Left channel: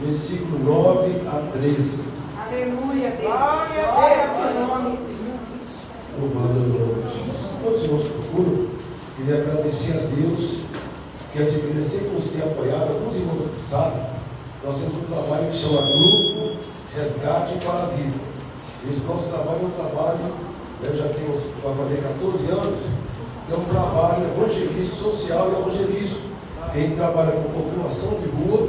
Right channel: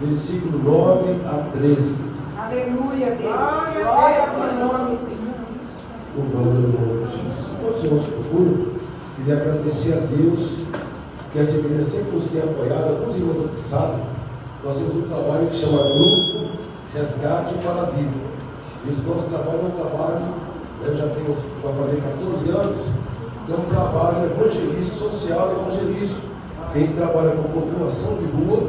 versículo 9 a 13. Aleluia, Deus. Glória ao teu nome, Senhor. Louvado é o nome de Jesus. Enquanto os irmãos procuram, queria agradecer a Deus que essa igreja sempre nos tem apoiado. Alguns irmãos aqui sabem, nós temos um trabalho que chama Grupo Resgate para a Vida. Esse nosso trabalho é um trabalho, já temos, vai fazer 14 anos, que é um trabalho evangelístico, social e evangelístico. A gente trabalha com população de rua,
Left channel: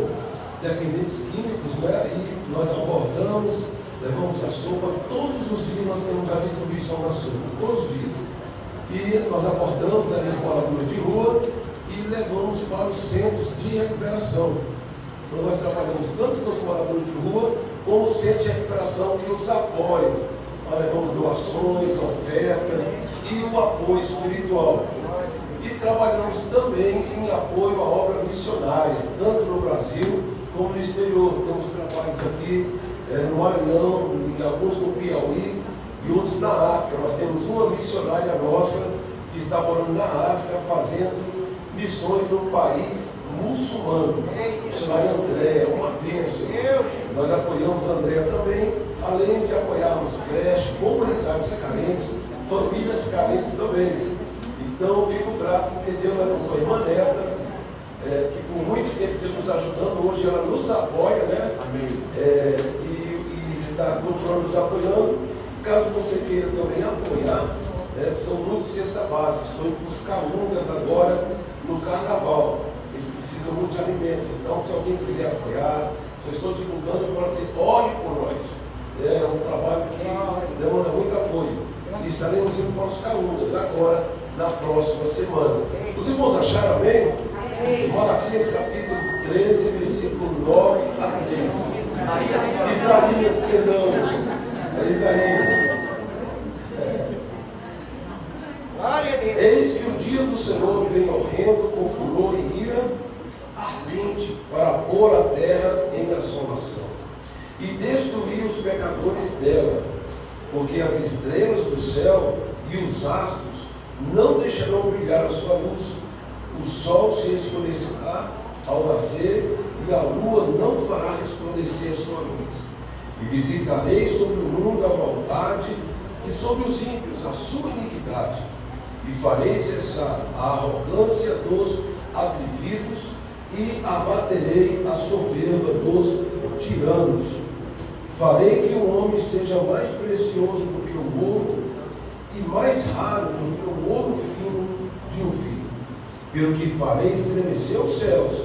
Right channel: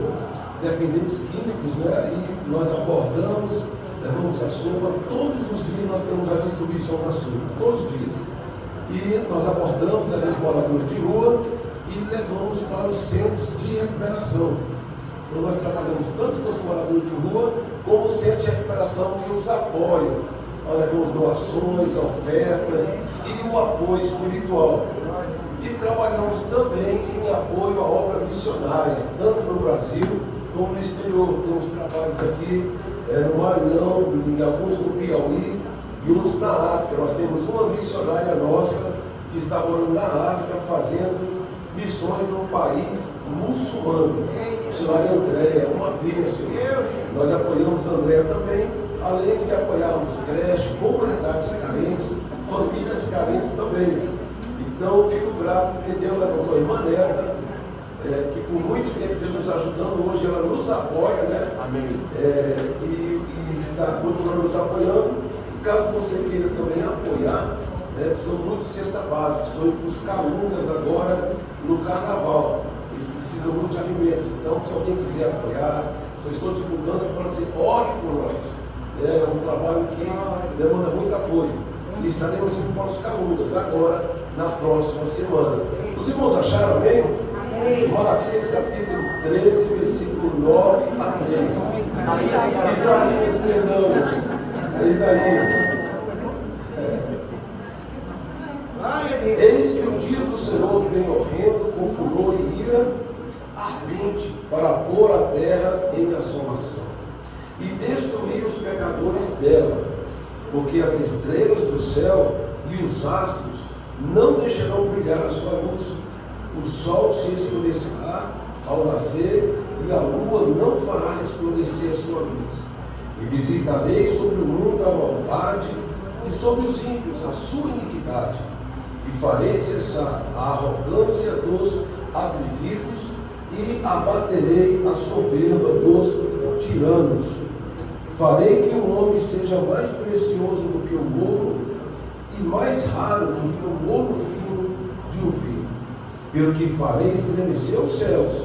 dependentes químicos, e nós abordamos, levamos a sopa. Todos os dias nós temos a distribuição da sopa, todos os dias. E nós abordamos ali os moradores de rua e levamos para os centros de recuperação. Então nós trabalhamos tanto com os moradores de rua, como centros de recuperação que os apoiam. Nós levamos doações, ofertas e o apoio espiritual. E trabalhamos também em apoio à obra missionária, tanto no Brasil como no exterior. Temos trabalhos aqui no Maranhão, em alguns no Piauí e outros na África. Nós temos uma missionária nossa que está morando na África, fazendo missões num país muçulmano. Missionária Andréia, uma bênção. Nós apoiamos a Andréia também, além de apoiarmos creches, comunidades carentes, famílias carentes também. Então, eu fico grato porque Deus levantou a irmã Neta, que por muito tempo está nos ajudando, hoje ela nos apoia, Amém. E está continuando nos apoiando. Caso você queira também apoiar, precisamos muito de cesta básica. Estou indo buscar alunas agora no carnaval. Eles precisam muito de alimentos. Então, se alguém quiser apoiar, se eu estou divulgando, pode dizer, ore por nós. É um trabalho que demanda muito apoio. E estaremos indo para os Calungas agora, na próxima semana. Os irmãos acharam, amém? Malaquias capítulo 13, versículo 9 a 13. Isaías, perdão. Isaías. Eis que o dia do Senhor vem horrendo com furor e ira ardente para pôr a terra em assolação e destruir os pecadores dela, porque as estrelas do céu e os astros não deixarão brilhar a sua luz, o sol se escurecerá ao nascer e a lua não fará resplandecer a sua luz. E visitarei sobre o mundo a maldade e sobre os ímpios a sua iniquidade, e farei cessar a arrogância dos atrevidos e abaterei a soberba dos tiranos. Farei que o homem seja mais precioso do que o ouro e mais raro do que o ouro fino de um vinho. Pelo que farei estremecer os céus,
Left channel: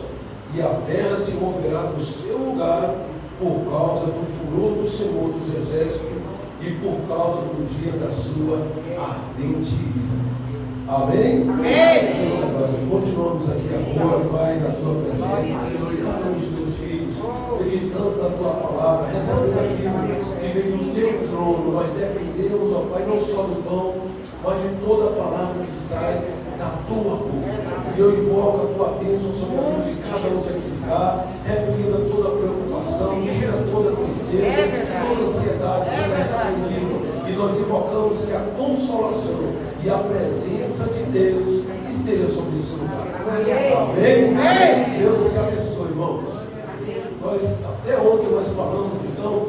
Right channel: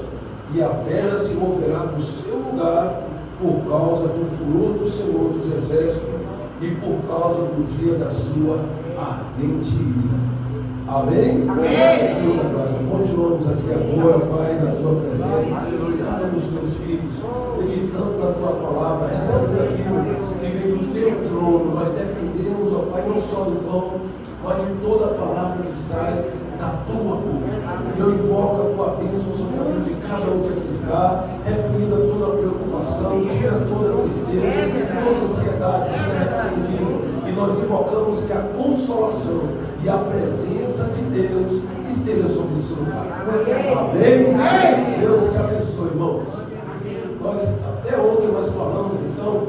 e a terra se moverá do seu lugar por causa do furor do Senhor dos Exércitos e por causa do dia da sua ardente ira. Amém? Amém. Senhor, continuamos aqui agora, Pai, na tua presença, de cada um dos teus filhos, meditando na tua palavra, recebendo aquilo que vem do teu trono. Nós dependemos, ó Pai, não só do pão, mas de toda a palavra que sai da tua boca. E eu invoco a tua bênção sobre a vida de cada um que aqui está, repreenda toda a preocupação, tira toda a tristeza, toda a ansiedade, seja repreendido. E nós invocamos que a consolação e a presença de Deus esteja sobre esse lugar. Amém? Amém? Deus te abençoe, irmãos. Nós, até ontem nós falamos, então,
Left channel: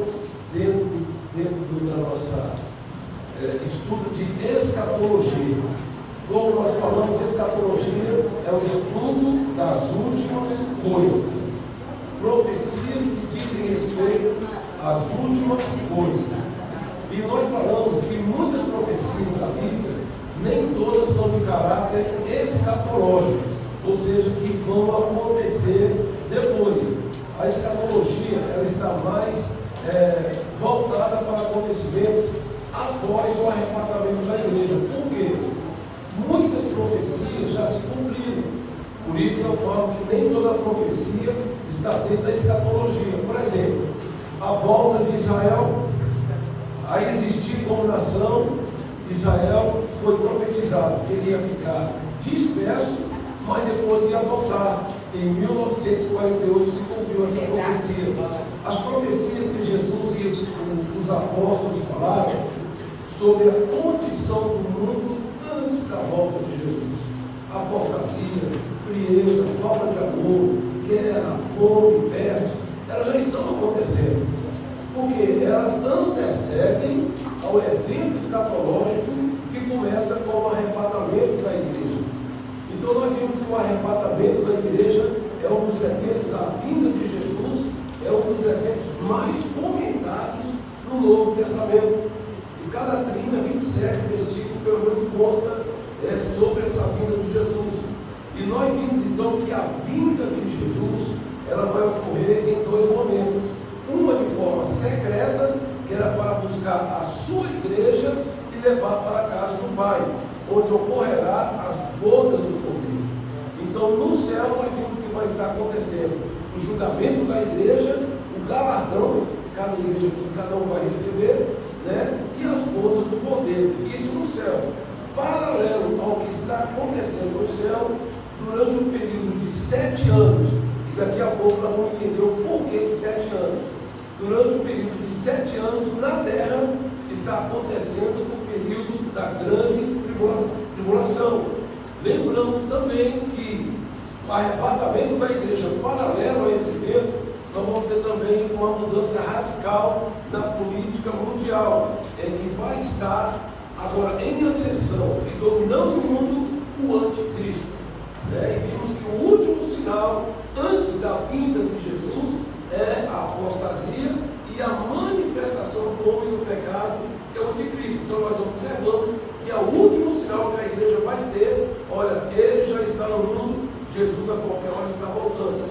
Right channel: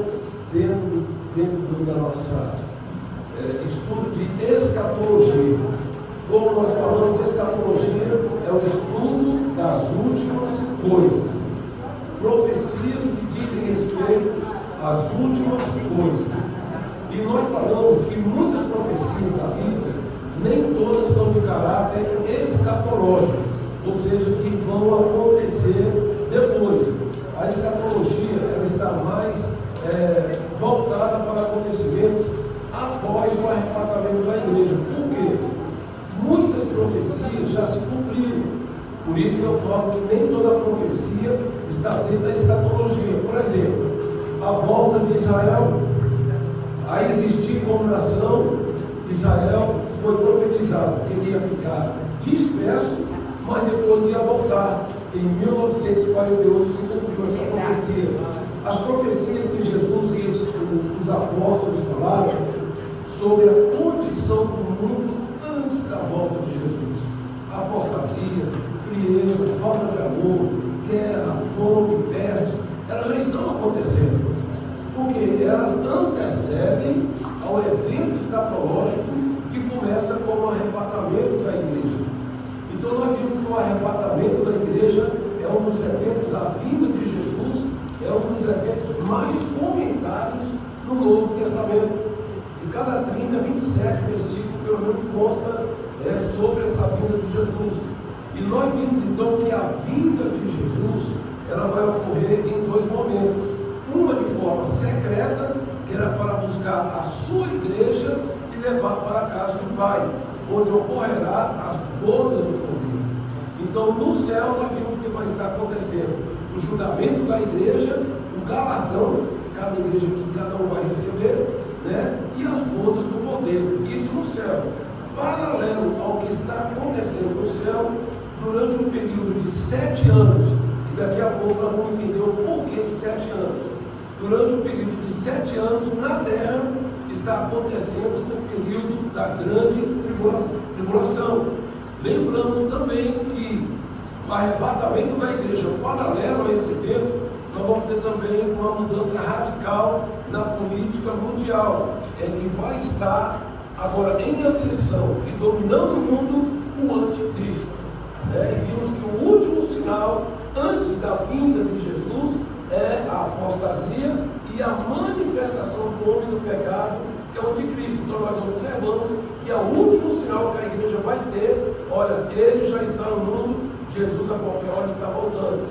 dentro da nossa estudo de escatologia. Como nós falamos, escatologia é o estudo das últimas coisas. Profecias que dizem respeito às últimas coisas. E nós falamos que muitas profecias da Bíblia, nem todas são de caráter escatológico, ou seja, que vão acontecer depois. A escatologia ela está mais voltada para acontecimentos após o arrebatamento da igreja. Por quê? Muitas profecias já se cumpriram. Por isso que eu falo que nem toda profecia está dentro da escatologia. Por exemplo, a volta de Israel a existir como nação. Israel foi profetizado que ele ia ficar disperso, mas depois ia voltar. Em 1948 se cumpriu essa profecia. As profecias que Jesus e os apóstolos falaram sobre a condição do mundo antes da volta de Jesus. Apostasia, frieza, falta de amor, guerra, fome, peste, elas já estão acontecendo, porque elas antecedem ao evento escatológico que começa com o arrebatamento da igreja. Então nós vimos que o arrebatamento da igreja é um dos eventos, a vinda de Jesus é um dos eventos mais comentados no Novo Testamento. E cada 30, 27 versículos, pelo menos, consta sobre essa vinda de Jesus. E nós vimos então que a vinda de Jesus, ela vai ocorrer em dois momentos. Uma de forma secreta, que era para buscar a sua igreja e levar para a casa do Pai, onde ocorrerá as bodas do Cordeiro. Então, no céu, nós vimos que vai estar acontecendo o julgamento da igreja, o galardão que cada igreja, que cada um vai receber, né? E as bodas do Cordeiro. Isso no céu. Paralelo ao que está acontecendo no céu, durante um período de 7 anos, e daqui a pouco nós vamos entender o porquê 7 anos. Durante um período de 7 anos, na terra, está acontecendo o período da grande tribulação. Lembramos também que o arrebatamento da igreja, paralelo a esse evento, nós vamos ter também uma mudança radical na política mundial, que vai estar agora em ascensão e dominando o mundo o anticristo. E vimos que o último sinal antes da vinda de Jesus é a apostasia e a manifestação do homem do pecado, que é o anticristo. Então nós observamos que é o último sinal que a igreja vai ter. Olha, ele já está no mundo, Jesus a qualquer hora está voltando.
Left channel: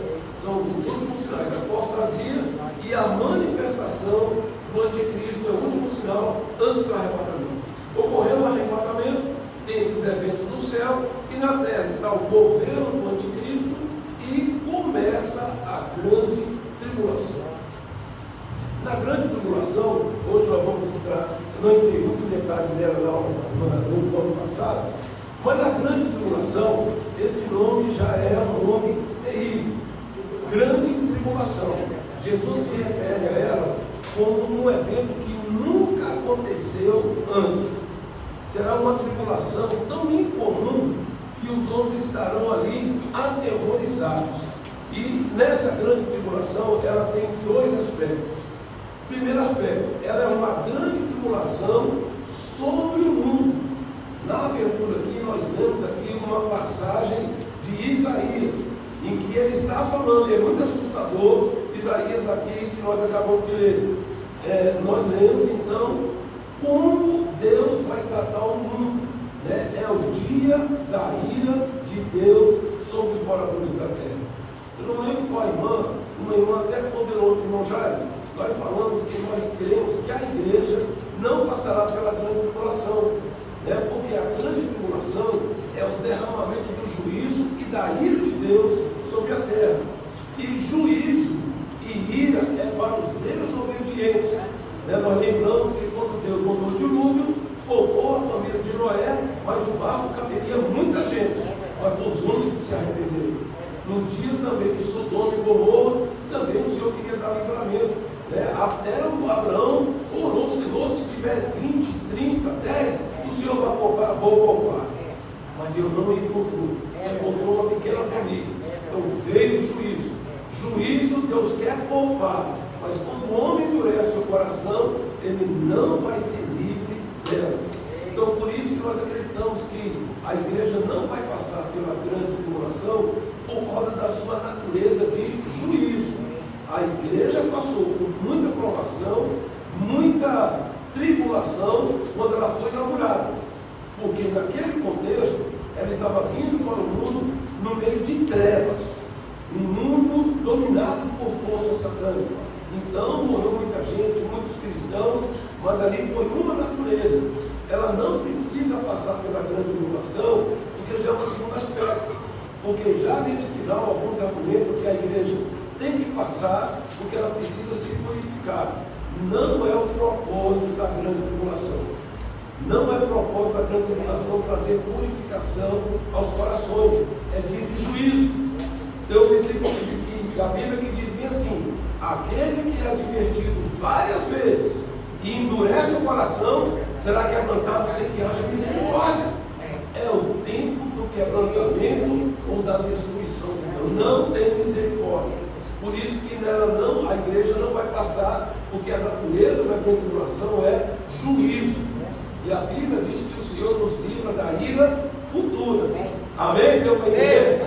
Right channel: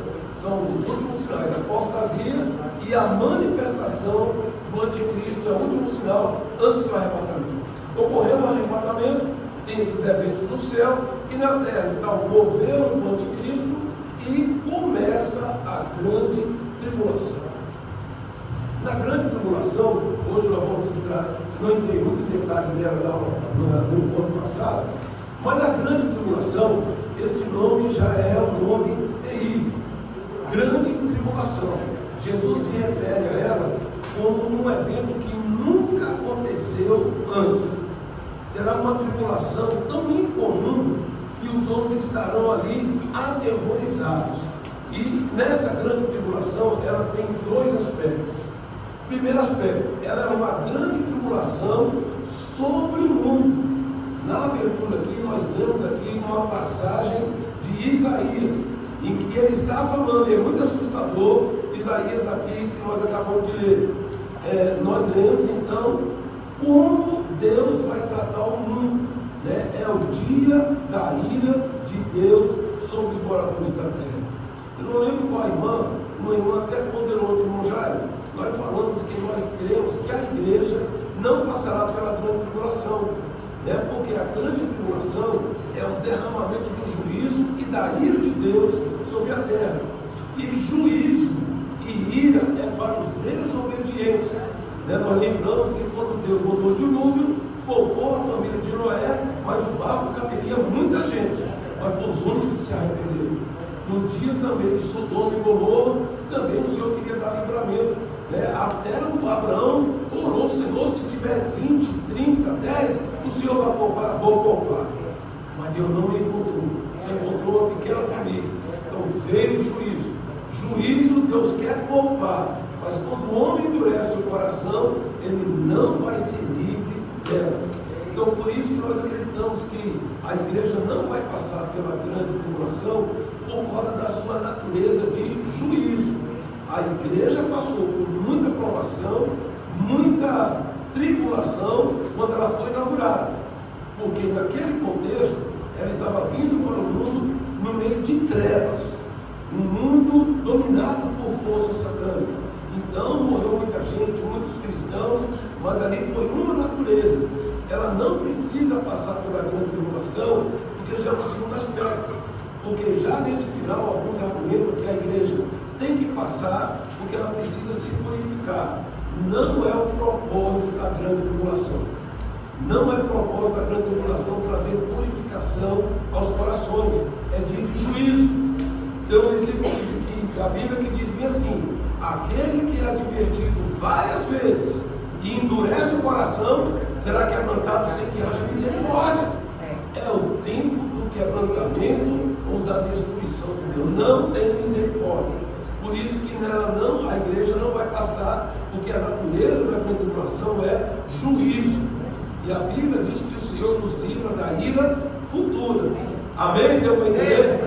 São os últimos sinais, a apostasia e a manifestação do anticristo, é o último sinal antes do arrebatamento. Ocorrendo o arrebatamento, tem esses eventos no céu, e na terra está o governo do anticristo, e começa a grande tribulação. Na grande tribulação, hoje nós vamos entrar, não entrei muito em detalhe nela no encontro passado, mas na grande tribulação, esse nome já é um nome terrível. Grande tribulação. Jesus se refere a ela como um evento que nunca aconteceu antes. Será uma tribulação tão incomum que os homens estarão ali aterrorizados. E nessa grande tribulação, ela tem dois aspectos. Primeiro aspecto, ela é uma grande tribulação sobre o mundo. Na abertura aqui, nós lemos aqui uma passagem de Isaías, em que ele está falando, é muito assustador, Isaías aqui, que nós acabamos de ler. Nós lemos então como Deus vai tratar o mundo, né? É o dia da ira de Deus sobre os moradores da terra. Eu não lembro qual irmã, uma irmã até ponderou, outro irmão Jair, nós falamos que nós cremos que a igreja não passará pela grande tribulação, né? Porque a grande tribulação é o derramamento do juízo e da ira de Deus sobre a terra. E juízo e ira é para os desobedientes. Nós lembramos que quando Deus mandou o dilúvio, poupou a família de Noé, mas o barco caberia muita gente, mas foi os únicos que se arrependeram. No dia também de Sodoma e Gomorra, também o Senhor queria dar livramento. Até o Abraão orou: Senhor, se tiver 20, 30, 10, o Senhor vai poupar, vou poupar. Mas Deus não encontrou, só encontrou uma pequena família. Então veio o juízo. Juízo Deus quer poupar, mas quando o homem endurece o coração, ele não vai ser livre dela. Então por isso que nós acreditamos que a igreja não vai passar pela grande tribulação por causa da sua natureza de juízo. A igreja passou por muita provação, muita tribulação quando ela foi inaugurada, porque naquele contexto ela estava vindo para o mundo no meio de trevas, um mundo dominado por força satânica. Então morreu muita gente, muitos cristãos, mas ali foi uma natureza. Ela não precisa passar pela grande tribulação, porque já é um segundo aspecto. Porque já nesse final alguns argumentam que a igreja tem que passar, porque ela precisa se purificar. Não é o propósito da grande tribulação. Não é propósito da grande tribulação trazer purificação aos corações. É dia de juízo. Tem um versículo da Bíblia que diz bem assim: aquele que é advertido várias vezes e endurece o coração, será quebrantado sem que haja misericórdia. É o tempo do quebrantamento ou da destruição de Deus. Não tem misericórdia. Por isso que nela não, a igreja não vai passar, porque a natureza da grande tribulação é juízo. E a Bíblia diz que o Senhor nos livra da ira futura. Amém? Deu para entender?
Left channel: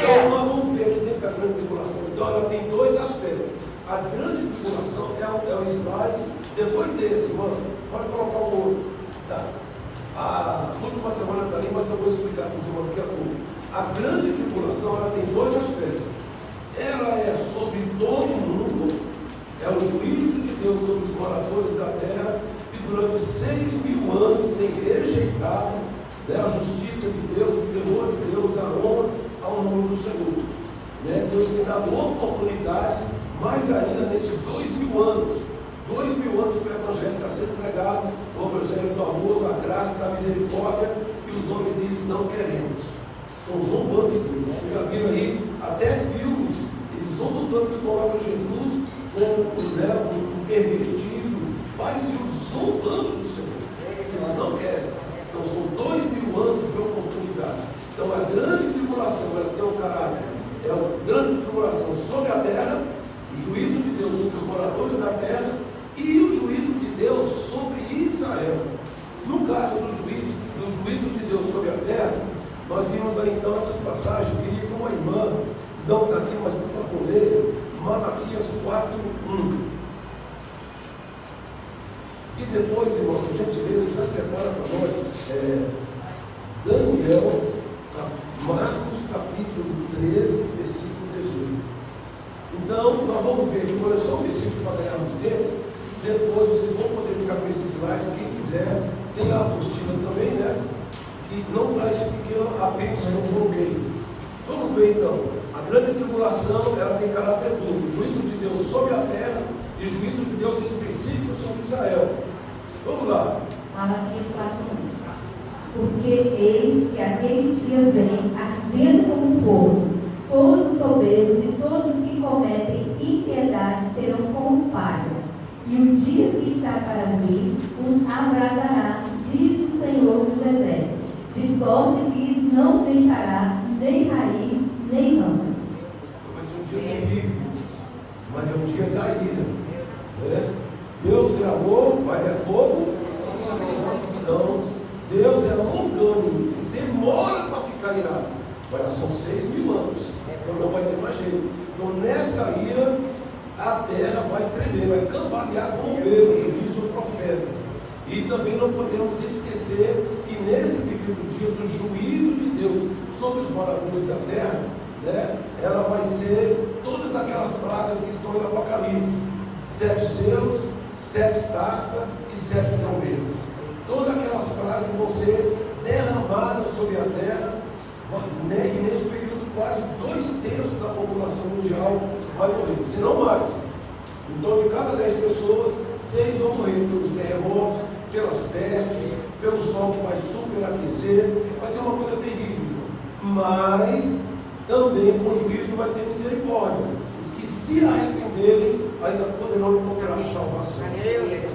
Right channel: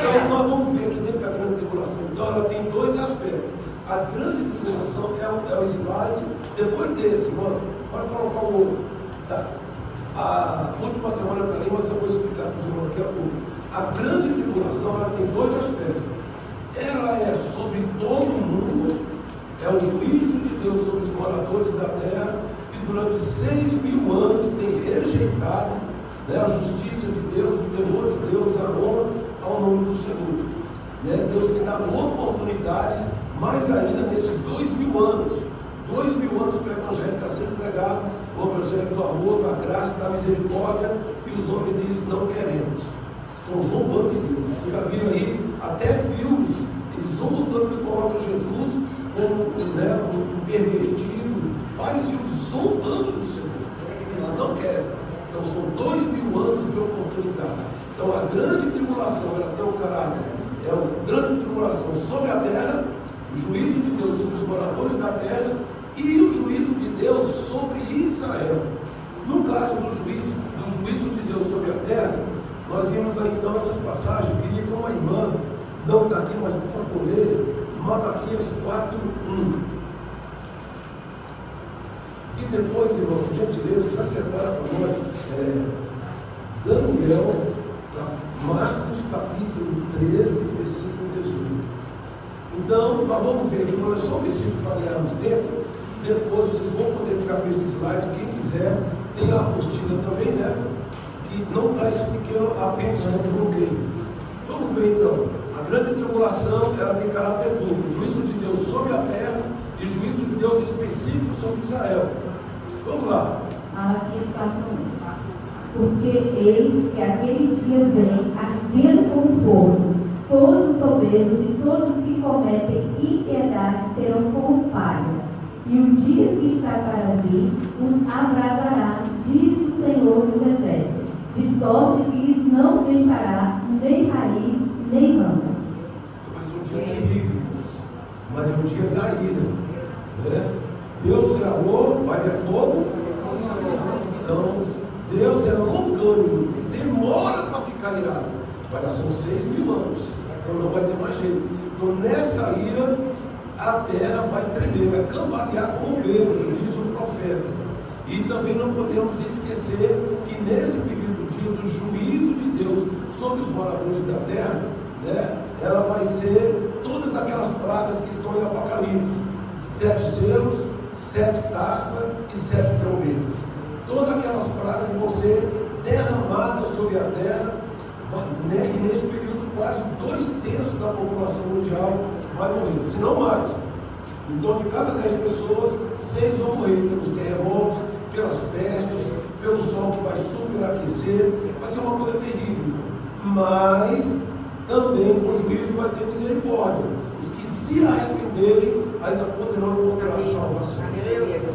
Então nós vamos ver aqui dentro da grande tribulação. Então ela tem dois aspectos. A grande tribulação é o slide depois desse, mano. Pode colocar o outro. Tá? A última semana está ali, mas eu vou explicar para você daqui a pouco. A grande tribulação ela tem dois aspectos. Ela é sobre todo mundo, é o juízo de Deus sobre os moradores da terra, que durante 6.000 anos tem rejeitado, né, a justiça de Deus, o temor de Deus, a honra ao nome do Senhor. Né? Deus tem dado oportunidades, mais ainda nesses 2.000 anos. 2.000 anos que o Evangelho está sendo pregado, o Evangelho do amor, da graça, da misericórdia, e os homens dizem, não queremos. Estão zombando de Deus. Vocês já viram aí, até filmes, eles zombam tanto que colocam Jesus como, né, um pervertido, vários filmes zombando do Senhor. Eles não querem. Então são 2.000 anos de oportunidade. Então a grande tribulação, ela tem um caráter, é uma grande tribulação sobre a terra, o juízo de Deus sobre os moradores da terra e o juízo de Deus sobre Israel. No caso do juízo de Deus sobre a terra, nós vimos aí então essas passagens. Eu queria que uma irmã, não está aqui, mas por favor, leia Malaquias 4:1. E depois, irmão, por gentileza, já separa para nós Daniel, Marcos capítulo 13, versículo 18. Então, nós vamos ver aqui, vou ler só um versículo para ganharmos tempo. Depois vocês vão poder ficar com esse slide, quem quiser. Tem a apostila também, né? Que não está esse pequeno apêndice que eu coloquei. Vamos ver então. A grande tribulação, ela tem caráter duplo. Juízo de Deus sobre a terra e juízo de Deus específico sobre Israel. Vamos lá. Malaquias 4:1. Porque eis que aquele dia vem, ardendo com o fogo, todos os soberbos e todos os que cometem impiedade serão corrompados. E o dia que está para vir os abrasará, diz o Senhor dos Exércitos, de sorte que lhes não deixará nem raiz, nem rama. Vai ser um dia terrível, mas é um dia da ira. Né? Deus é amor, mas é fogo. Então, Deus é longânimo, demora para ficar irado. Mas já são 6.000 anos, então não vai ter mais jeito. Então, nessa ira, a terra vai tremer, vai cambalear como um bêbado, diz o profeta. E também não podemos esquecer que nesse período dia do juízo de Deus sobre os moradores da terra, né, ela vai ser todas aquelas pragas que estão em Apocalipse: 7 selos, 7 taças e 7 trombetas. Todas aquelas pragas vão ser derramadas sobre a terra, né, e nesse período quase 2/3 da população mundial vai morrer, se não mais. Então, de cada 10 pessoas, 6 vão morrer pelos terremotos, pelas pestes, pelo sol que vai superaquecer. Vai ser uma coisa terrível. Mas também com juízo vai ter misericórdia. Os que se arrependerem ainda poderão encontrar salvação.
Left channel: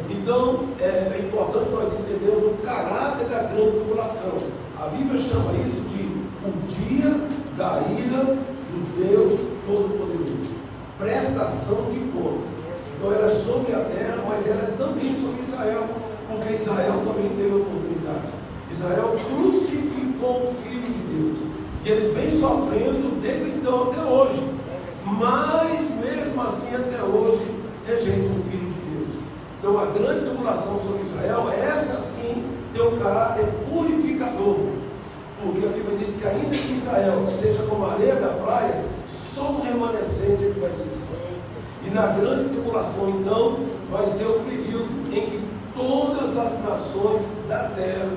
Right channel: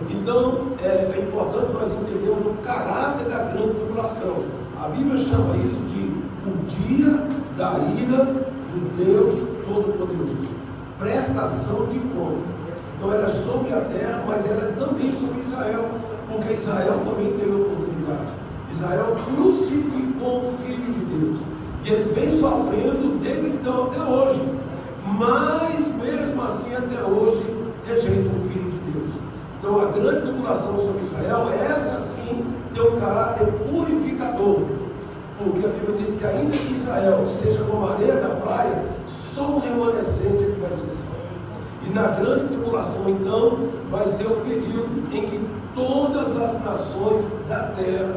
Então é importante nós entendermos o caráter da grande tribulação. A Bíblia chama isso de o dia da ira do Deus Todo-Poderoso. Prestação de conta. Então ela é sobre a terra, mas ela é também sobre Israel, porque Israel também teve oportunidade. Israel crucificou o Filho de Deus, e eles vêm sofrendo desde então até hoje, mas mesmo assim até hoje rejeitam o Filho de Deus. Então a grande tribulação sobre Israel, essa sim tem um caráter purificador, porque a Bíblia diz que ainda que Israel seja como a areia da praia, só um remanescente que vai ser salvo. E na grande tribulação, então, vai ser o período em que todas as nações da terra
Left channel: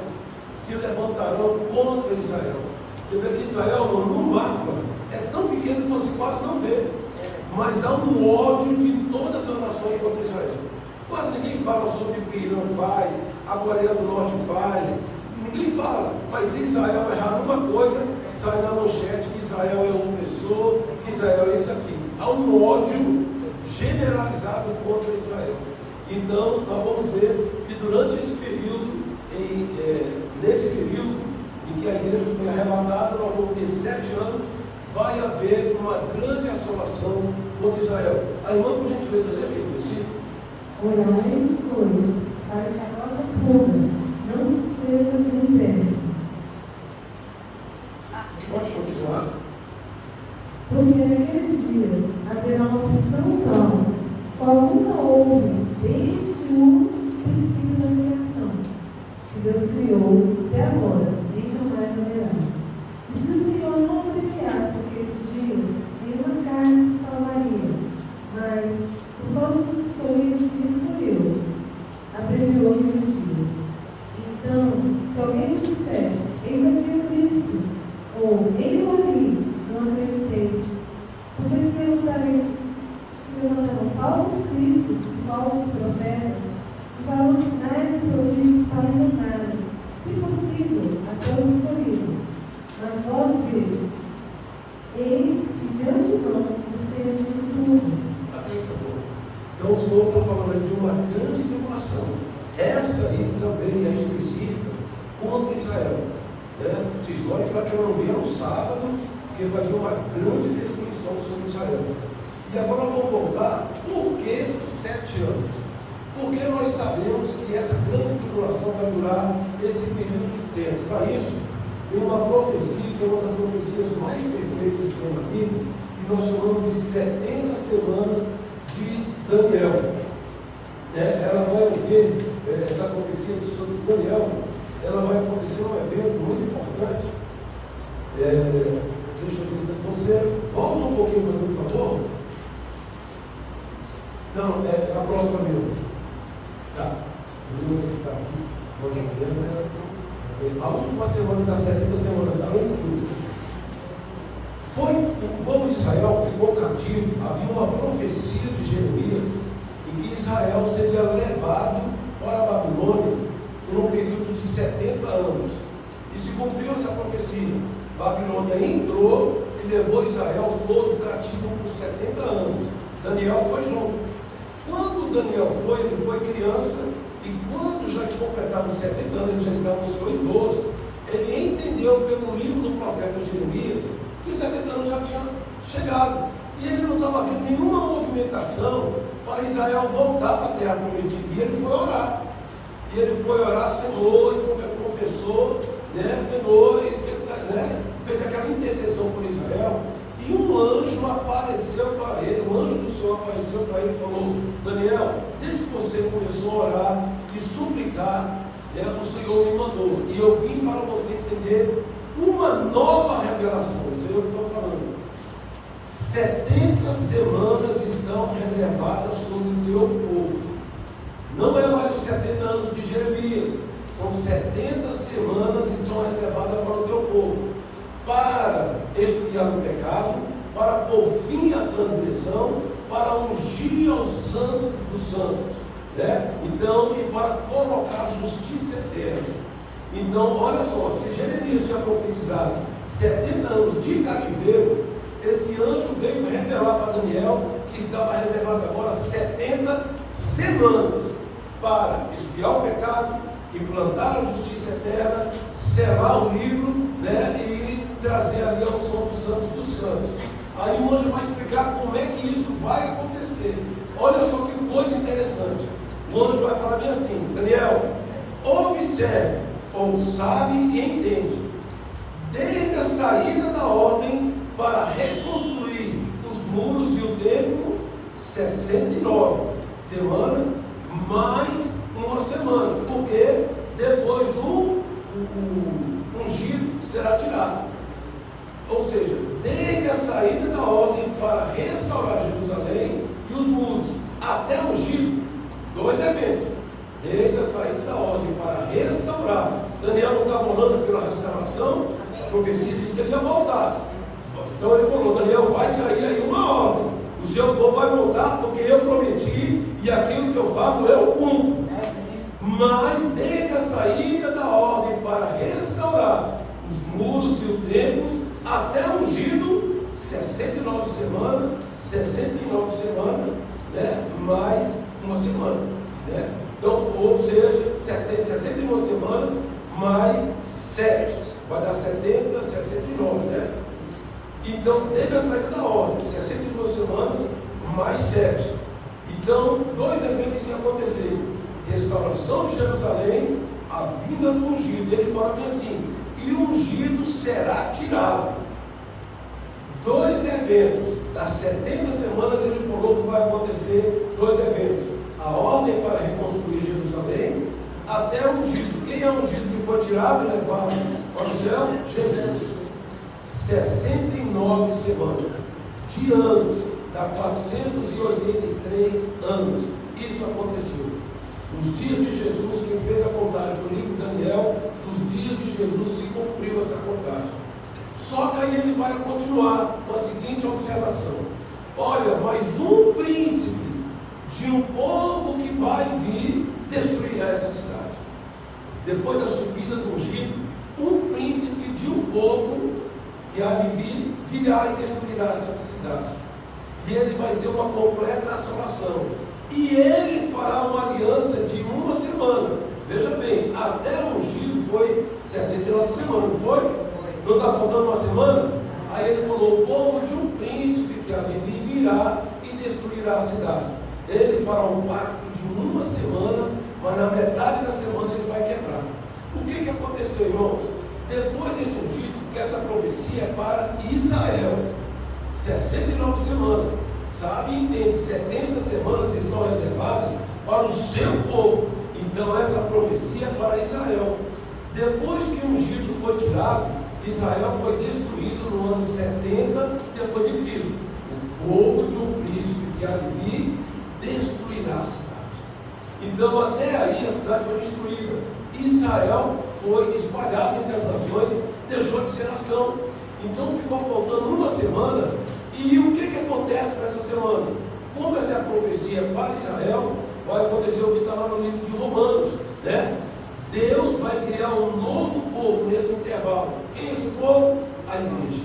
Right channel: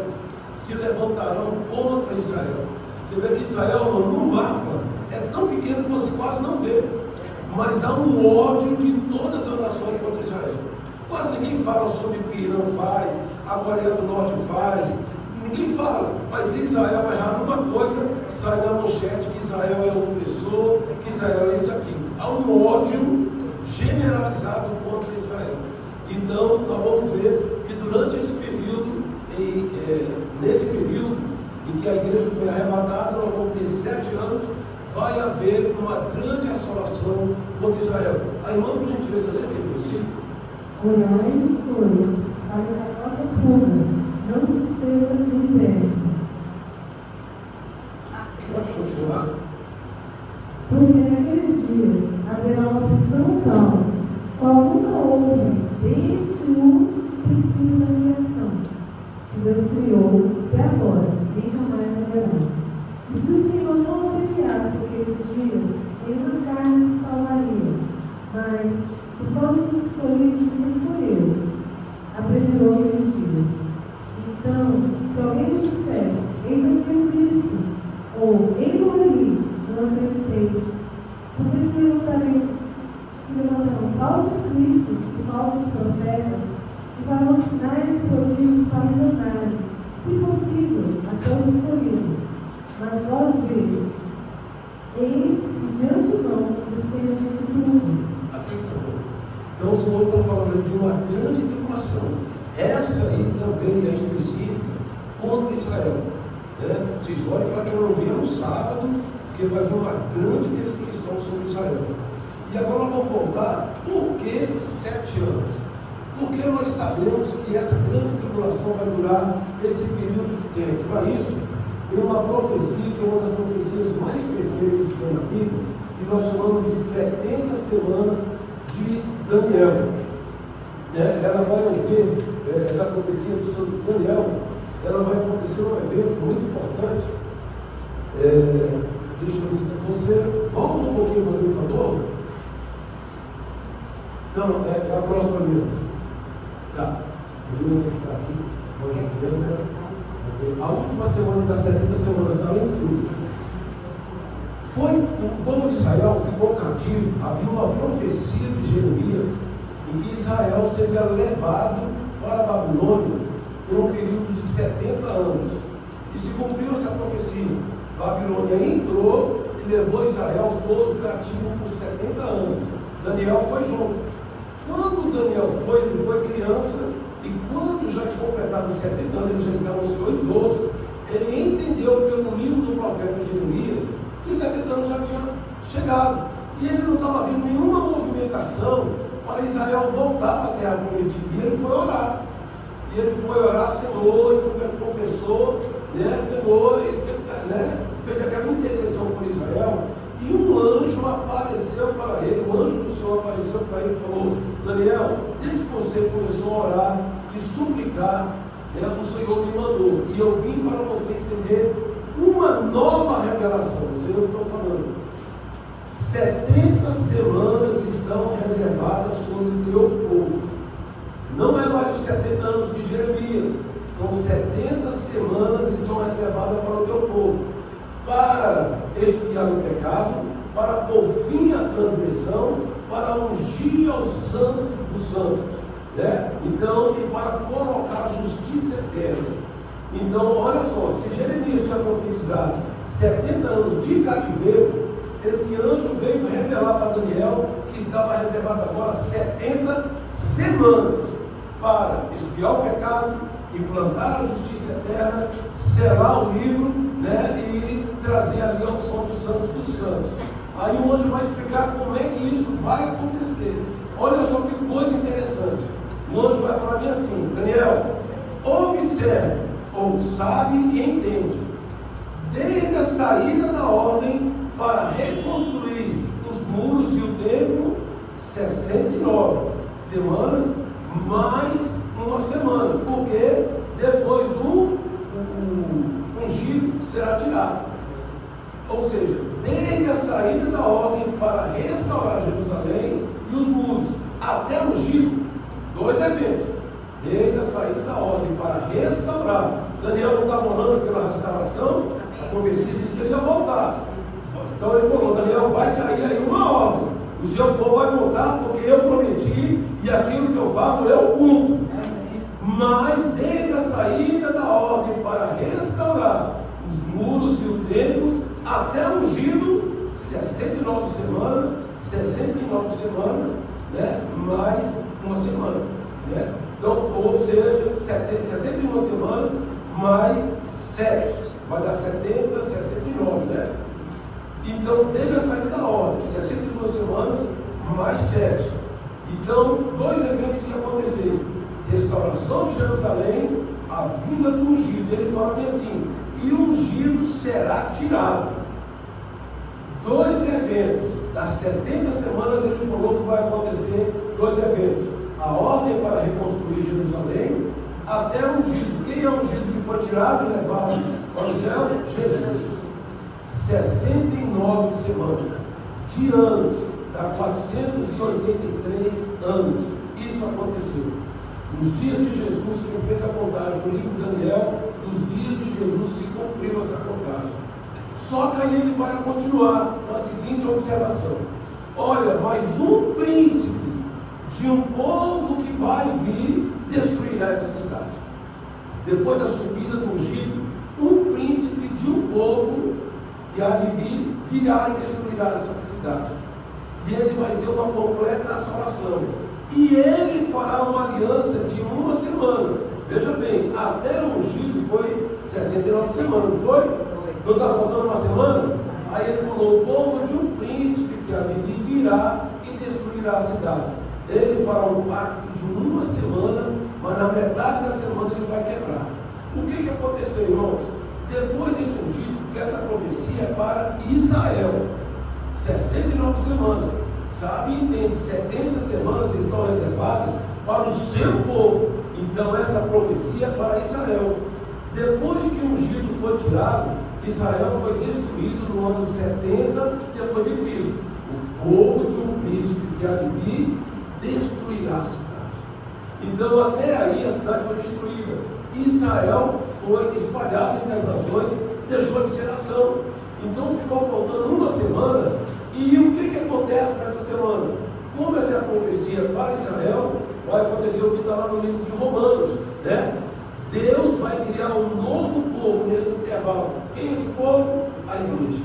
se levantarão contra Israel. Você vê que Israel, no mapa, é tão pequeno que você quase não vê. Mas há um ódio de todas as nações contra Israel. Quase ninguém fala sobre o que Irã faz, a Coreia do Norte faz. Ninguém fala. Mas se Israel errar numa coisa, sai na manchete que Israel é opressor, que Israel é isso aqui. Há um ódio generalizado contra Israel. Então, nós vamos ver que durante esse período, nesse período em que a igreja foi arrebatada, nós vamos ter 7 anos, vai haver uma grande assolação contra Israel. A irmã, por gentileza, lê aquele versículo. Orai, pois, para que a nossa fuga não suceda no inverno. Pode continuar. Porque naqueles dias haverá uma aflição tal, qual nunca houve desde o princípio da criação, que Deus criou até agora, nem jamais haverá. E se o Senhor não abreviasse aqueles dias, nenhuma carne se salvaria, mas, por causa dos escolhidos que escolheu, abreviou aqueles dias. Então, se alguém nos disser, eis aqui Cristo, ou ele morri, não acrediteis, porque se levantarão falsos cristos e falsos profetas, e farão sinais e prodígios para enganarem, se possível, até os escolhidos. Mas vós, igreja, eis que de antemão vos tenho dito tudo. Até aí tá bom. Então o Senhor está falando aí de uma grande tribulação. Essa aí também é específica contra Israel. Né? Vocês olhem para que eu não via no sábado, que vai haver uma grande destruição sobre Israel. E agora nós vamos voltar, por que 7 anos? Porque nós sabemos que essa grande tribulação vai durar esse período de tempo. Para isso, tem uma profecia, que é uma das profecias mais perfeitas que tem na Bíblia, que nós chamamos de 70 semanas de Daniel. Ela vai ouvir, essa profecia sobre Daniel, ela vai acontecer um evento muito importante. Deixa eu ver se você volta um pouquinho, fazer um favor. Não, é a próxima mesmo. Tá. Eu vou ficar aqui. A última semana das 70 semanas está lá em cima. O povo de Israel ficou cativo. Havia uma profecia de Jeremias em que Israel seria levado para a Babilônia por um período de 70 anos. E se cumpriu essa profecia. Babilônia entrou e levou Israel todo cativo por 70 anos. Daniel foi junto. Quando Daniel foi, ele foi criança, e quando já completava 70 anos, ele já estava no senhor idoso, ele entendeu pelo livro do profeta Jeremias que os 70 anos já tinham chegado. E ele não estava vendo nenhuma movimentação para Israel voltar para a terra prometida. E ele foi orar. E ele foi orar, Senhor, e confessou, Senhor, fez aquela intercessão por Israel. E um anjo apareceu para ele, o anjo do Senhor apareceu para ele e falou: Daniel, desde que você começou a orar e suplicar, o Senhor me mandou. E eu vim para você entender uma nova revelação. Isso é o que eu estou falando. 70 semanas estão reservadas sobre o teu povo. Não é mais os 70 anos de Jeremias. São 70 semanas que estão reservadas para o teu povo. Para expiar o pecado, para pôr fim à transgressão, para ungir ao santo dos santos, Então, e para colocar a justiça eterna. Então, olha só, se Jeremias tinha profetizado 70 anos de cativeiro, esse anjo veio revelar para Daniel que estava reservado agora 70 semanas para expiar o pecado, implantar a justiça eterna, selar o livro, e trazer ali a unção dos santos. Aí o anjo vai explicar como é que isso vai acontecer. Olha só que coisa interessante. O anjo vai falar bem assim: Daniel, observe, ou sabe e entende, desde a saída da ordem para reconstruir os muros e o templo, 69 semanas, mais uma semana, porque depois o ungido será tirado. Ou seja, desde a saída da ordem para restaurar Jerusalém e os muros até o ungido, 2 eventos. Desde a saída da ordem para restaurar. Daniel não estava orando pela restauração, a profecia disse que ele ia voltar. Então ele falou: Daniel, vai sair aí uma ordem, o seu povo vai voltar, porque eu prometi e aquilo que eu falo eu cumpro. Mas desde a saída da ordem para restaurar os muros e os templos até o ungido, 69 semanas, mais uma semana, Então, ou seja, 61 semanas mais 7, vai dar 70, 69, Então, desde a saída da ordem, 62 semanas mais 7. Então, 2 eventos iam acontecer: restauração de Jerusalém, a vinda do ungido. Ele fala bem assim: e o ungido será tirado. 2 eventos. Das 70 semanas ele falou que vai acontecer 2 eventos: a ordem para reconstruir Jerusalém, até o ungido. Quem é o ungido que foi tirado e levado para o céu? Jesus. 69 semanas de anos, dá 483 anos. Isso aconteceu. Nos dias de Jesus, quem fez a contagem do livro de Daniel, nos dias de Jesus se cumpriu essa contagem. Só que aí ele vai continuar com a seguinte observação: olha, mas um príncipe de um povo que vai vir destruirá essa cidade. Depois da subida do ungido, um príncipe de um povo que há de vir, virá e destruirá essa cidade. E ele vai ser uma completa assolação. E ele fará uma aliança de 1 semana. Veja bem, até o ungido foi 69 semanas, não foi? Não está faltando uma semana? Aí ele falou: o povo de um príncipe que há de vir virá e destruirá a cidade. Ele fará um pacto de 1 semana, mas na metade da semana ele vai quebrar. O que aconteceu, irmãos? Depois desse ungido, porque essa profecia é para Israel, 69 semanas, sabe e entende, 70 semanas estão reservadas para o seu povo. Então essa profecia é para Israel. Depois que o ungido foi tirado, Israel foi destruído no ano 70 depois de Cristo. O povo de um príncipe que há de vir destruirá a cidade. Então até aí a cidade foi destruída. Israel foi espalhado entre as nações, deixou de ser nação. Então ficou faltando 1 semana. E o que acontece nessa semana? Como essa é a profecia para Israel, vai acontecer o que está lá no livro de Romanos, né? Deus vai criar um novo povo nesse intervalo. Quem é esse povo? A igreja.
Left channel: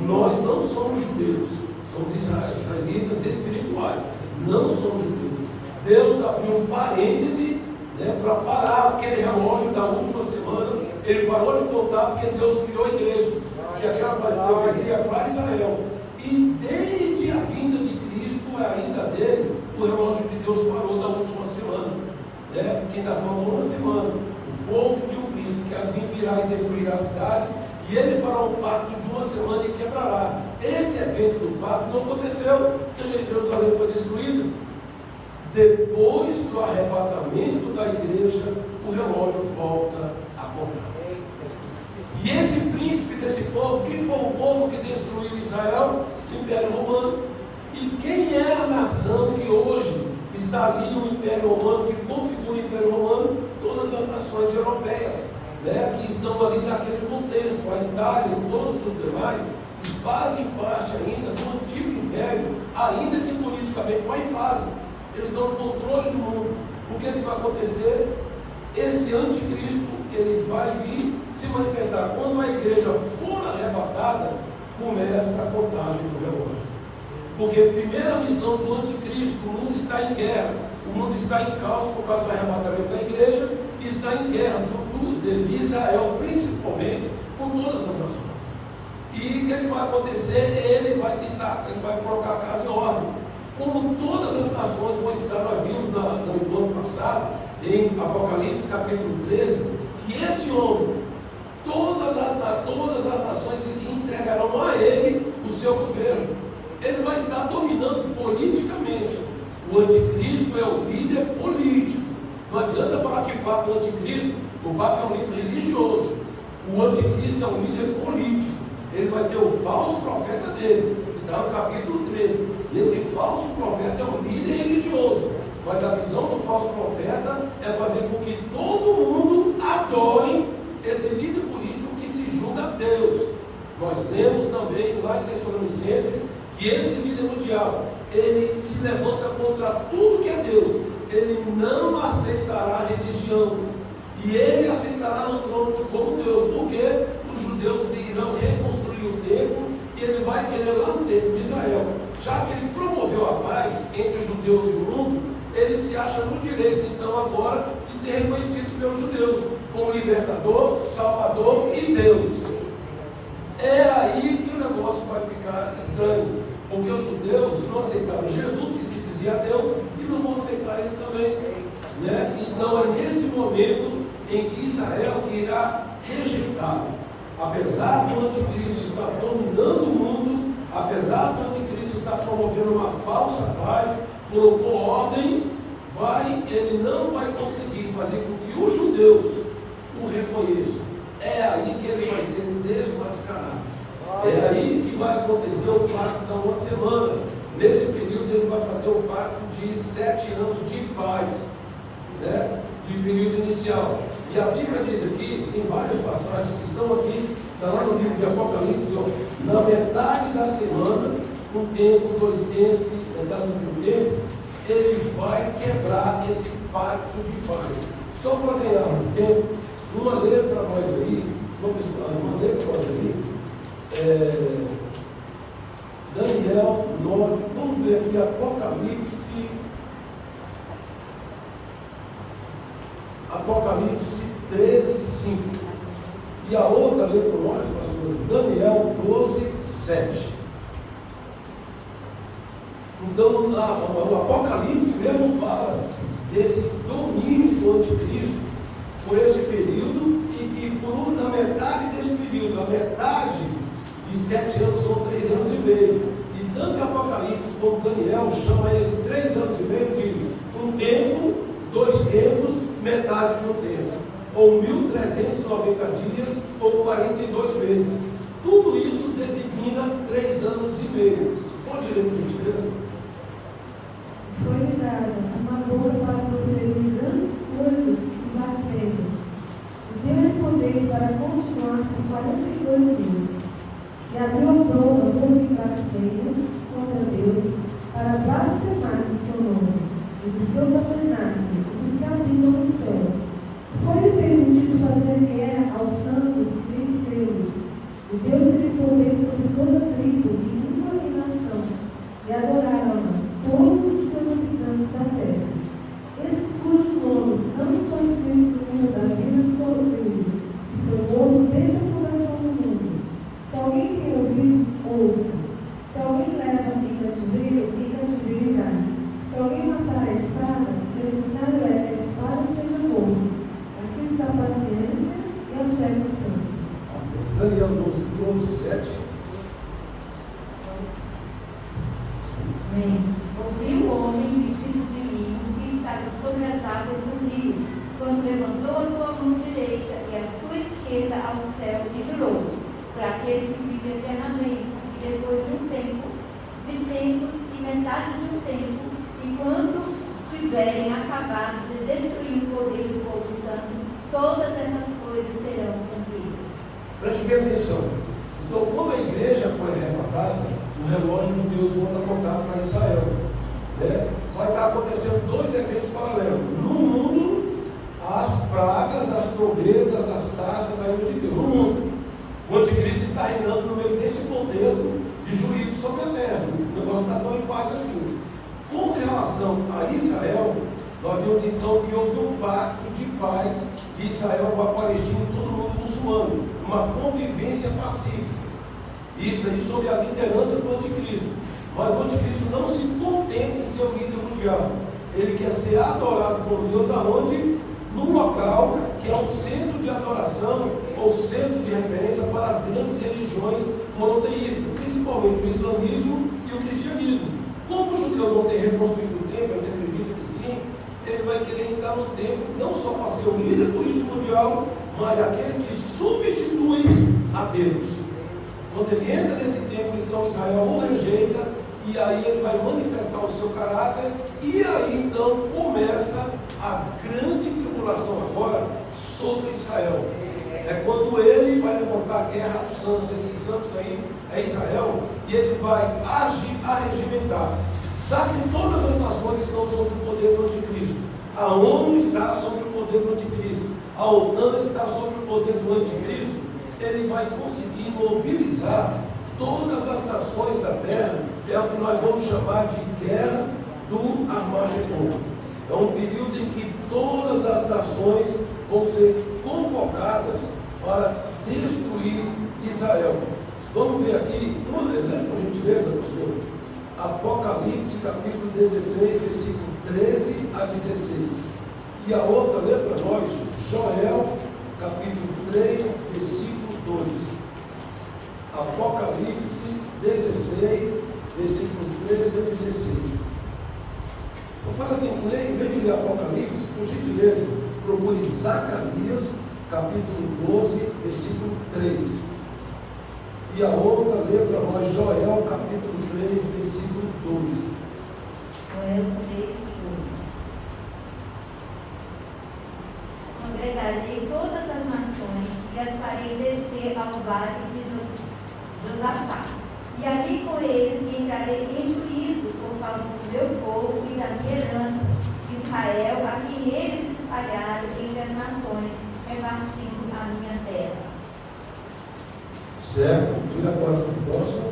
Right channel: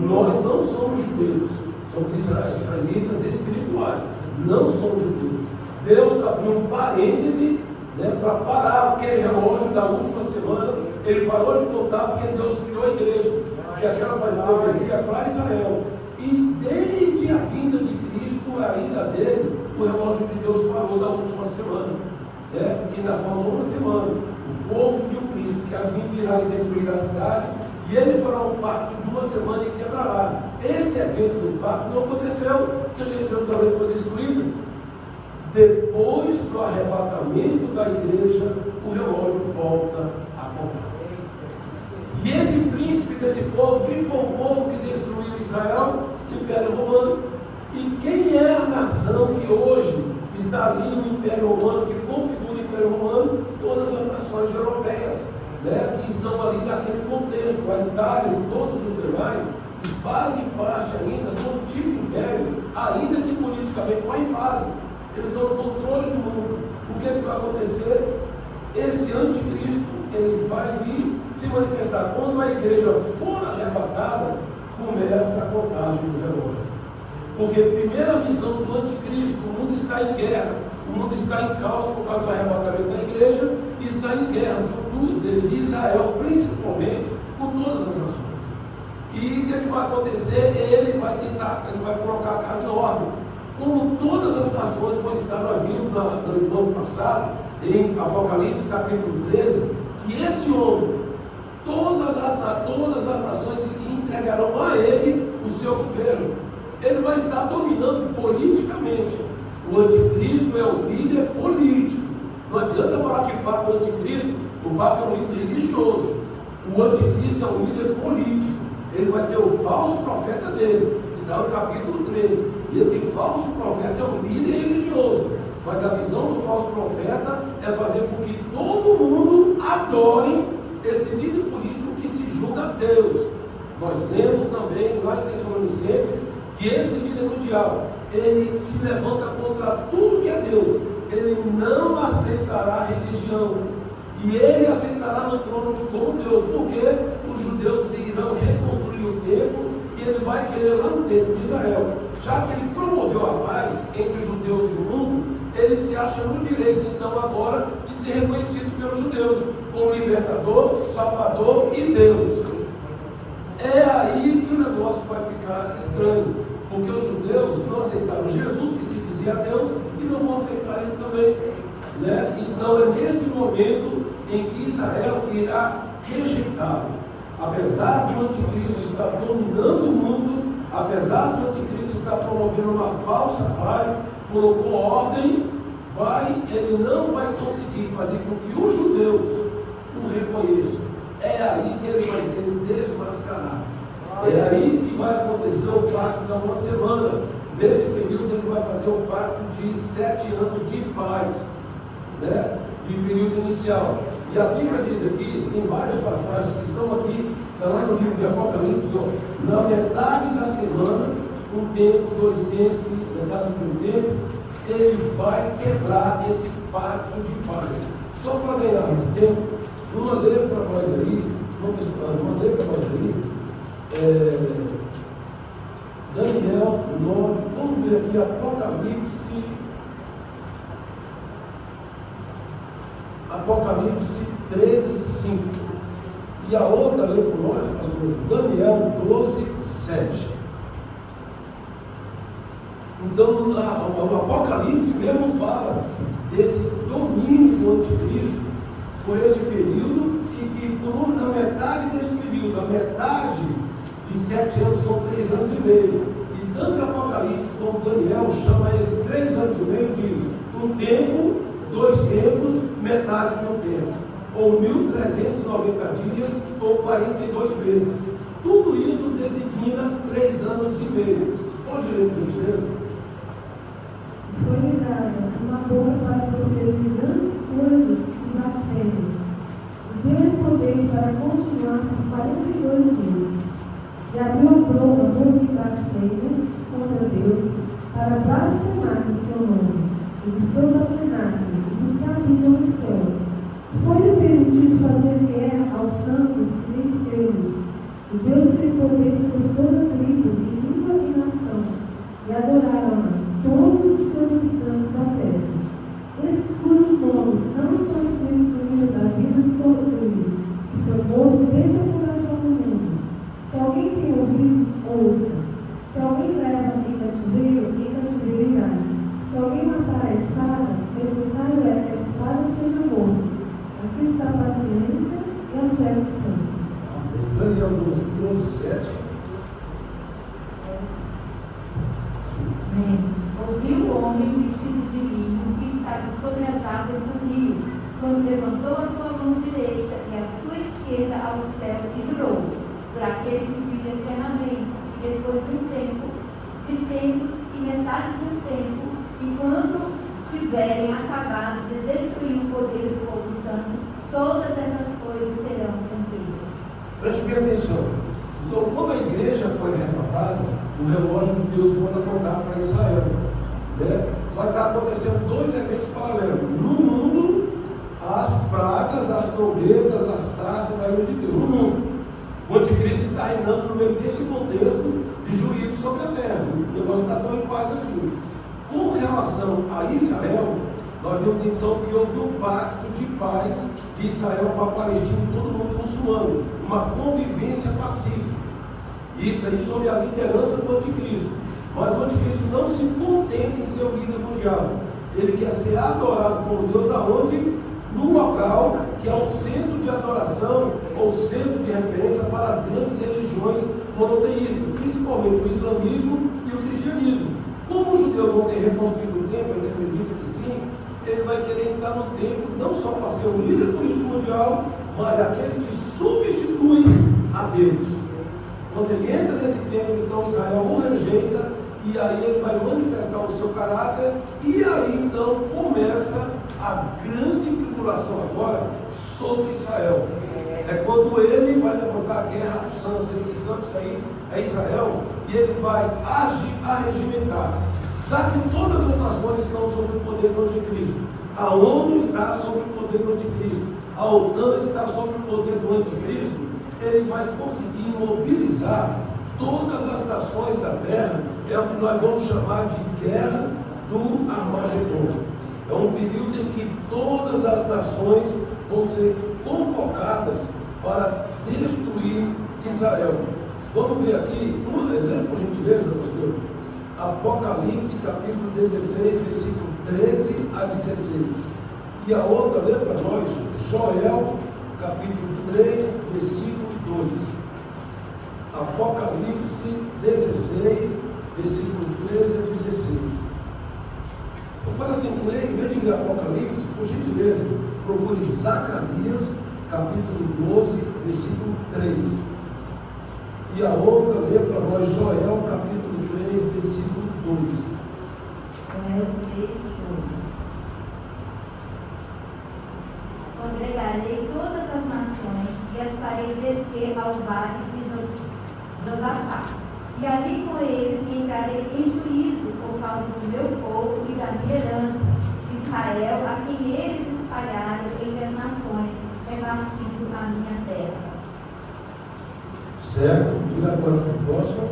Nós não somos judeus, somos israelitas espirituais, não somos judeus. Deus abriu um parêntese, né, para parar aquele relógio da última semana. Ele parou de contar porque Deus criou a igreja, que aquela profecia é para Israel. E desde a vinda de Cristo, a ida dele, o relógio de Deus parou da última semana, né? Porque ainda falta 1 semana. O povo de um príncipe que havia virá e destruirá a cidade, e ele fará um pacto de 1 semana e quebrará. Esse evento do pacto não aconteceu, porque Jerusalém foi destruído. Depois do arrebatamento da igreja, o relógio volta a contar. E esse príncipe desse povo, quem foi o povo que destruiu Israel? O Império Romano. E quem é a nação que hoje está ali, o Império Romano, que configura o Império Romano? Todas as nações europeias, né, que estão ali naquele contexto. A Itália e todos os demais fazem parte ainda do antigo Império, ainda que politicamente, mas fazem. Eles estão no controle do mundo. O que vai acontecer? Esse anticristo, ele vai vir se manifestar. Quando a igreja for arrebatada, começa a contagem do relógio. Porque a primeira missão do anticristo: o mundo está em guerra, o mundo está em caos por causa do arrebatamento da igreja, e está em guerra, de Israel principalmente, com todas as nações. E o que vai acontecer? Ele vai colocar a casa em ordem. Como todas as nações vão estar, nós vimos no encontro passado, em Apocalipse capítulo 13, que esse homem, todas as nações entregarão a ele o seu governo. Ele vai estar dominando politicamente. O anticristo é o líder político. Não adianta falar que o Papa é o anticristo. O Papa é um líder religioso. O anticristo é um líder político. Ele vai ter o falso profeta dele, que está no capítulo 13. E esse falso profeta é um líder religioso. Mas a visão do falso profeta é fazer com que todo mundo adore esse líder político que se julga Deus. Nós lemos também lá em Tessalonicenses que esse líder mundial, ele se levanta contra tudo que é Deus. Ele não aceitará a religião. E ele aceitará no trono como Deus. Porque os judeus irão reconstruir o templo e ele vai querer lá no templo de Israel. Já que ele promoveu a paz entre os judeus e o mundo, ele se acha no direito, então, agora, de ser reconhecido pelos judeus como libertador, salvador e Deus. É aí que o negócio vai ficar estranho. Porque os judeus não aceitaram Jesus, que se dizia Deus, e não vão aceitar ele também. Né? Então é nesse momento em que Israel irá rejeitá-lo. Apesar do anticristo estar dominando o mundo, apesar do anticristo estar promovendo uma falsa paz, colocou ordem, ele não vai conseguir fazer com que os judeus o reconheçam. É aí que ele vai ser desmascarado. É aí que vai acontecer o pacto da uma semana. Nesse período ele vai fazer um pacto de 7 anos de paz, né? De período inicial. E a Bíblia diz aqui, tem várias passagens que estão aqui, está lá no livro de Apocalipse, ó, na metade da semana, um tempo, 2 tempos, metade do tempo, ele vai quebrar esse pacto de paz. Só para ganharmos tempo, uma lê para nós aí, Daniel 9, vamos ver aqui Apocalipse 13, 5. E a outra lê por nós, pastor, Daniel 12, 7. Então, o Apocalipse mesmo fala desse domínio do anticristo por esse período, e que na metade desse período, a metade de 7 anos são 3 anos e meio. E tanto Apocalipse como Daniel chama esse 3 anos e meio de um tempo, 2 tempos, metade de um tempo, ou 1390 dias, ou 42 meses. Tudo isso designa 3 anos e meio. Pode ler, por gentileza? Foi-lhe dada uma boca para proferir grandes coisas e blasfêmias. Deu-lhe poder para continuar por 42 meses. E abriu a boca de blasfêmias contra Deus, para blasfemar do seu nome, e do seu tabernáculo, e dos que habitam no céu. Foi-lhe permitido fazer guerra aos santos e vencê-los. E deu-lhe poder sobre toda tribo, e língua e nação, e adoraram-na todos os seus habitantes da terra. Esses cujos nomes não estão escritos no livro da vida de todo ele, que foi morto desde a fundação do mundo. Se alguém tem ouvidos, ouça. Se alguém leva em cativeiro irás. Se alguém matar a espada, necessário é que a espada seja morta. Aqui está a paciência e a fé dos santos. Daniel 12, 7. Amém. Ouviu o homem vestido de linho que estava sobre as águas do rio, quando levantou a sua mão direita e a sua esquerda ao céu e jurou, por aquele que vive eternamente, e depois de um tempo, de tempos e metade de um tempo, enquanto tiverem acabado de destruir o poder do povo santo, todas essas coisas serão cumpridas. Preste bem atenção. Então, quando a igreja foi arrebatada, o relógio de Deus manda tocar para Israel. Né? Vai estar acontecendo 2 eventos paralelos. No mundo, as pragas, as trombetas, as taças da ira de Deus. No mundo. O anticristo está reinando no meio desse contexto de juízo sobre a terra. O negócio está tão em paz assim. Com relação a Israel, nós vimos então que houve um pacto de paz de Israel com a Palestina e todo mundo muçulmano. Uma convivência pacífica. Isso aí sob a liderança do anticristo. Mas o anticristo não se contenta em ser o líder mundial. Ele quer ser adorado por Deus aonde? No local que é o centro de adoração, ou centro de referência para as grandes religiões monoteístas, principalmente o islamismo e o cristianismo. Como os judeus vão ter reconstruído o templo, a gente acredita que sim, ele vai querer entrar no templo, não só para ser o líder político mundial, mas aquele que substitui a Deus. Quando ele entra nesse templo, então Israel o rejeita, e aí ele vai manifestar o seu caráter, e aí então começa a grande tribulação agora sobre Israel. É quando ele vai levantar a guerra dos santos. Esses santos aí é Israel, e ele vai arregimentar. Já que todas as nações estão sob o poder do anticristo, a ONU está sob o poder do anticristo, a OTAN está sob o poder do anticristo, ele vai conseguir mobilizar todas as nações da terra. É o que nós vamos chamar de guerra do Armagedon. É um período em que todas as nações vão ser convocadas para destruir Israel. Vamos ver aqui, lê por gentileza, pastor. Apocalipse capítulo 16, versículo 13 a 16. E a outra, lê para nós, Joel capítulo 3, versículo 2. Apocalipse 16, versículo 13 a 16. Então fala assim, em vez de ler Apocalipse, por gentileza, procure Zacarias capítulo 12, versículo 3. E a outra, lê para nós Joel capítulo 3, versículo 2. Joel 3, 12. Congregarei todas as nações e as farei descer ao vale de Josafá. E ali com eles entrarei em juízo por causa do meu povo e da minha herança, Israel, a quem eles espalharam entre as nações, repartindo a minha terra. Certo? E agora para o próximo.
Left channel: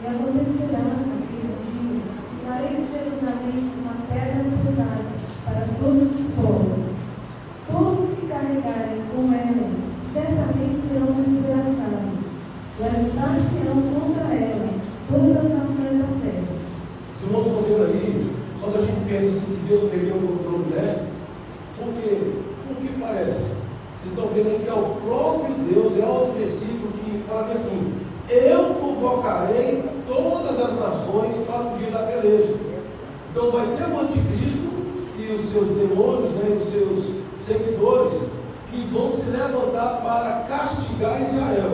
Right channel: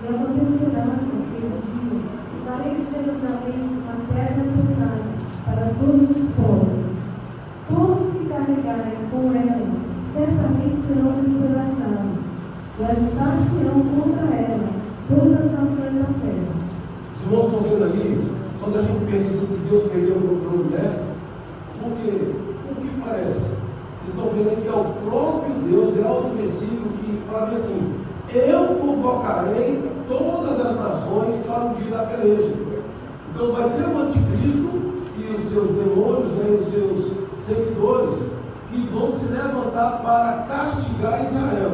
E acontecerá naquele dia, que farei de Jerusalém uma terra pesada para todos os povos. Todos que carregarem com ela, certamente serão despedaçados. Levantar-se-ão contra ela todas as nações da terra. Os irmãos estão vendo aí, quando a gente pensa assim que Deus perdeu o controle, né? Por que parece? Vocês estão vendo aí que é o próprio Deus, é outro versículo que fala assim: eu convocarei todas as nações para o dia da peleja. Então vai ter o anticristo e os seus demônios, né, os seus seguidores, que vão se levantar para castigar Israel.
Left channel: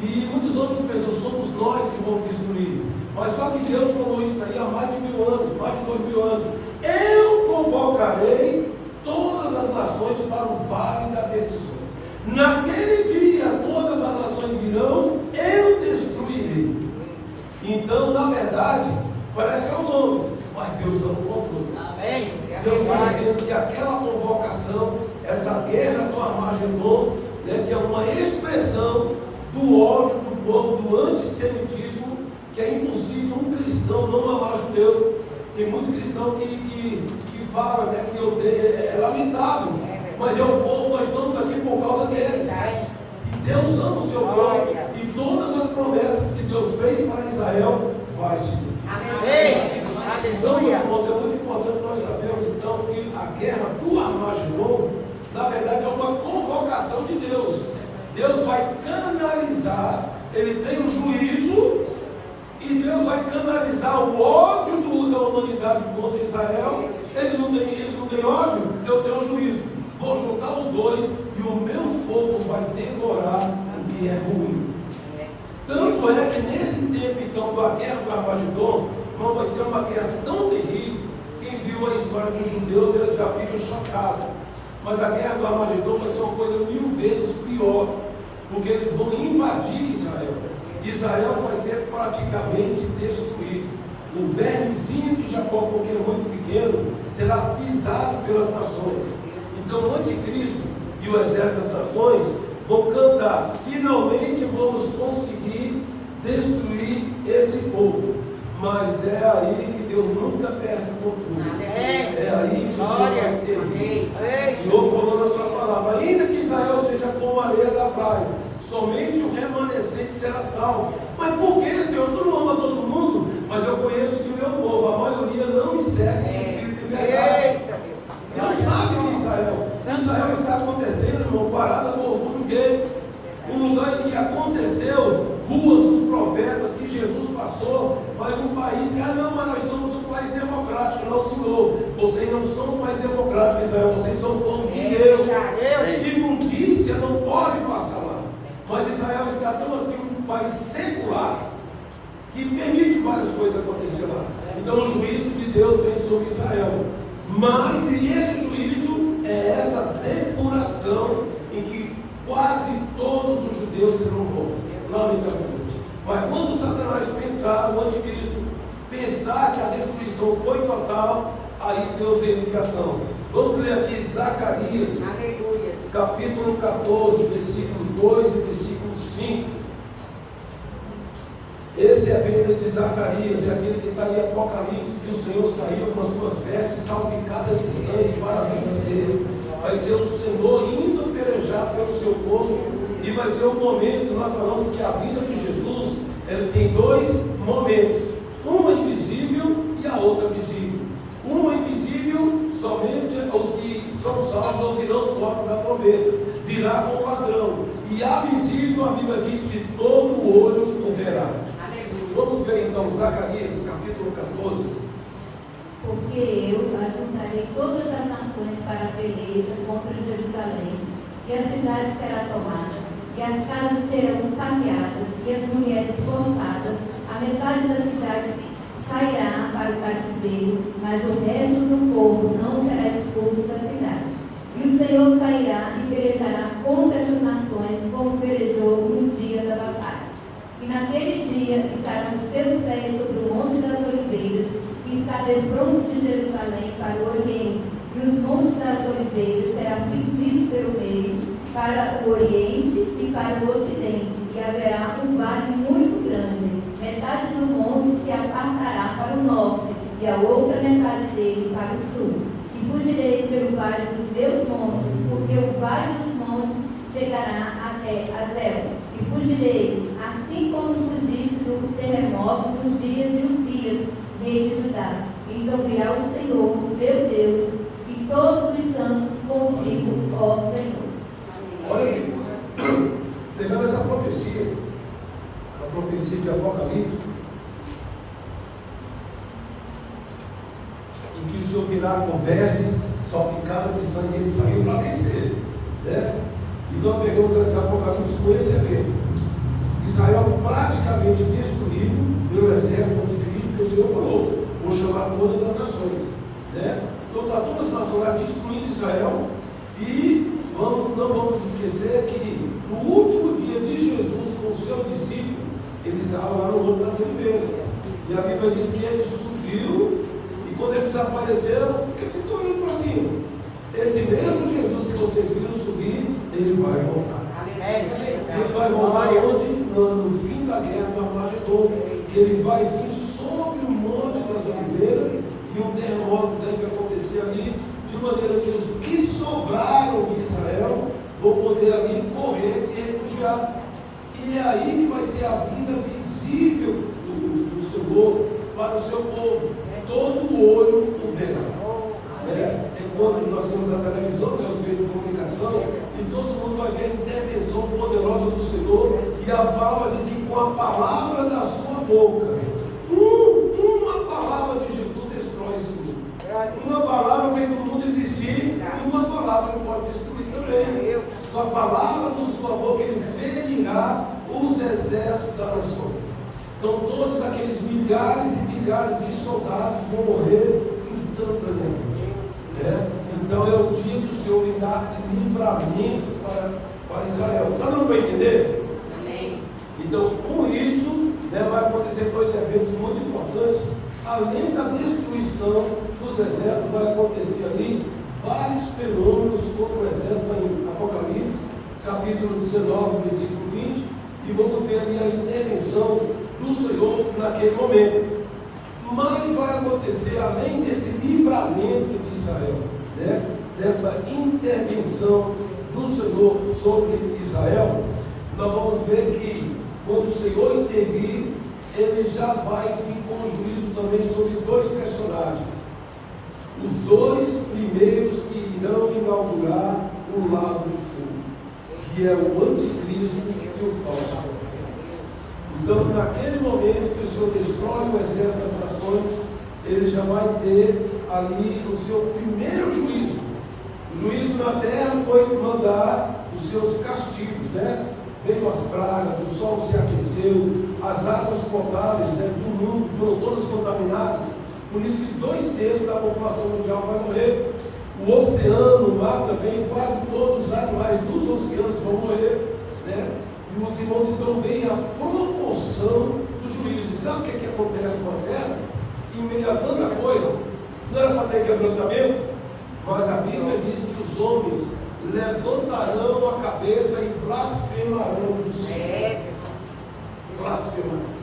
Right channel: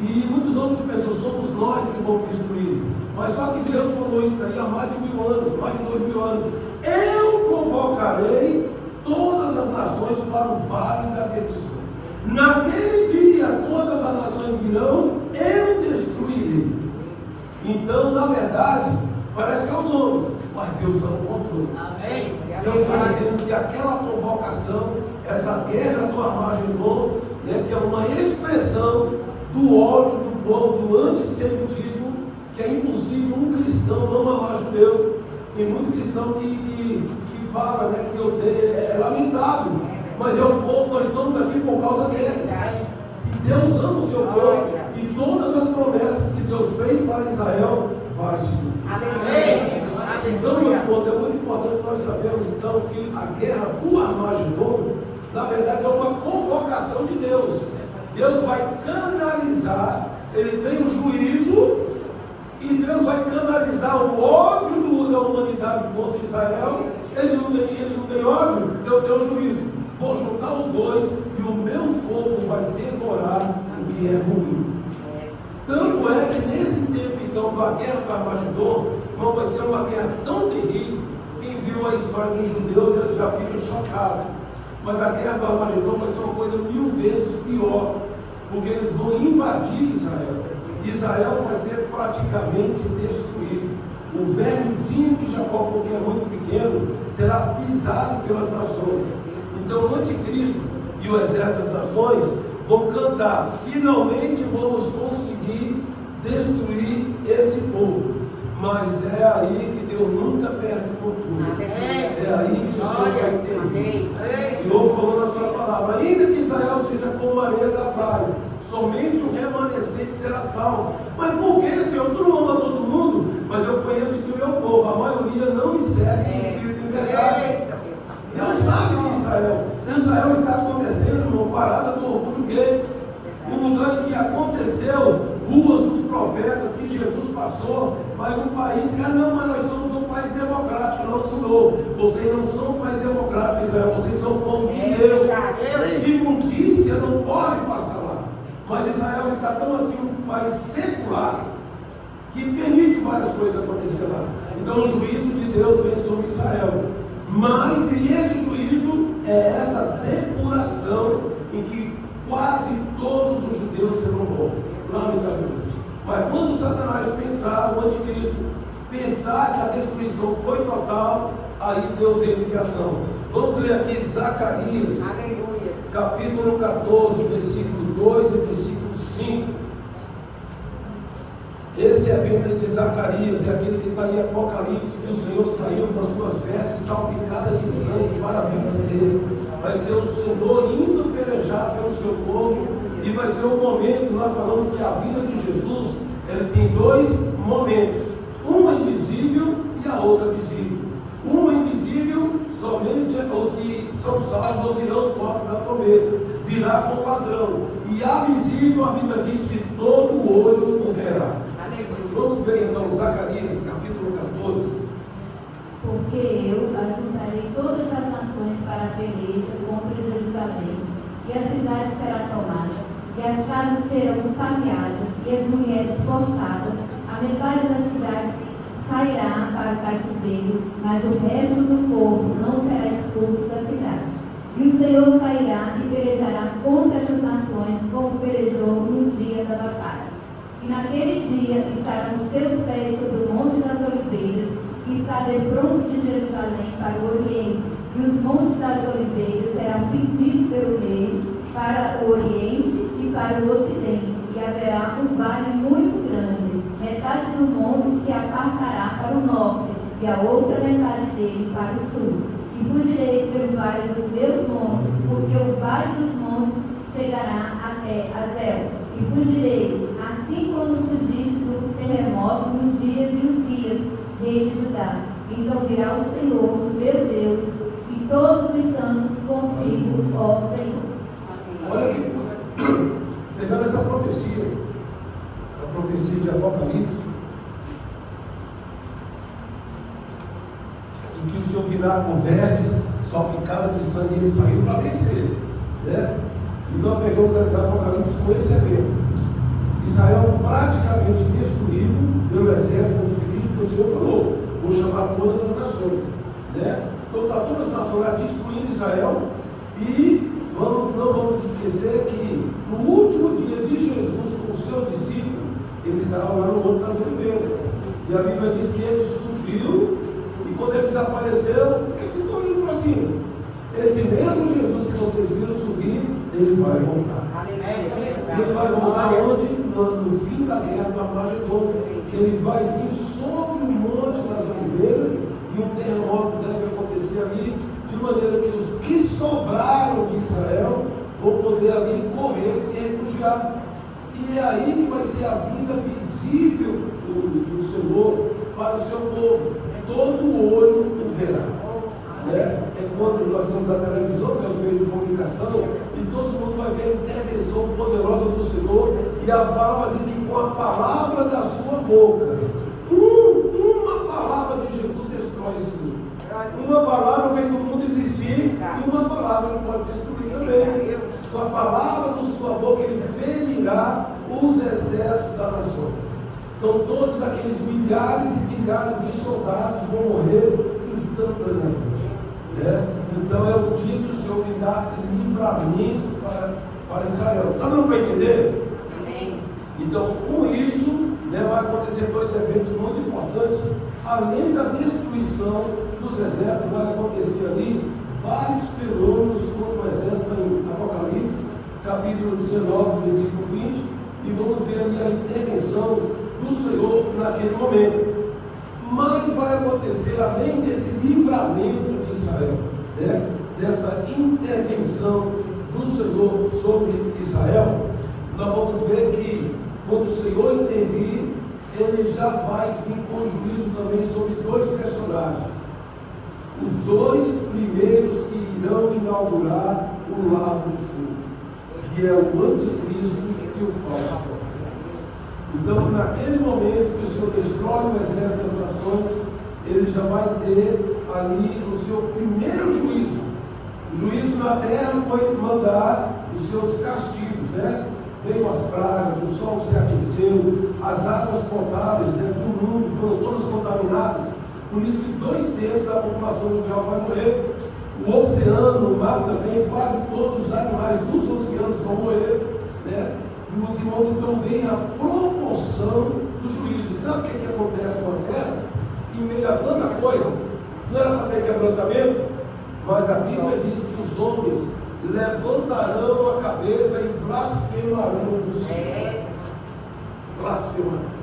E muitos homens pensam, somos nós que vamos destruir. Mas só que Deus falou isso aí há mais de 1000 anos, mais de 2000 anos. Eu convocarei todas as nações para o vale das decisões. Naquele dia todas as nações virão, eu destruirei. Então, na verdade, parece que é os homens, mas Deus está no controle. Deus está dizendo que aquela convocação, essa guerra do Armagedon, né, que é uma expressão do ódio do povo, do antissemitismo, que é impossível um cristão não amar judeu. Tem muito cristão que fala, né, que odeia, é lamentável, mas é o povo, nós estamos aqui por causa deles. E Deus ama o seu povo, e todas as promessas que Deus fez para Israel vai se cumprir. Então, meus irmãos, é muito importante nós sabermos então que a guerra do Armagedon, na verdade, é uma convocação de Deus. Deus vai canalizar, ele tem um juízo, e Deus vai canalizar o ódio da humanidade contra Israel. Eles não têm ódio, eu tenho um juízo. Vou juntar os dois e o meu fogo vai devorar o que é ruim. Tanto é que nesse tempo então da guerra do Armagedon, não vai ser uma guerra tão terrível. Quem viu a história dos judeus, ele já fica chocado. Mas a guerra do Armagedon vai ser uma coisa 1000 vezes pior, porque eles vão invadir Israel. Israel vai ser praticamente destruído. O vermezinho de Jacó, porque é muito pequeno, será pisado pelas nações. Então o anticristo e o exército das nações vão cantar: finalmente vamos conseguir destruir esse povo. Mas é aí que Deus nunca perde o controle. É aí que o Senhor vai intervir. O Senhor falou na sua palavra: ainda que Israel seja como a areia da praia, somente o remanescente será salvo. Mas por que, Senhor? Tu não ama todo mundo, mas eu conheço que o meu povo, a maioria não me segue em espírito e verdade. Deus sabe que Israel está acontecendo, irmão, parada do orgulho gay. Um lugar em que aconteceu ruas dos profetas, que Jesus passou, mas um país que, não, mas nós somos um país democrático. Não, Senhor, vocês não são um país democrático, Israel, vocês são um povo de Deus. Imundícia não pode passar lá. Mas Israel está tão assim, um país secular, que permite várias coisas acontecer lá. Então o juízo de Deus vem sobre Israel. Mas esse juízo é essa depuração em que quase todos os judeus serão mortos, lamentavelmente. Mas quando Satanás pensar, o anticristo pensar que a destruição foi total, aí Deus entra em ação. Vamos ler aqui Zacarias, capítulo 14, versículo 2 e versículo 5. Esse evento de Zacarias é aquele que está em Apocalipse, que o Senhor saiu com as suas vestes salpicadas de sangue para vencer. Vai ser o Senhor indo pelejar pelo seu povo, e vai ser um momento, nós falamos que a vida de Jesus, ele tem dois momentos, uma invisível e a outra visível. Uma invisível, somente os que são salvos ouvirão o toque da trombeta, virá como ladrão. E a visível, a Bíblia diz que todo olho o verá. Vamos ver então Zacarias, capítulo 14. Porque eu ajuntarei todas as nações para a peleja contra Jerusalém, e a cidade será tomada, e as casas serão saqueadas, e as mulheres forçadas. A metade da cidade sairá para o cativeiro, mas o resto do povo não será expulso da cidade. E o Senhor sairá e pelejará contra essas nações, como pelejou no dia da batalha. E naquele dia estarão os seus pés sobre o Monte das Oliveiras, e está defronte de Jerusalém para o Oriente, e os Montes das Oliveiras serão divididos pelo meio, para o Oriente e para o Ocidente, e haverá um vale muito grande. Metade do monte se apartará para o norte, e a outra metade dele para o sul. E fugirei pelo vale dos meus montes, porque o vale dos montes chegará até Azel. E fugirei, assim como fugi do terremoto nos dias de Uzias, rei de Judá. Então virá o Senhor, meu Deus, e todos os santos contigo, ó Senhor. Olha que pegando essa profecia, a profecia de Apocalipse, em que o Senhor virá com verdes, só picada de sangue, ele saiu para vencer, né? Então pegamos o Apocalipse com esse evento. Israel praticamente destruído pelo exército de Cristo, que o Senhor falou, vou chamar todas as nações, né? Então está todas as nações lá destruindo Israel, e não vamos esquecer que no último dia de Jesus com o seu discípulo, ele estava lá no Monte das Oliveiras, e a Bíblia diz que ele subiu, e quando ele desapareceu, por que vocês estão olhando para cima? Esse mesmo Jesus que vocês viram subir, ele vai voltar. Ele vai voltar onde? No fim da guerra do Armagedon, que ele vai vir sobre o Monte das Oliveiras, e um terremoto deve acontecer ali, de maneira que os que sobraram de Israel vão poder ali correr, se refugiar. E é aí que vai ser a vida visível do Senhor para o seu povo. Todo olho o verá. É quando nós temos a televisão, né, os meios de comunicação, e todo mundo vai ver a intervenção poderosa do Senhor, e a palavra diz que com a palavra da sua boca, uma palavra de Jesus destrói esse mundo. Uma palavra fez o mundo existir, e uma palavra não pode destruir também. Com a palavra da sua boca, ele ferirá os exércitos das nações. Então todos aqueles milhares e milhares de soldados vão morrer instantaneamente. Então é o dia que o Senhor vem dar livramento para Israel. Está dando para entender? Sim. Então, com isso, vai acontecer dois eventos muito importantes. Além da destruição dos exércitos, vai acontecer ali vários fenômenos contra o exército em Apocalipse, capítulo 19, versículo 20, e vamos ver ali a intervenção do Senhor naquele momento. Mas vai acontecer, além desse livramento de Israel, dessa intervenção do Senhor sobre Israel, nós vamos ver que quando o Senhor intervir, ele já vai vir com juízo também sobre dois personagens. Os dois primeiros que irão inaugurar o lago do fogo, que é o anticristo e o falso profeta. Então, naquele momento que o Senhor destrói o exército das nações, ele já vai ter ali o seu primeiro juízo. O juízo na terra foi mandar os seus castigos, Veio as pragas, o sol se aqueceu, as águas potáveis do mundo foram todas contaminadas. Por isso que 2/3 da população mundial vai morrer. O oceano, o mar também, quase todos os animais dos oceanos vão morrer, E os irmãos, então, vem a promoção do juízo. E sabe o que acontece com a terra? Em meio a tanta coisa, não era para ter quebrantamento, mas a Bíblia diz que os homens levantarão a cabeça e blasfemarão do Senhor. Blasfemarão.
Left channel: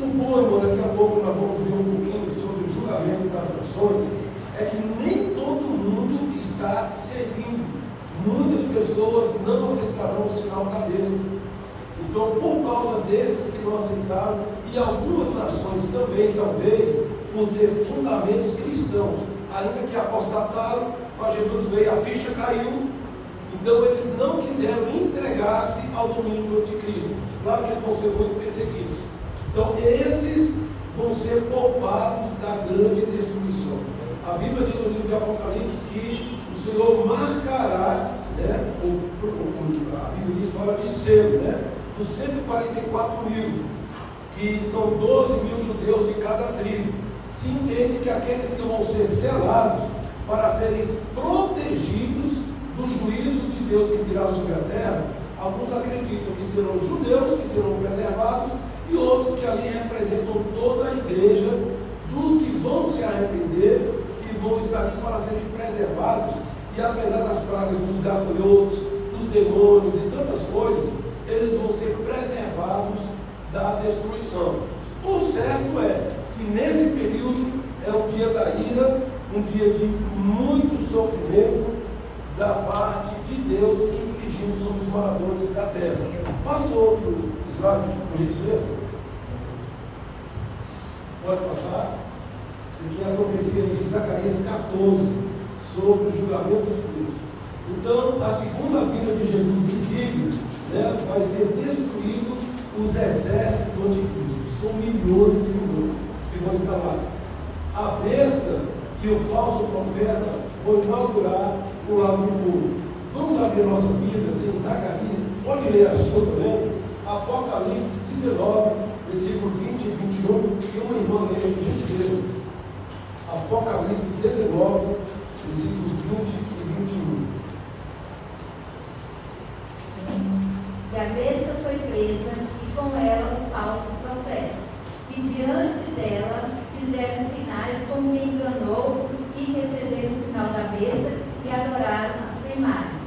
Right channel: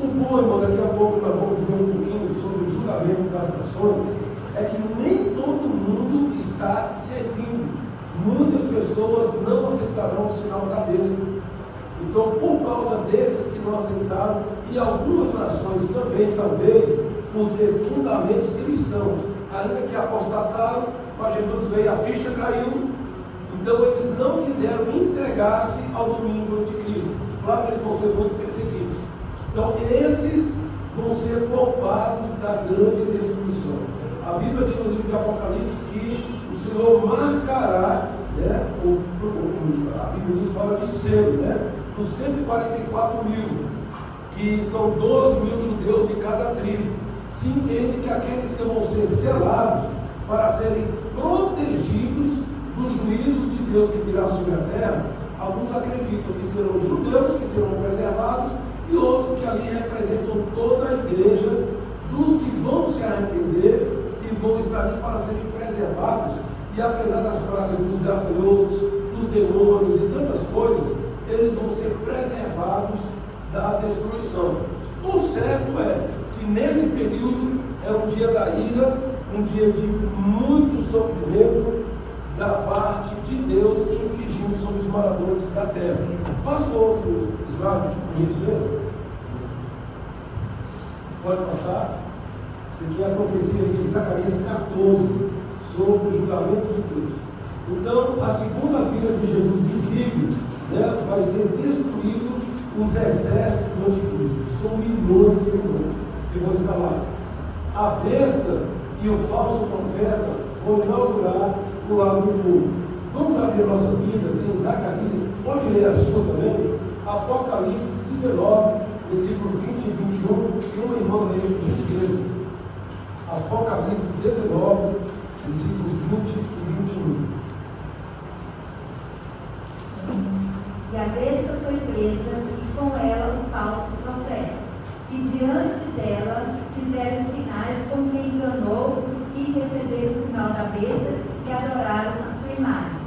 O bom, irmão, daqui a pouco nós vamos ver um pouquinho sobre o julgamento das nações, é que nem todo mundo está servindo. Muitas pessoas não aceitarão o sinal da besta. Então, por causa desses que não aceitaram, e algumas nações também, talvez, por ter fundamentos cristãos, ainda que apostataram, mas Jesus veio, a ficha caiu, então eles não quiseram entregar-se ao domínio do anticristo. Claro que eles vão ser muito perseguidos. Então esses vão ser poupados da grande destruição. A Bíblia diz no livro de Apocalipse que o Senhor marcará, né, a Bíblia diz, fala de selo, né, dos 144 mil, que são 12 mil judeus de cada tribo. Se entende que aqueles que vão ser selados para serem protegidos dos juízos de Deus que virá sobre a terra, alguns acreditam que serão judeus que serão preservados e outros que ali representam toda a igreja dos que vão se arrepender e vão estar ali para serem preservados. E apesar das pragas dos gafanhotos, dos demônios e tantas coisas, eles vão ser preservados da destruição. O certo é que nesse período é um dia da ira, um dia de muito sofrimento da parte de Deus infligindo sobre os moradores da terra. Passa outro slide, por gentileza. Pode passar. Isso aqui é a profecia de Zacarias 14 sobre o julgamento de Deus. Então, a segunda vinda de Jesus visível, né, vai ser destruído os exércitos do anticristo. São milhões e milhões que vão estar lá. A besta e o falso profeta vão inaugurar o lago do fogo. Vamos abrir nossas Bíblias em Zacarias, pode ler a sua também, Apocalipse 19, versículo 20 e 21, e uma irmã lê, por gentileza. Apocalipse 19, versículo 20 e 21. E a besta foi presa, e com ela os falsos profetas. E diante dela fizeram sinais como quem enganou os que receberam o sinal da besta e adoraram a sua imagem.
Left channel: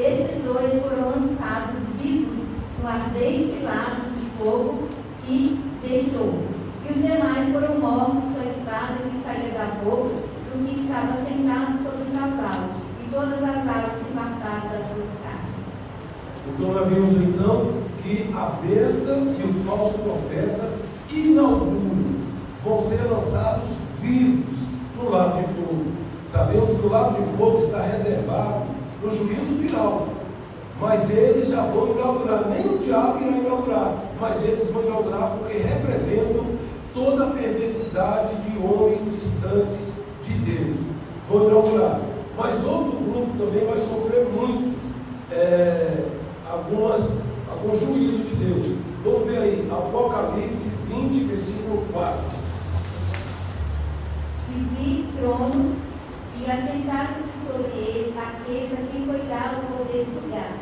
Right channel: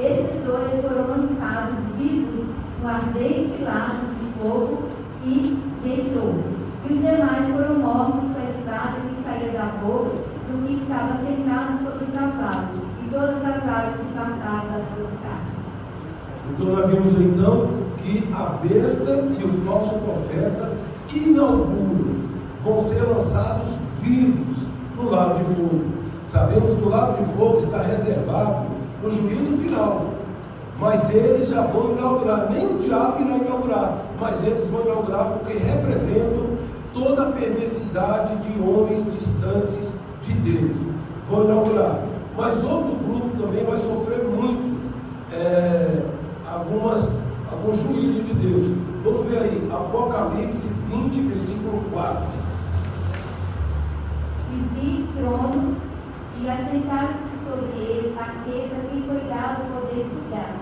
Esses dois foram lançados vivos no ardente lago de fogo e deixou. E os demais foram mortos com a espada que saía da boca do que estava sentado sobre os cavalos, e todas as aves se mataram das suas carnes. Então nós vimos então que a besta e o falso profeta inauguram, vão ser lançados vivos no lago de fogo. Sabemos que o lago de fogo está reservado no juízo final, mas eles já vão inaugurar, nem o diabo irá inaugurar, mas eles vão inaugurar porque representam toda a perversidade de homens distantes de Deus. Vão inaugurar, mas outro grupo também vai sofrer muito alguns juízos de Deus. Vamos ver aí, Apocalipse 20, versículo 4. E vi tronos, e assentaram sobre eles aqueles a quem foi dado o poder de julgar.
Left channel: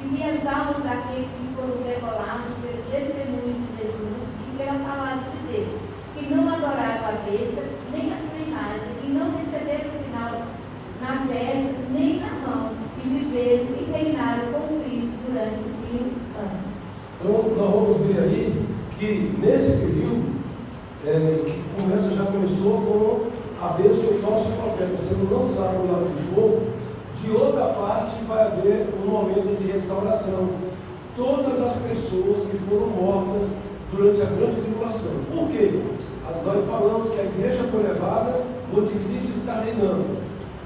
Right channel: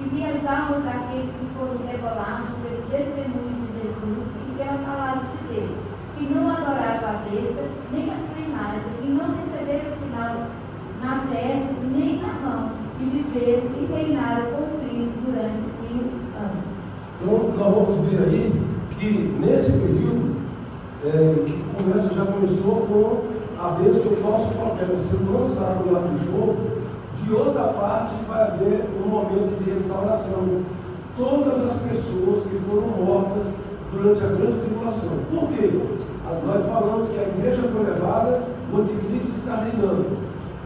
E vi as almas daqueles que foram degolados pelo testemunho de Jesus e pela palavra de Deus, que não adoraram a besta, nem a sua imagem, e não receberam sinal na testa, nem na mão, e viveram e reinaram com Cristo durante 1000 anos. Então, nós vamos ver aí que nesse período, que já começou com a besta e o falso profeta sendo lançado lá do fogo, de outra parte vai haver um momento de restauração. Todas as pessoas que foram mortas durante a grande tribulação. Por quê? Nós falamos que a igreja foi levada, o anticristo está reinando.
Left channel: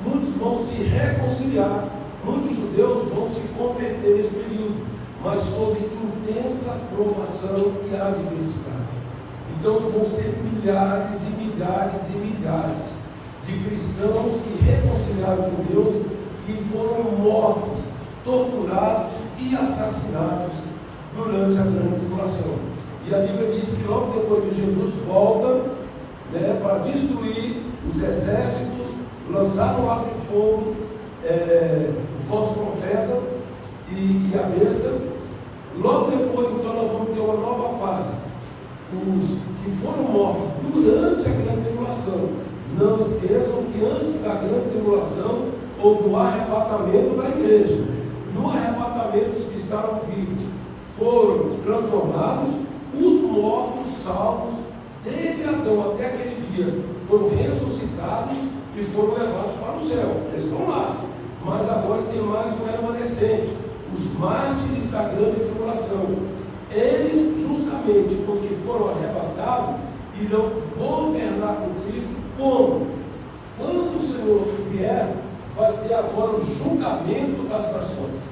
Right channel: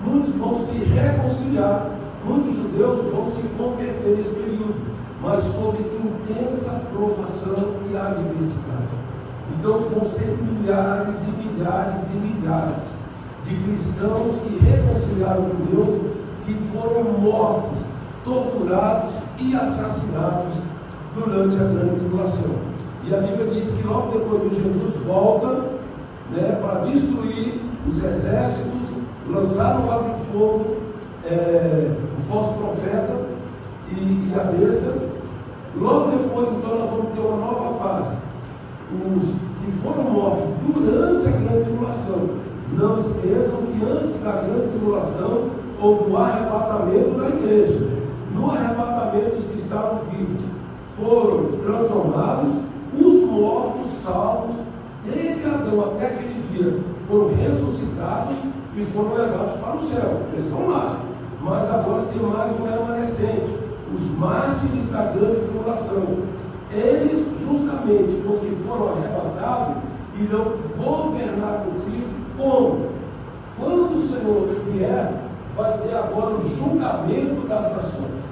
Muitos vão se reconciliar, muitos judeus vão se converter nesse período, mas sob intensa provação e adversidade. Então vão ser milhares e milhares e milhares de cristãos que reconciliaram com Deus, que foram mortos, torturados e assassinados durante a grande tribulação. E a Bíblia diz que logo depois que Jesus volta, né, para destruir os exércitos, lançaram lá de fogo o falso profeta e a besta. Logo depois, então, nós vamos ter uma nova fase. Os que foram mortos durante a grande tribulação. Não esqueçam que antes da grande tribulação houve o arrebatamento da igreja. No arrebatamento, os que estavam vivos foram transformados, os mortos salvos, desde Adão até aquele dia, foram ressuscitados e foram levados para o céu. Eles estão lá. Mas agora tem mais um remanescente, os mártires da grande tribulação. Eles, justamente os que foram arrebatados, irão governar com Cristo como? Quando o Senhor vier, vai ter agora o julgamento das nações.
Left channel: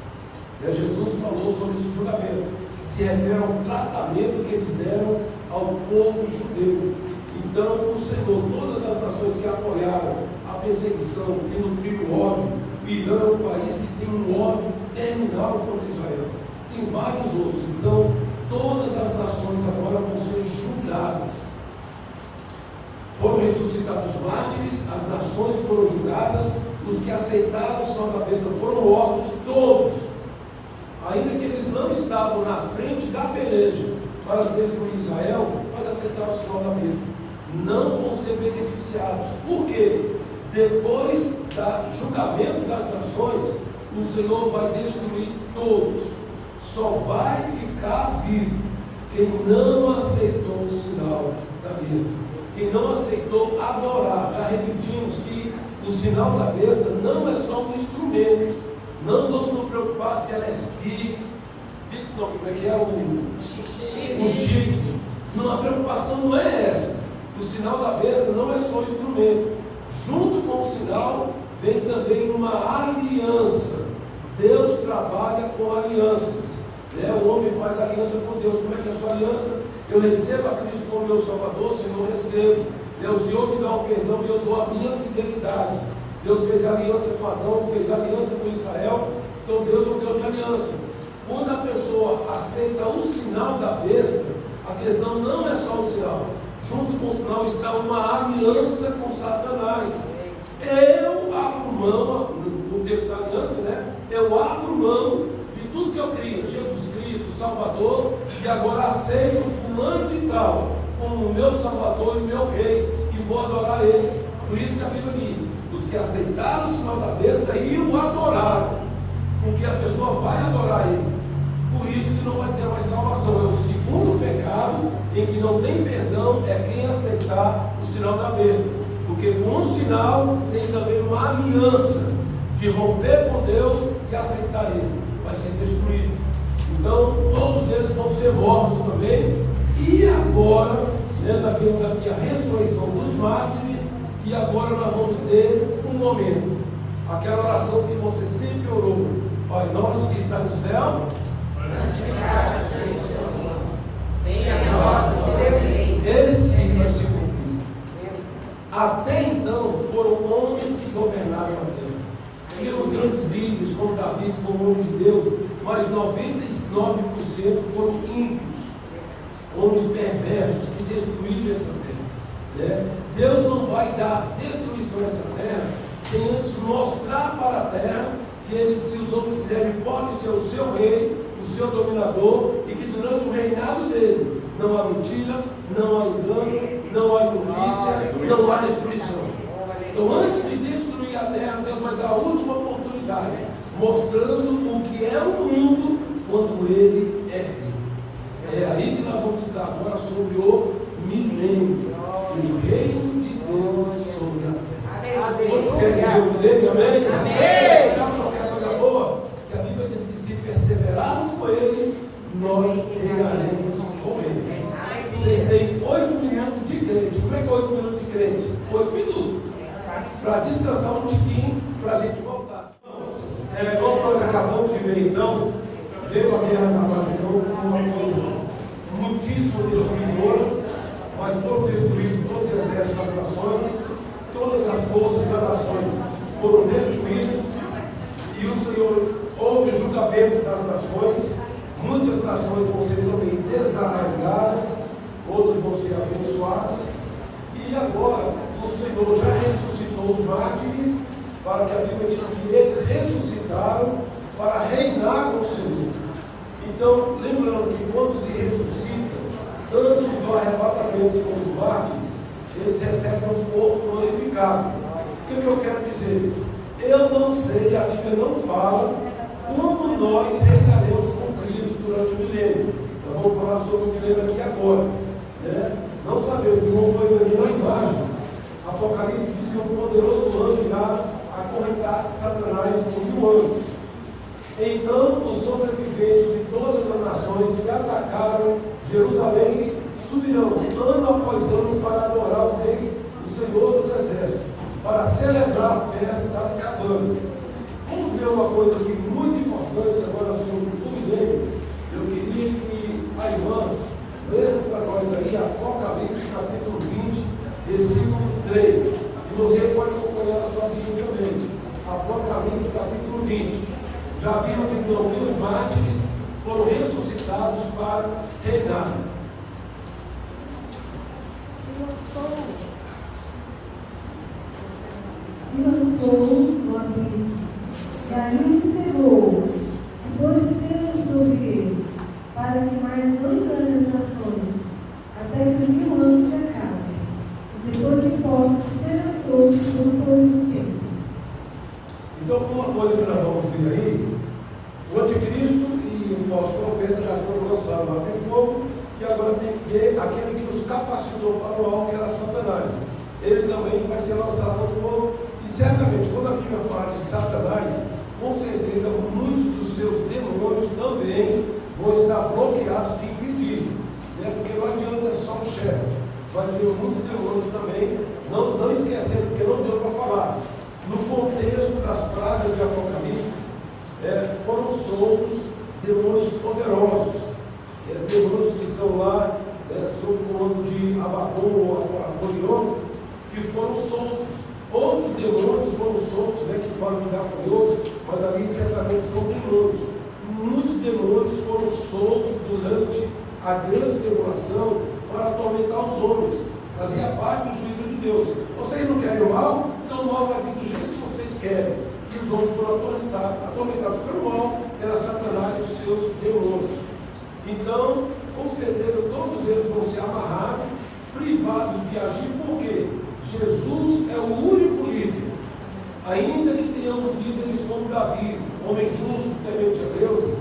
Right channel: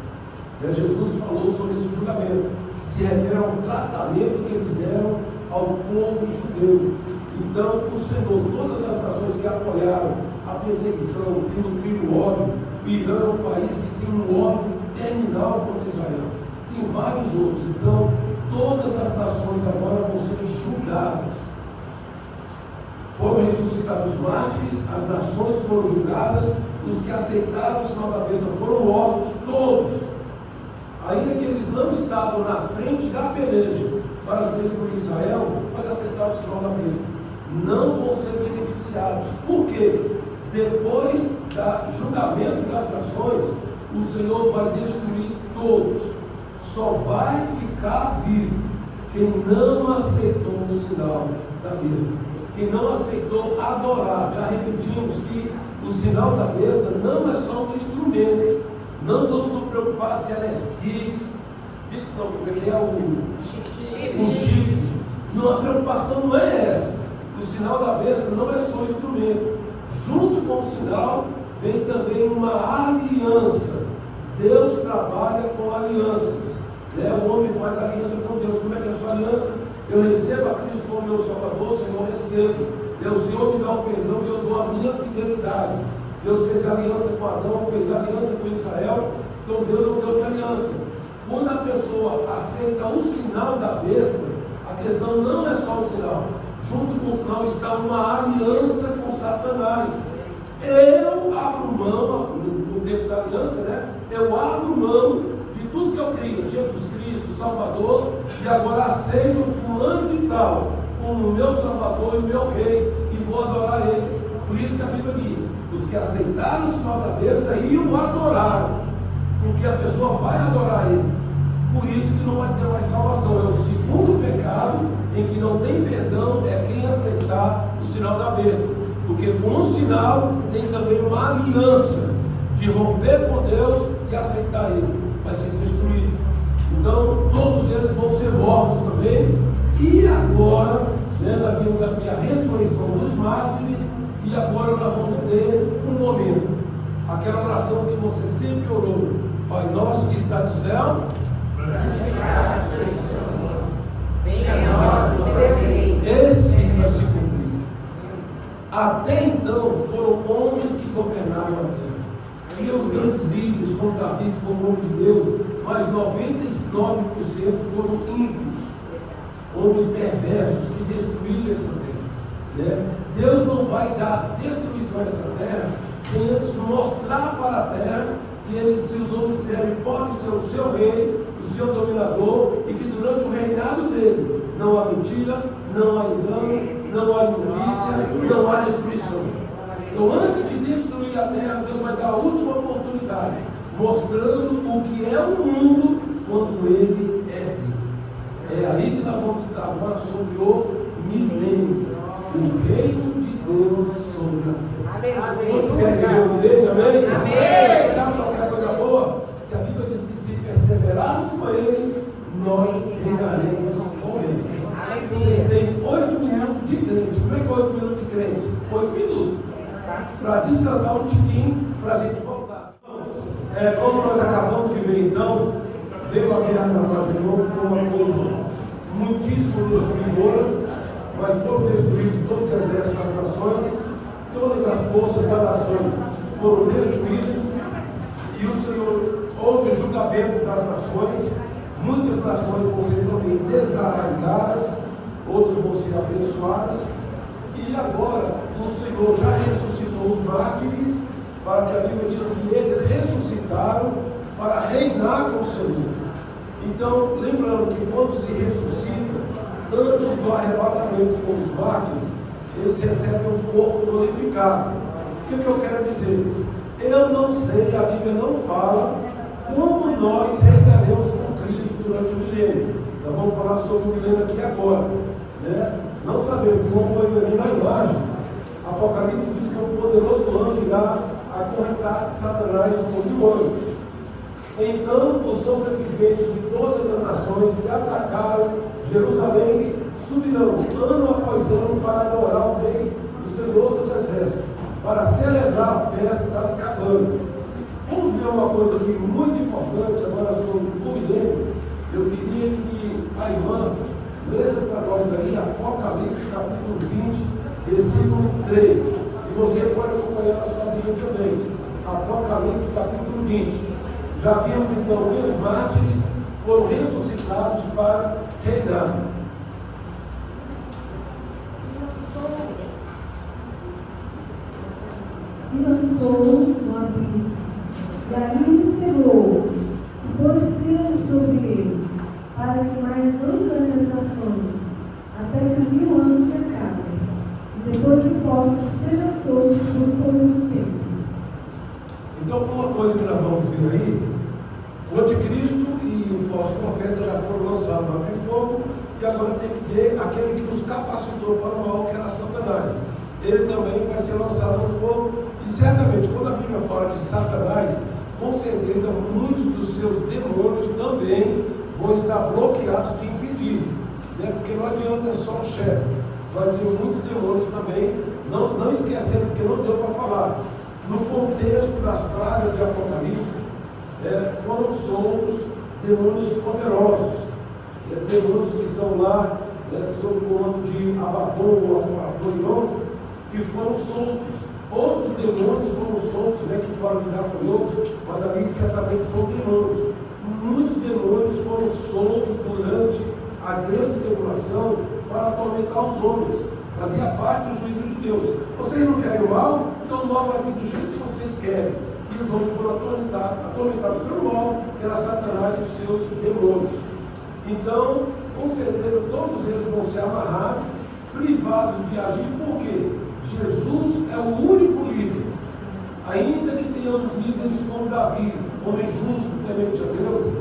Jesus falou sobre esse julgamento, que se refere ao tratamento que eles deram ao povo judeu. Então, o Senhor, todas as nações que apoiaram a perseguição, que nutriram o ódio, o Irã é um país que tem um ódio terminal contra Israel. Tem vários outros. Então, todas as nações agora vão ser julgadas. Foram ressuscitados os mártires, as nações foram julgadas, os que aceitaram o sinal da besta foram mortos, todos. Ainda que eles não estavam na frente da peleja para destruir Israel, mas aceitaram o sinal da besta. Não vão ser beneficiados. Por quê? Depois do julgamento das nações, o Senhor vai destruir todos. Só vai ficar vivo quem não aceitou o sinal da besta. Quem não aceitou adorar. Já repetimos que o sinal da besta não é só um instrumento. Não vamos nos preocupar se ela é Pix não, como é que é o chip. Não, a preocupação não é essa. O sinal da besta não é só um instrumento. Junto com o sinal vem também uma aliança. Deus trabalha com alianças. O homem faz aliança com Deus. Como é que é a sua aliança? Eu recebo a Cristo como meu Salvador, Senhor, eu recebo. O Senhor me dá o perdão e eu dou a minha fidelidade. Deus fez aliança com Adão, fez aliança com Israel. Então Deus é um Deus de aliança. Quando a pessoa aceita o sinal da besta, a questão não é só o sinal. Junto com o sinal está uma aliança com Satanás. Eu abro mão, no texto da aliança, né? Eu abro mão de tudo que eu crio, Jesus Cristo, Salvador, e agora aceito fulano de tal como meu Salvador e meu Rei, e vou adorar Ele. Por isso que a Bíblia diz, os que aceitaram o sinal da besta e o adoraram, porque a pessoa vai adorar Ele. Por isso que não vai ter mais salvação. É o segundo pecado em que não tem perdão, é quem aceitar o sinal da besta. Porque com o sinal tem também uma aliança de romper com Deus e aceitar Ele. Vai ser destruído. Então, todos eles vão ser mortos também. E agora, nós vimos aqui a ressurreição dos mártires. E agora nós vamos ter um momento. Aquela oração que você sempre orou. Pai nosso que está no céu, santificado seja o teu nome. Venha a nós o teu reino. Esse vai se cumprir. Até então foram homens que governaram a terra. Tinha os grandes líderes, como Davi, que foi um homem de Deus, mas 99% foram ímpios, homens perversos que destruíram essa terra. Deus não vai dar destruição a essa terra sem antes mostrar para a terra que ele, se os homens quiserem, pode ser o seu rei, o seu dominador, e que durante o reinado dele não há mentira, não há engano, não há injustiça, não há destruição. Então, antes de destruir a terra, Deus vai dar a última oportunidade, mostrando o que é o mundo quando ele é rei. É aí que nós vamos estudar agora sobre o milênio, o reino de Deus sobre a terra. Quantos querem ver o milênio? Amém? Amém. Sabe qual é a coisa boa? Que a Bíblia diz que se perseverarmos com ele, nós reinaremos com ele. Vocês têm 8 minutos de crente. Como é que é 8 minutos de crente? 8 minutos. Para descansar um tiquinho, para a gente voltar. Como nós acabamos de ver então, veio a guerra da nós de novo, foi uma coisa muitíssimo destruidora, mas foram destruídos todos os exércitos das nações, todas as forças das nações foram destruídas, e o Senhor, houve o julgamento das nações, muitas nações vão ser também desarraigadas, outras vão ser abençoadas, e agora o Senhor já ressuscitou os mártires, para que a Bíblia diz que eles ressuscitaram para reinar com o Senhor. Então, lembrando que quando se ressuscita, tanto do arrebatamento como os mártires, eles recebem um corpo glorificado. O que eu quero dizer? Eu não sei, a Bíblia não fala como nós reinaremos com Cristo durante o milênio. Nós vamos falar sobre o milênio aqui agora. Não sabemos, não foi venir na imagem. Apocalipse diz que um poderoso anjo irá acorrentar Satanás com 1000 anjos. Então os sobreviventes de todas as nações que atacaram Jerusalém subirão ano após ano para adorar o Rei, o Senhor dos Exércitos, para celebrar a festa das cabanas. Vamos ver uma coisa aqui muito importante agora sobre o milênio. Eu queria que a irmã lesse para nós aí Apocalipse capítulo 20, versículo 3. E você pode acompanhar na sua Bíblia também. Apocalipse capítulo 20. Já vimos então que os mártires foram ressuscitados para reinar. E lançou no abismo, e ali o encerrou, e pôs selos sobre ele, para que mais não engane as nações, até que os 1000 anos se acabem, e depois importa que seja solto por um pouco tempo. Então, uma coisa que nós vamos ver aí, o anticristo e o falso profeta já foram lançados lá no fogo, e agora tem que ver aquele que os capacitou para o mal, que era Satanás. Ele também vai ser lançado no fogo, e certamente, quando a Bíblia fala de Satanás, com certeza muitos dos seus demônios também vão estar bloqueados de impedir, né? Porque não adianta só o chefe, vai ter muitos demônios também, não esquecendo, porque não deu para falar. No contexto das pragas de Apocalipse, foram soltos demônios poderosos, demônios que são lá sob o comando de Abaddon ou Apolion, que foram soltos. Outros demônios foram soltos, que falam de gafanhotos, mas ali certamente são demônios. Muitos demônios foram soltos durante a grande tribulação para atormentar os homens. Fazia parte do juízo de Deus. Vocês não querem o mal? Então o mal vai vir do jeito que vocês querem. E os homens foram atormentados pelo mal, que era Satanás e os seus demônios. Então, com certeza, todos eles vão ser amarrados, privados de agir. Por quê? Jesus é o único líder. Ainda que tenhamos líderes como Davi, homem justo, temente a Deus,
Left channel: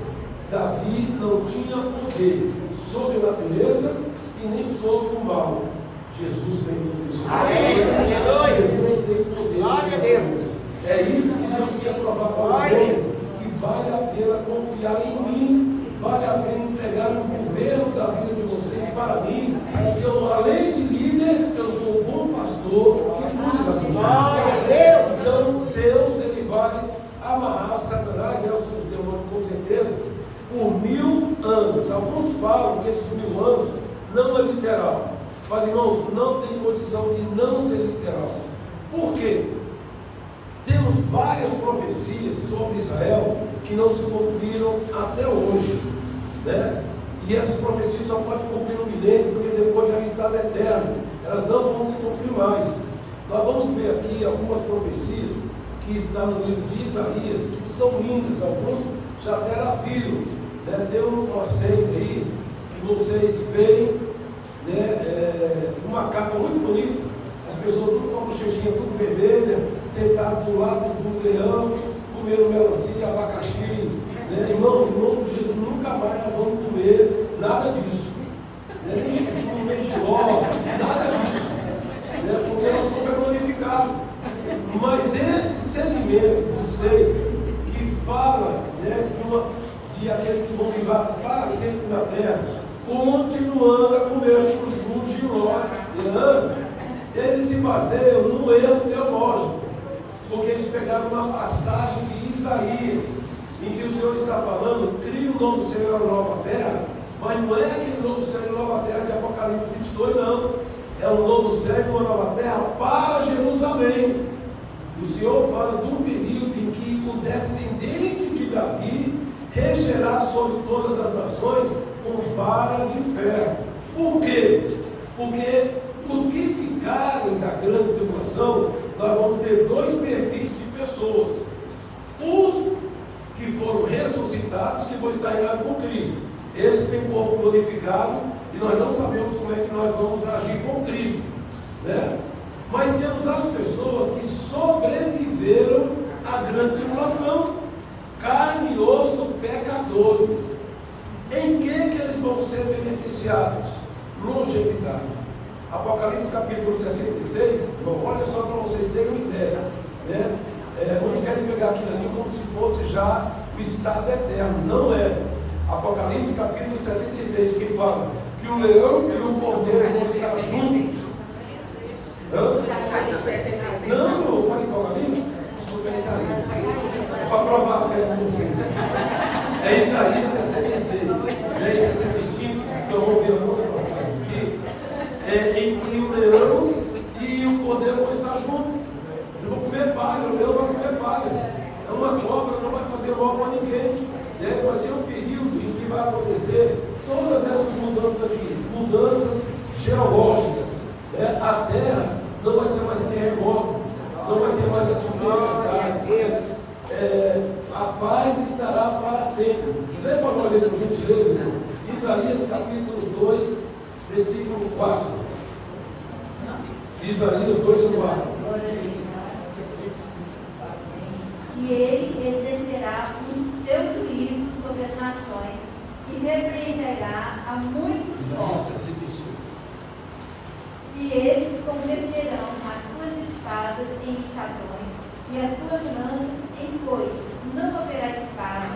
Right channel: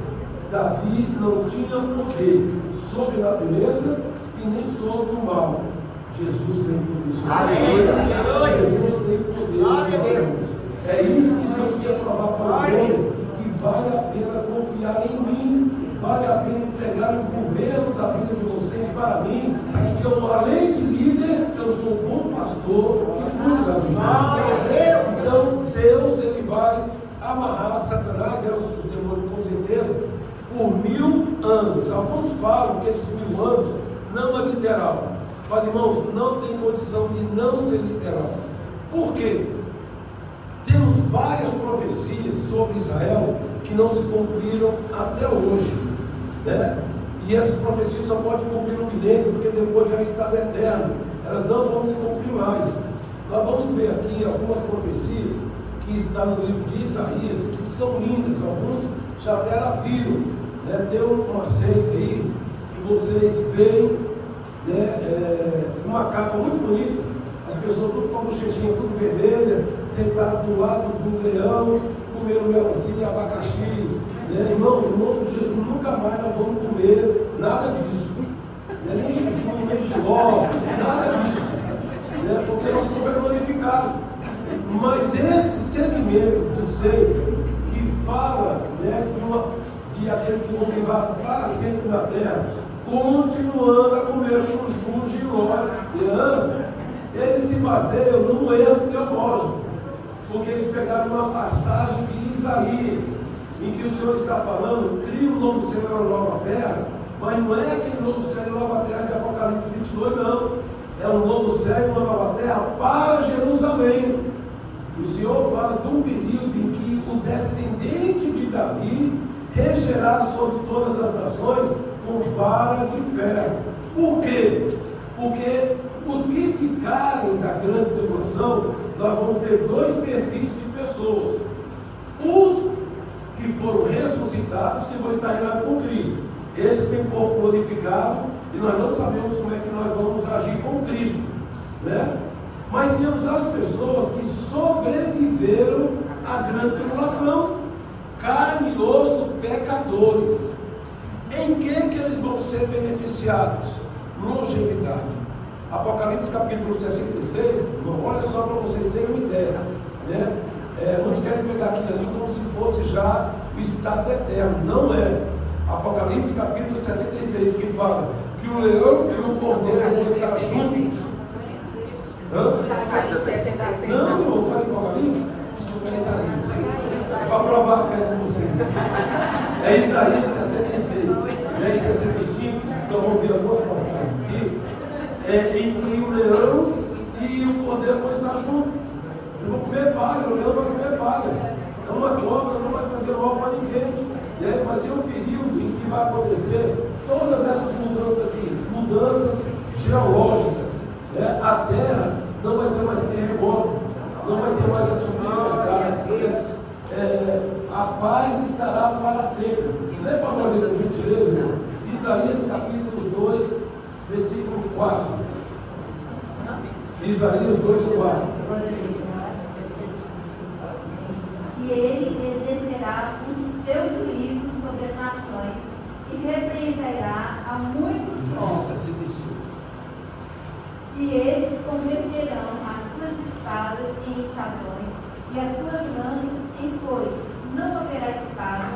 Davi não tinha poder sobre a natureza e nem sobre o mal. Jesus tem poder sobre a natureza. Jesus tem poder sobre a natureza. É isso que Deus quer provar para os homens, que vale a pena confiar em mim, vale a pena entregar o governo da vida de vocês para mim, porque eu, além de líder, eu sou um bom pastor que cuida das ovelhas. Então Deus, ele vai amarrar Satanás e os seus demônios com certeza por 1000 anos. Alguns falam que esses 1000 anos não é literal, mas irmãos, não tem condição de não ser literal. Por quê? Temos várias profecias sobre Israel que não se cumpriram até hoje, né? E essas profecias só podem cumprir no milênio, porque depois já é estado eterno, elas não vão se cumprir mais. Nós vamos ver aqui algumas profecias que estão no livro de Isaías, que são lindas, alguns já até viram, né? Tem uma seita aí que vocês veem, né? Uma capa muito bonita, as pessoas tudo com a bochechinha tudo vermelha, sentado do lado do leão, comendo melancia, abacaxi, né? Irmão, em nome de Jesus, nunca mais nós vamos comer nada disso, né? Nem chuchu, nem giló, nada disso, né? Porque nosso corpo é glorificado. Mas esse segmento de seita que fala, né, de aqueles que vão viver para sempre na terra, continuando a comer chuchu, giló, eles se baseiam num erro teológico, porque eles pegaram uma passagem de Isaías, em que o Senhor está falando, cria um novo céu e uma nova terra, mas não é aquele novo céu e uma nova terra de Apocalipse 22, não. É um novo céu e uma nova terra para Jerusalém. O Senhor fala de um período em que o descendente de Davi regerá sobre todas as nações com vara de ferro. Por quê? Porque os que ficarem da grande tribulação, nós vamos ter dois perfis de pessoas. Os que foram ressuscitados, que vão estar reinados com Cristo. Esses têm corpo glorificado e nós não sabemos como é que nós vamos agir com Cristo, né? Mas temos as pessoas que sobreviveram à grande tribulação, carne e osso, pecadores. Em que eles vão ser beneficiados? Longevidade. Apocalipse capítulo 66, bom, olha só para vocês terem uma ideia, né? Muitos querem pegar aquilo ali como se fosse já o estado eterno, não é. Apocalipse capítulo 66, que fala que o leão e o cordeiro vão estar juntos. Não, eu falei Apocalipse? Desculpa, é Isaías. É para provar a fé de vocês. É Isaías 66, é 65, então vamos ver algumas passagens aqui, em que o leão e o cordeiro vão estar juntos. Eles vão comer palha, o leão vai comer palha. É uma cobra, não vai fazer mal para ninguém. Vai ser um período em que vai acontecer todas essas mudanças aqui, mudanças geológicas. A terra não vai ter mais terremoto, não vai ter mais essas tempestades. A paz estará para sempre. Lê para nós aí, por gentileza, irmão. Isaías capítulo 2, versículo 4. Isaías 2, 4. E ele exercerá o seu juízo sobre as nações e repreenderá a muitos povos. E eles converterão as suas espadas em estações e as suas lanças em foices. Não haverá espada,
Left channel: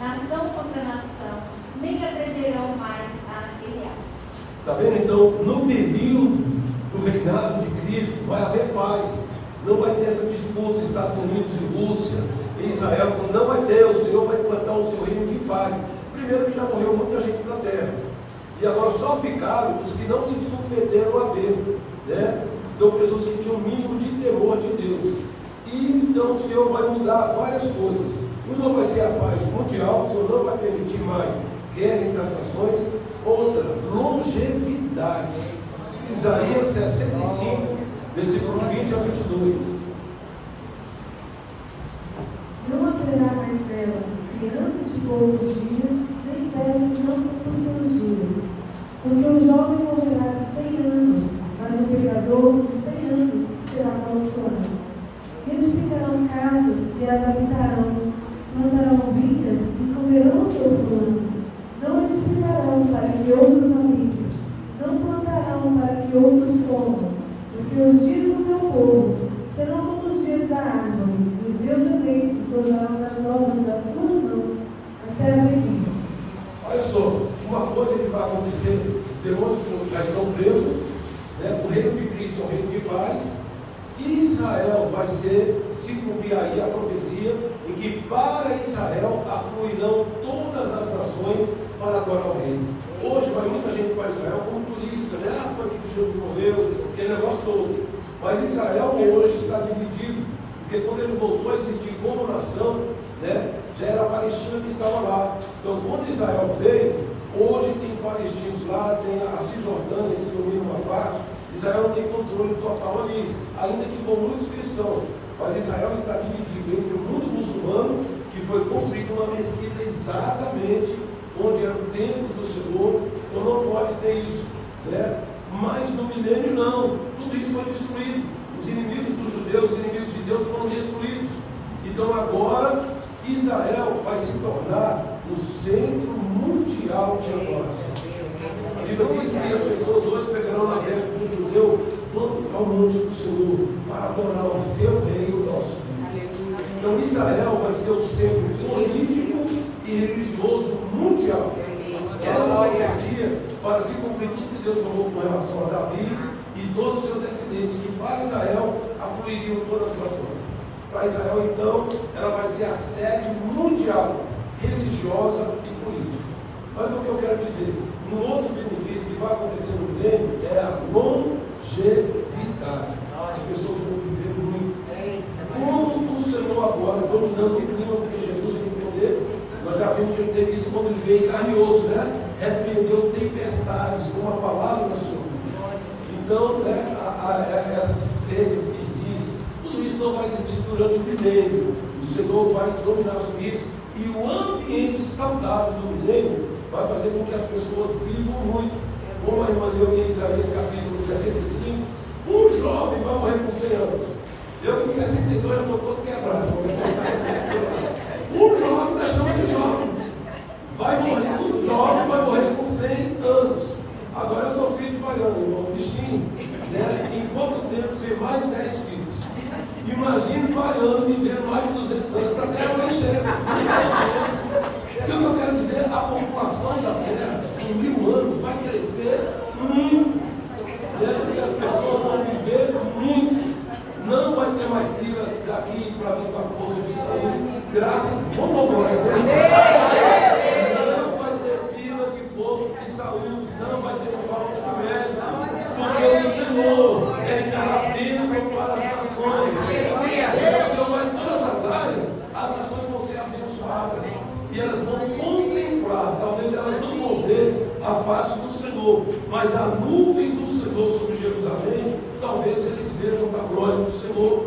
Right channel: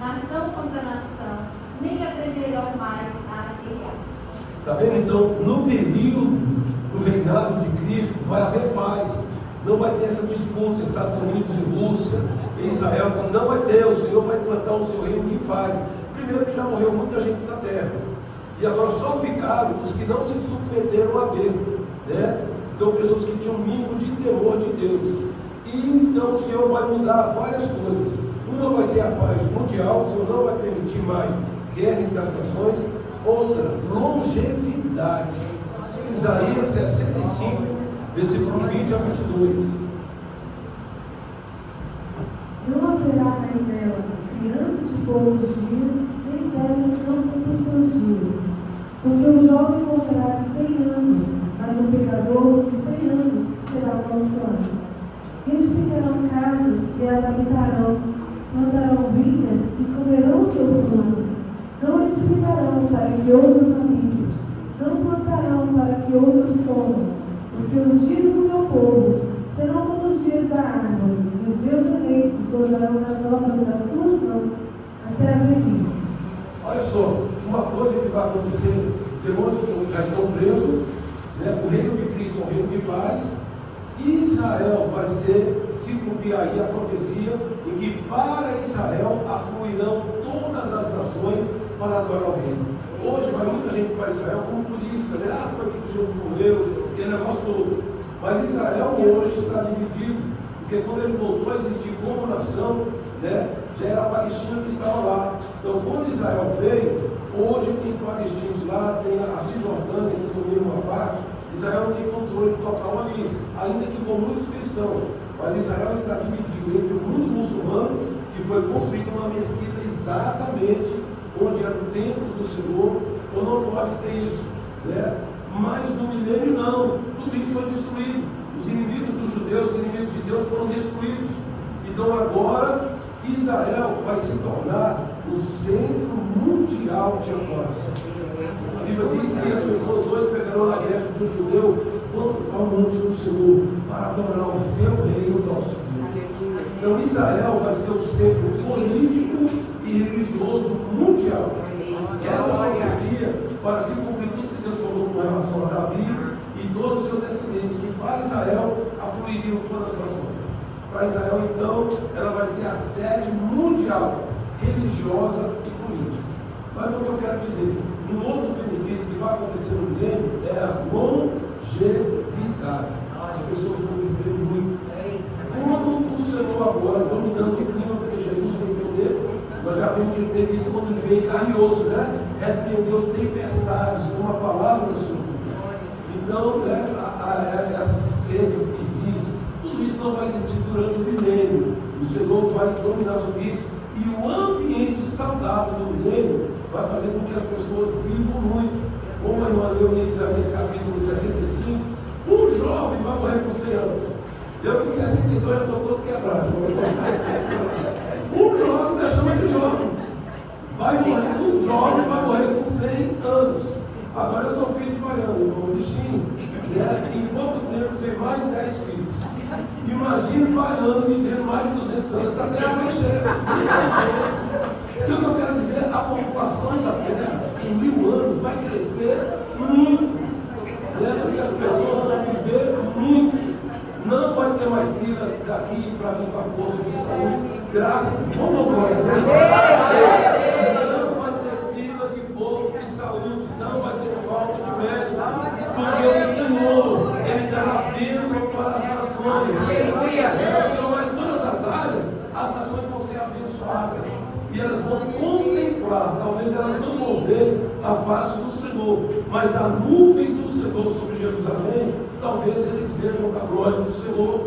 nação contra nação, nem aprenderão mais a guerrear. Está vendo? Então, no período do reinado de Cristo, vai haver paz. Não vai ter essa disputa Estados Unidos e Rússia e Israel, não vai ter. O Senhor vai implantar o seu reino de paz. Primeiro que já morreu muita gente na terra. E agora só ficaram os que não se submeteram à besta. Então, pessoas que tinham um mínimo de temor de Deus. E então o Senhor vai mudar várias coisas. Uma vai ser a paz mundial, o Senhor não vai permitir mais guerra entre as nações. Outra, longevidade. Isaías 65, versículo 20 a 22. Não haverá mais nela criança de poucos dias, nem velho que não cumpra os seus dias. Porque o jovem morrerá de 100 anos, mas o pecador de 100 anos será nosso ano. Edificarão casas e as habitarão, plantarão vinhas e comerão seu fruto. Não edificarão para que outros habitem, não plantarão para que outros comam, porque os dias do meu povo serão como os dias da árvore, e os meus eleitos gozarão das obras das suas mãos até a velhice. Olha só, uma coisa que vai acontecer, os demônios já estão presos, o reino de Cristo é um reino de paz, e Israel vai se cumprir aí a profecia em que para Israel afluirão todas as nações para adorar o reino. Hoje vai muita gente para Israel como turista, foi aqui que Jesus morreu, aquele negócio todo. Mas Israel hoje está dividido, porque quando ele voltou a existir como nação, já era a Palestina que estava lá. Então quando Israel veio, hoje tem palestinos lá, tem a Cisjordânia que domina uma parte. Israel não tem controle total ali, ainda que com muitos cristãos. Mas Israel está dividido entre o mundo muçulmano, que foi construído uma mesquita exatamente onde era o templo do Senhor, então não pode ter isso. Mas no milênio não, tudo isso foi destruído. Os inimigos dos judeus, os inimigos de Deus foram destruídos. Então agora Israel vai se tornar o centro mundial de adoração. A Bíblia diz que as pessoas dois pegarão na veste de um judeu, vão ao monte do Senhor para adorar o teu rei, o nosso Deus. Então Israel vai ser o centro político e religioso mundial. Essa profecia, para se cumprir tudo que Deus falou com relação a Davi e todo o seu descendente, que para Israel afluiriam todas as nações. Para Israel, então, ela vai ser a sede mundial, religiosa e política. Mas o que eu quero dizer? Um outro benefício que vai acontecer no milênio é a longevidade. As pessoas vão viver muito. Como o Senhor agora, dominando o clima, porque Jesus tem poder, nós já vimos que ele teve isso quando ele veio em carne e osso, repreendeu tempestades com uma palavra do Senhor. Então, essas cenas que existem, tudo isso não vai existir durante o milênio. O Senhor vai dominar sobre isso. E o ambiente saudável do milênio vai fazer com que as pessoas vivam muito. Como a irmã leu em Isaías capítulo 65, um jovem vai morrer com 100 anos. Eu com 62 já estou todo quebrado. Um jovem da chama de jovem. Um jovem vai morrer com 100 anos. Agora eu sou filho de pagano, irmão, um bichinho. Em pouco tempo fez mais de 10 filhos. Imagina um baiano vivendo mais de 200 anos, essa terra vai cheia. O que eu quero dizer? A população da terra, em 1000 anos, vai crescer muito. Porque as pessoas vão viver muito. Não vai ter mais fila daqui para vir para a posto de saúde. Graças a Deus. Não vai ter fila de posto de saúde. Não vai ter falta de médico. Porque o Senhor, Ele dá a bênção para as nações. O Senhor vai em todas as áreas. As nações vão ser abençoadas. E elas vão contemplar, talvez elas não vão ver a face do Senhor, mas a nuvem do Senhor sobre Jerusalém, talvez eles vejam a glória do Senhor.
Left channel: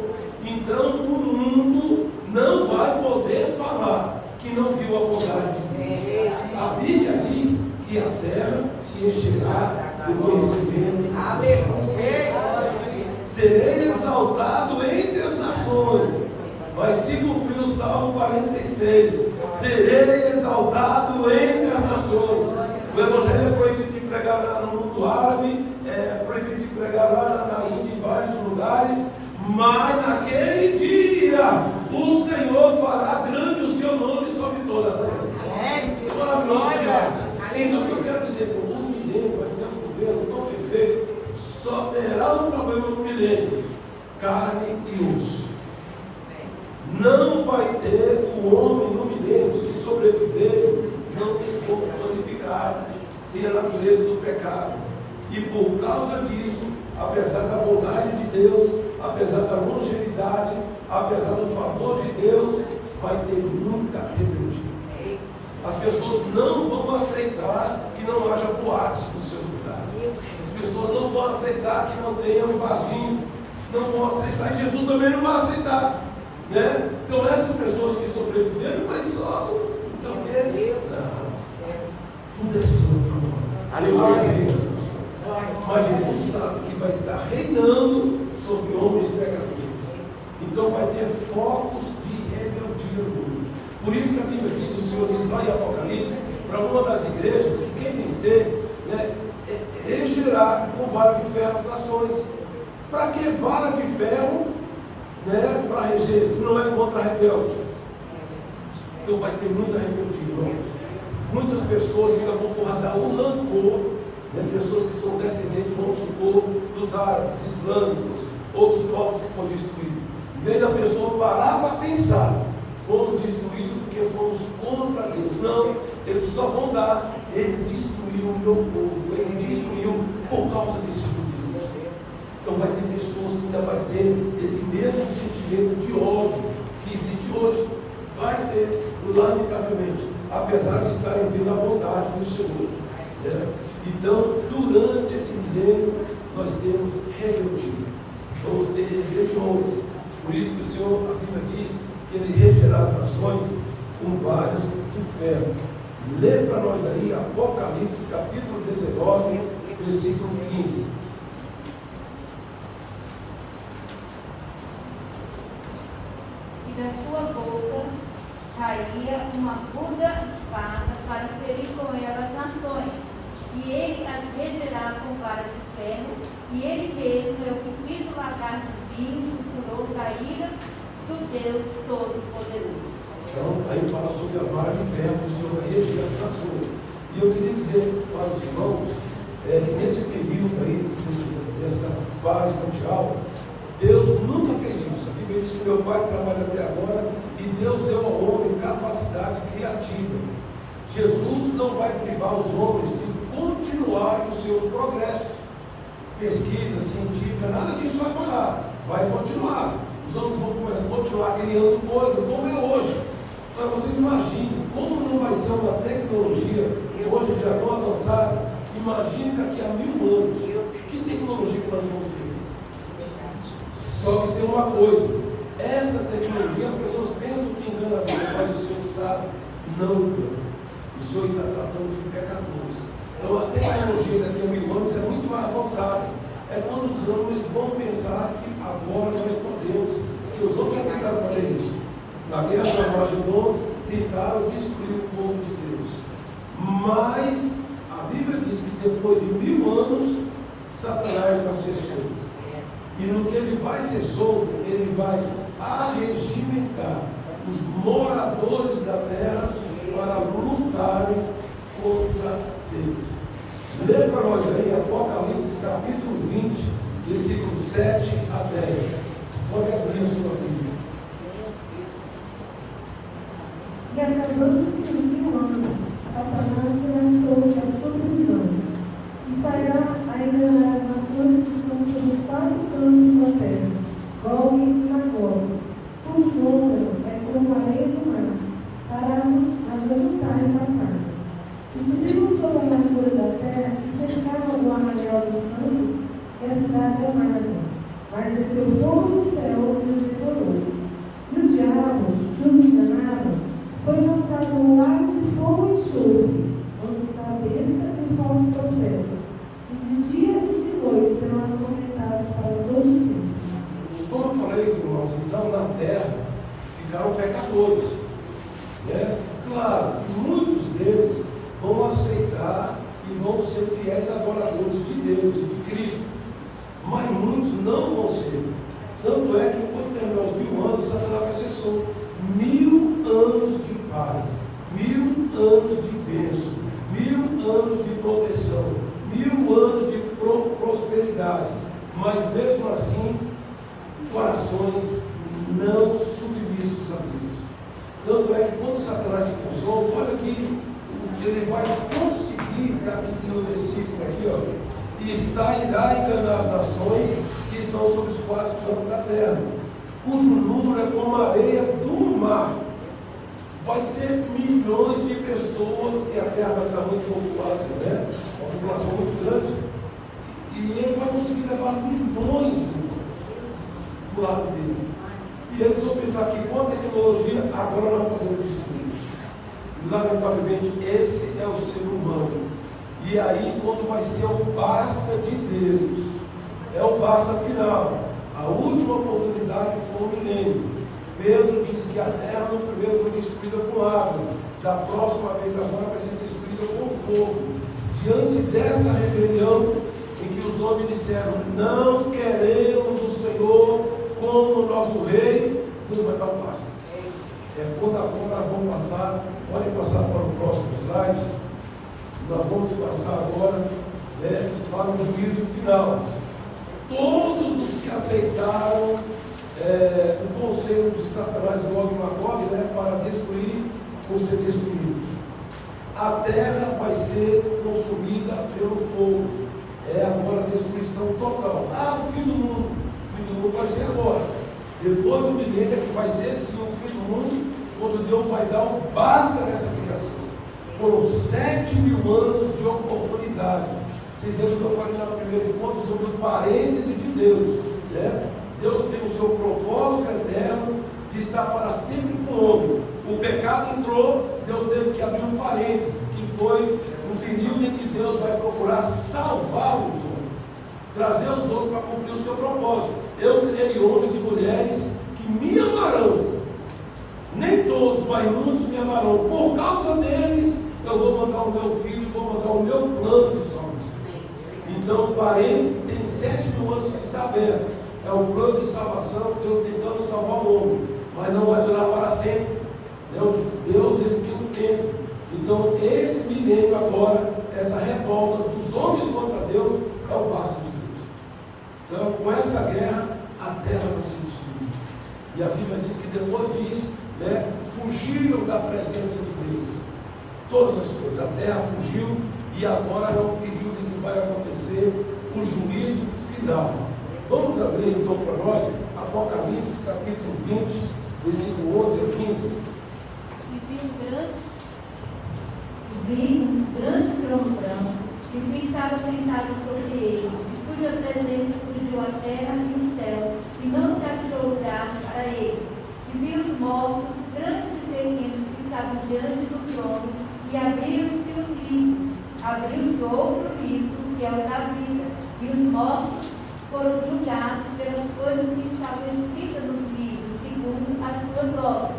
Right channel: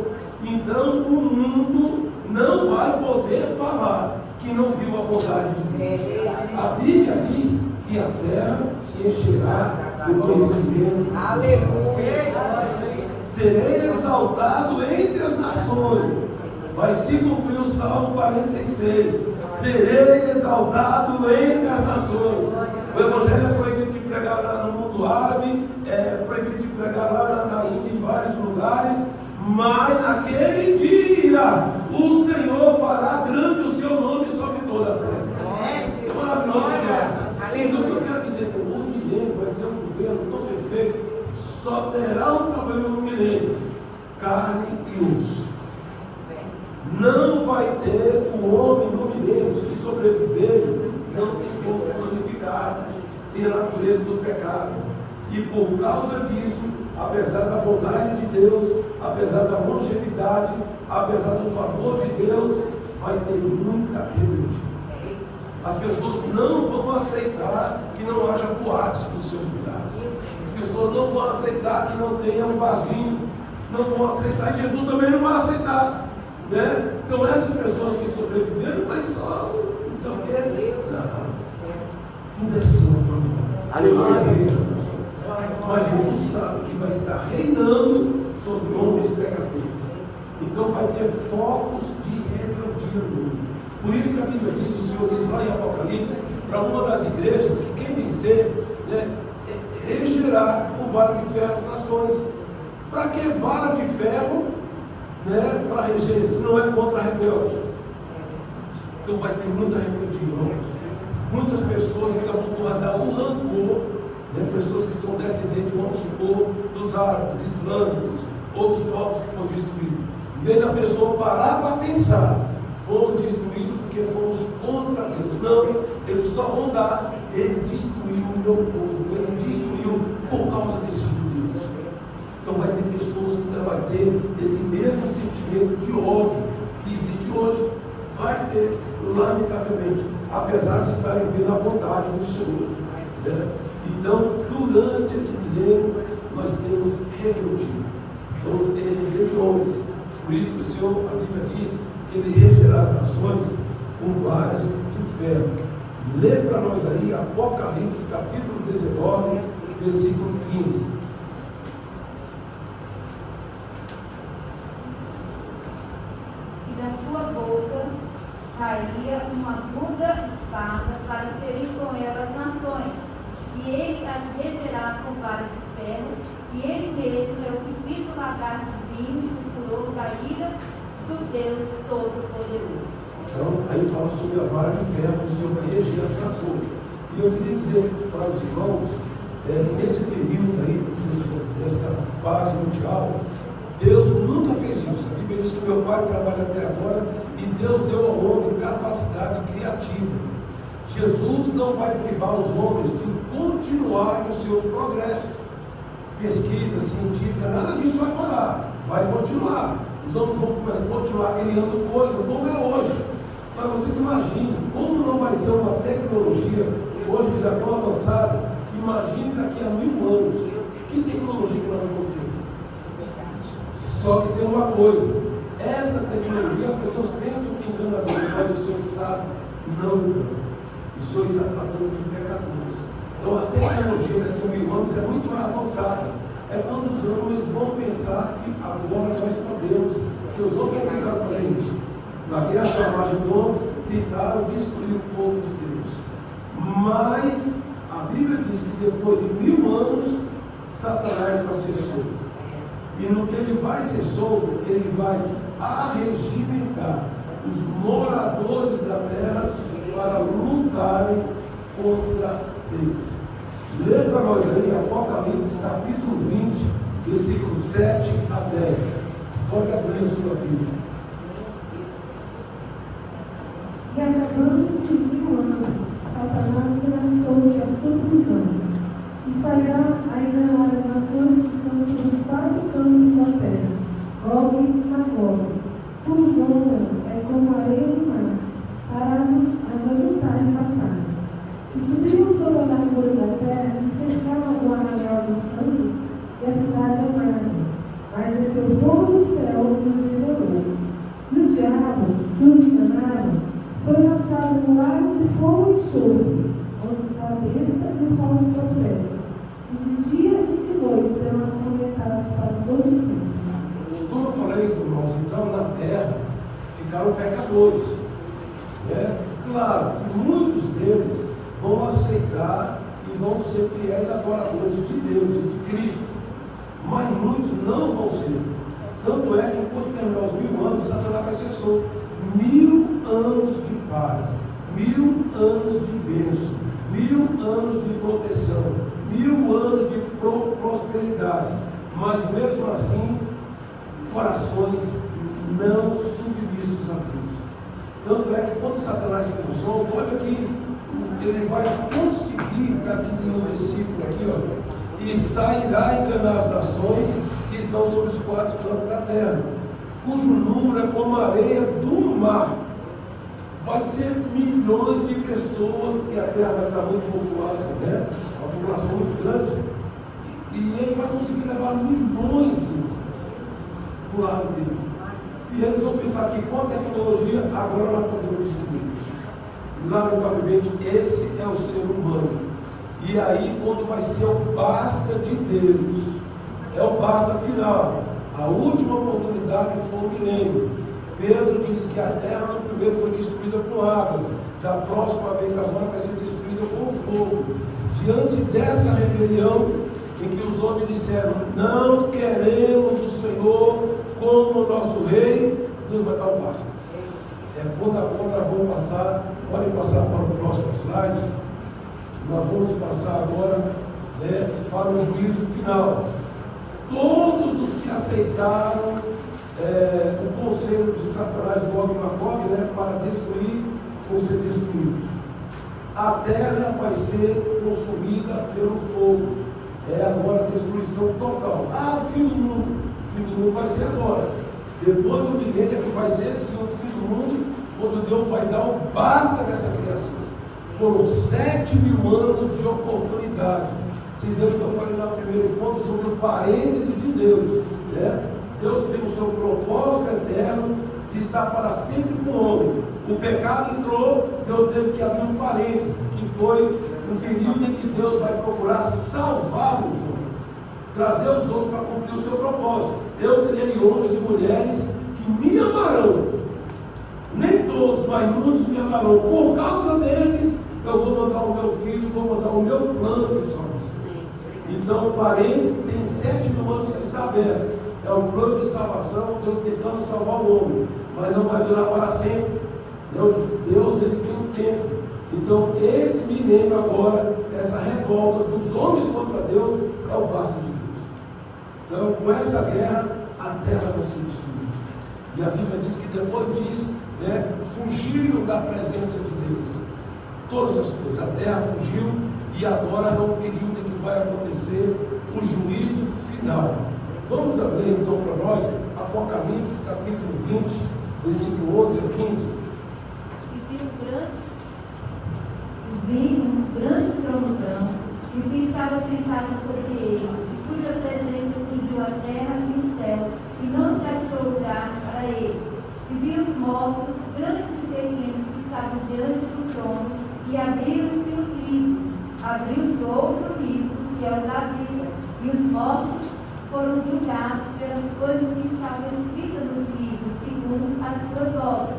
Então o mundo não vai poder falar que não viu a bondade de Deus. A Bíblia diz que a terra se encherá do conhecimento. Aleluia! Serei exaltado entre as nações. Vai se cumprir o Salmo 46. Serei exaltado entre as nações. O Evangelho é proibido de pregar lá no mundo árabe, é proibido de pregar lá na Índia, em vários lugares, mas naquele dia o Senhor fará grande o seu nome sobre toda a terra. É maravilhoso demais. Então o que eu quero dizer, o milênio vai ser um governo tão perfeito, só terá um problema no milênio: carne e osso. Não vai ter o homem no milênio, os que sobreviverem, não tem corpo glorificado, e a natureza do pecado. E por causa disso, apesar da bondade de Deus, apesar da longevidade, apesar do favor de Deus, vai ter muita rebeldia. As pessoas não vão aceitar que não haja boates nos seus lugares. As pessoas não vão aceitar que não tenha um barzinho. Não vão aceitar, e Jesus também não vai aceitar. Né? Então essas pessoas que sobreviveram, mas só não sei o quê. Não, tudo é santo agora. Deus é rei das nações. Mas Jesus sabe que vai estar reinando sobre homens pecadores. Então vai ter focos de rebeldia no mundo. Por isso que a Bíblia diz, o Senhor diz lá em Apocalipse, para uma das igrejas, que quem vencer, né, regerá com vara de ferro as nações. Para que vara de ferro? Né, para reger, se não é contra a rebelde. Então vai ter muita rebeldia, irmãos. Muitas pessoas ainda vão guardar o rancor, né, pessoas que são descendentes, vamos supor, dos árabes, islâmicos, outros povos que foram destruídos. Em vez da pessoa parar para pensar, fomos destruídos porque fomos contra Deus. Não, eles só vão dar, ele destruiu o meu povo, ele destruiu por causa desses judeus. Então vai ter pessoas que ainda vai ter esse mesmo sentimento de ódio que existe hoje. Vai ter, lamentavelmente, apesar de estarem vendo a bondade do Senhor. Né? Então, durante esse milênio, nós temos rebeldia. Vamos ter rebeliões. Por isso que o Senhor, a Bíblia diz que Ele regerá as nações com varas de ferro. Lê para nós aí Apocalipse, capítulo 19, versículo 15. Da sua boca caía uma aguda espada para ferir com ela as nações, e ele as regerá com vara de ferro, e ele mesmo é o que fez o lagar de vinho, o furor da ira do Deus Todo-Poderoso. Então, aí fala sobre a vara de ferro que o Senhor vai reger as nações. E eu queria dizer para os irmãos, que nesse período aí, dessa paz mundial, Deus nunca fez isso. A Bíblia diz que meu pai trabalha até agora e Deus deu ao homem capacidade criativa. Jesus não vai privar os homens de continuar os seus progressos. Pesquisa científica, nada disso vai parar. Vai continuar. Os homens vão continuar criando coisas como é hoje. Mas vocês imaginem como não vai ser uma tecnologia hoje já tão avançada. Imagine daqui a 1000 anos. Que tecnologia que nós vamos ter? Só que tem uma coisa, essa tecnologia, as pessoas pensam que engana a Deus, mas o Senhor sabe, não engana. O Senhor está tratando de pecadores. Então a tecnologia daqui a 1000 anos é muito mais avançada. É quando os homens vão pensar que agora nós podemos, que os homens já tentaram fazer isso. Na guerra do Armagedon, tentaram destruir o povo de Deus. Mas a Bíblia diz que depois de 1000 anos, Satanás vai ser solto. E no que ele vai ser solto, ele vai arregimentar os moradores da terra para lutarem contra Deus. Lembra nós aí, Apocalipse capítulo 20, versículos 7 a 10. Pode abrir a sua Bíblia. E acabando-se os 1000 anos, Satanás será solto da sua prisão, e sairá a enganar as nações que estão sobre os 4 cantos da terra, Gog e Magog. Por número é como a areia do mar, para as ajuntarem em batalha. E subiram sobre a largura da terra e cercaram o arraial dos santos e a cidade amada. Mas desceu fogo do céu e os devorou. E o diabo, que os enganava, foi lançado no lago de fogo e enxofre, onde está a besta e o falso profeta. E de dia e de noite serão atormentados para todo sempre. Como eu falei, irmãos, então na terra ficaram pecadores. Né? Claro que muitos deles vão aceitar e vão ser fiéis adoradores de Deus e de Cristo. Mas muitos não vão ser. Tanto é que quando terminar os 1000 anos, Satanás vai ser solto. 1000 anos de paz, 1000 anos de bênção, 1000 anos de proteção, 1000 anos de prosperidade. Mas mesmo assim, corações não submissos a Deus. Tanto é que quando Satanás ficou solto, olha que ele vai conseguir, está aqui no versículo aqui, ó, e sairá enganar as nações que estão sobre os 4 cantos da terra, cujo número é como a areia do mar. Vai ser milhões de pessoas, que a terra vai estar muito populada, né? Uma população muito grande, e ele vai conseguir levar milhões, irmãos, do lado dele. E eles vão pensar que com a tecnologia, agora nós podemos destruir. E lamentavelmente, esse é o ser humano. E aí, quando vai ser o basta de Deus, é o basta final. A última oportunidade foi o milênio. Pedro diz que a terra no primeiro foi destruída com água, da próxima vez agora vai ser destruída com fogo. Diante dessa rebelião, em que os homens disseram, não queremos o Senhor como nosso rei, Deus vai dar o basta. É quando agora vamos passar, podem passar para o próximo slide, nós vamos passar agora, né, para o juízo final. Todos os que aceitaram o conselho de Satanás, Gog e Magog, né, para destruir, vão ser destruídos. A terra vai ser consumida pelo fogo. É agora a destruição total. O fim do mundo. O fim do mundo vai ser agora. Depois do milênio é que vai ser sim o fim do mundo, quando Deus vai dar um basta nessa criação. Foram 7.000 anos de oportunidade. Vocês lembram que eu falei no primeiro encontro sobre o parêntese de Deus, né? Deus tem o seu propósito eterno de estar para sempre com o homem. O pecado entrou, Deus teve que abrir um parêntese, que foi um período em que Deus vai procurar salvar os homens, trazer os homens para cumprir o seu propósito. Eu criei homens e mulheres que me amarão. Nem todos, mas muitos me amarão. Por causa deles, eu vou mandar o meu filho, vou mandar o meu plano de salvação. Então, o parênteses tem 7.000 anos que está aberto. É o plano de salvação, Deus tentando salvar o homem, mas não vai durar para sempre. Deus ele tem um tempo. Então, esse milênio agora, essa revolta dos homens contra Deus, é o basta de Deus. Então, com essa guerra, a terra vai ser destruída. E a Bíblia diz que depois disso, né, fugiram da presença de Deus. Todas as coisas. A terra fugiu e agora é um período em que vai acontecer o juízo final. Vamos ler então para nós Apocalipse capítulo 20, versículo 11 a 15. Vi um grande trono branco, e o que estava sentado sobre ele, cuja presença cobriu a terra e o céu, e não se achou lugar para ele. E vi os mortos, grandes e pequenos, que estavam diante do trono, e abriram-se os livros. Abriu-se outro livro, que é o da vida, e os mortos foram julgados pelas coisas que estavam escritas nos livros, segundo as suas obras.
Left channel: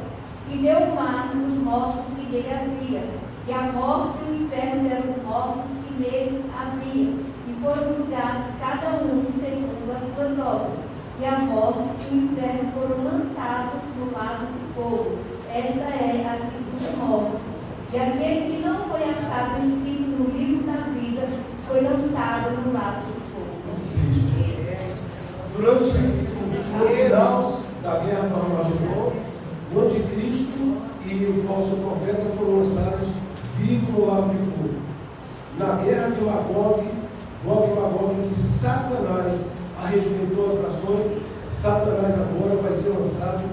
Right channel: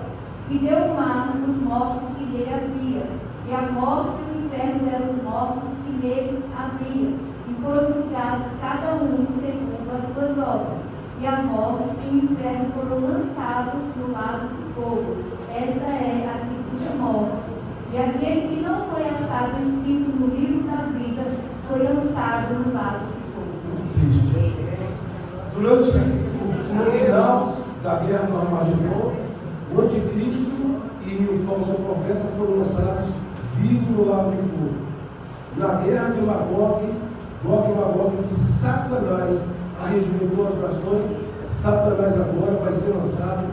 E deu mar nos mortos que nele havia, e a morte e o inferno deram os mortos que nele havia, e foram julgados cada um segundo as as suas obras, e a morte e o inferno foram lançados no lago de fogo. Esta é a segunda morte. E aquele que não foi achado escrito no livro da vida foi lançado no lago de fogo. Muito triste. Durante o final da guerra do Armagedon, o anticristo e o falso profeta foram lançados vivos no lago de fogo. Na guerra de Magog e Magog, que Satanás arregimentou as nações, Satanás agora vai ser lançado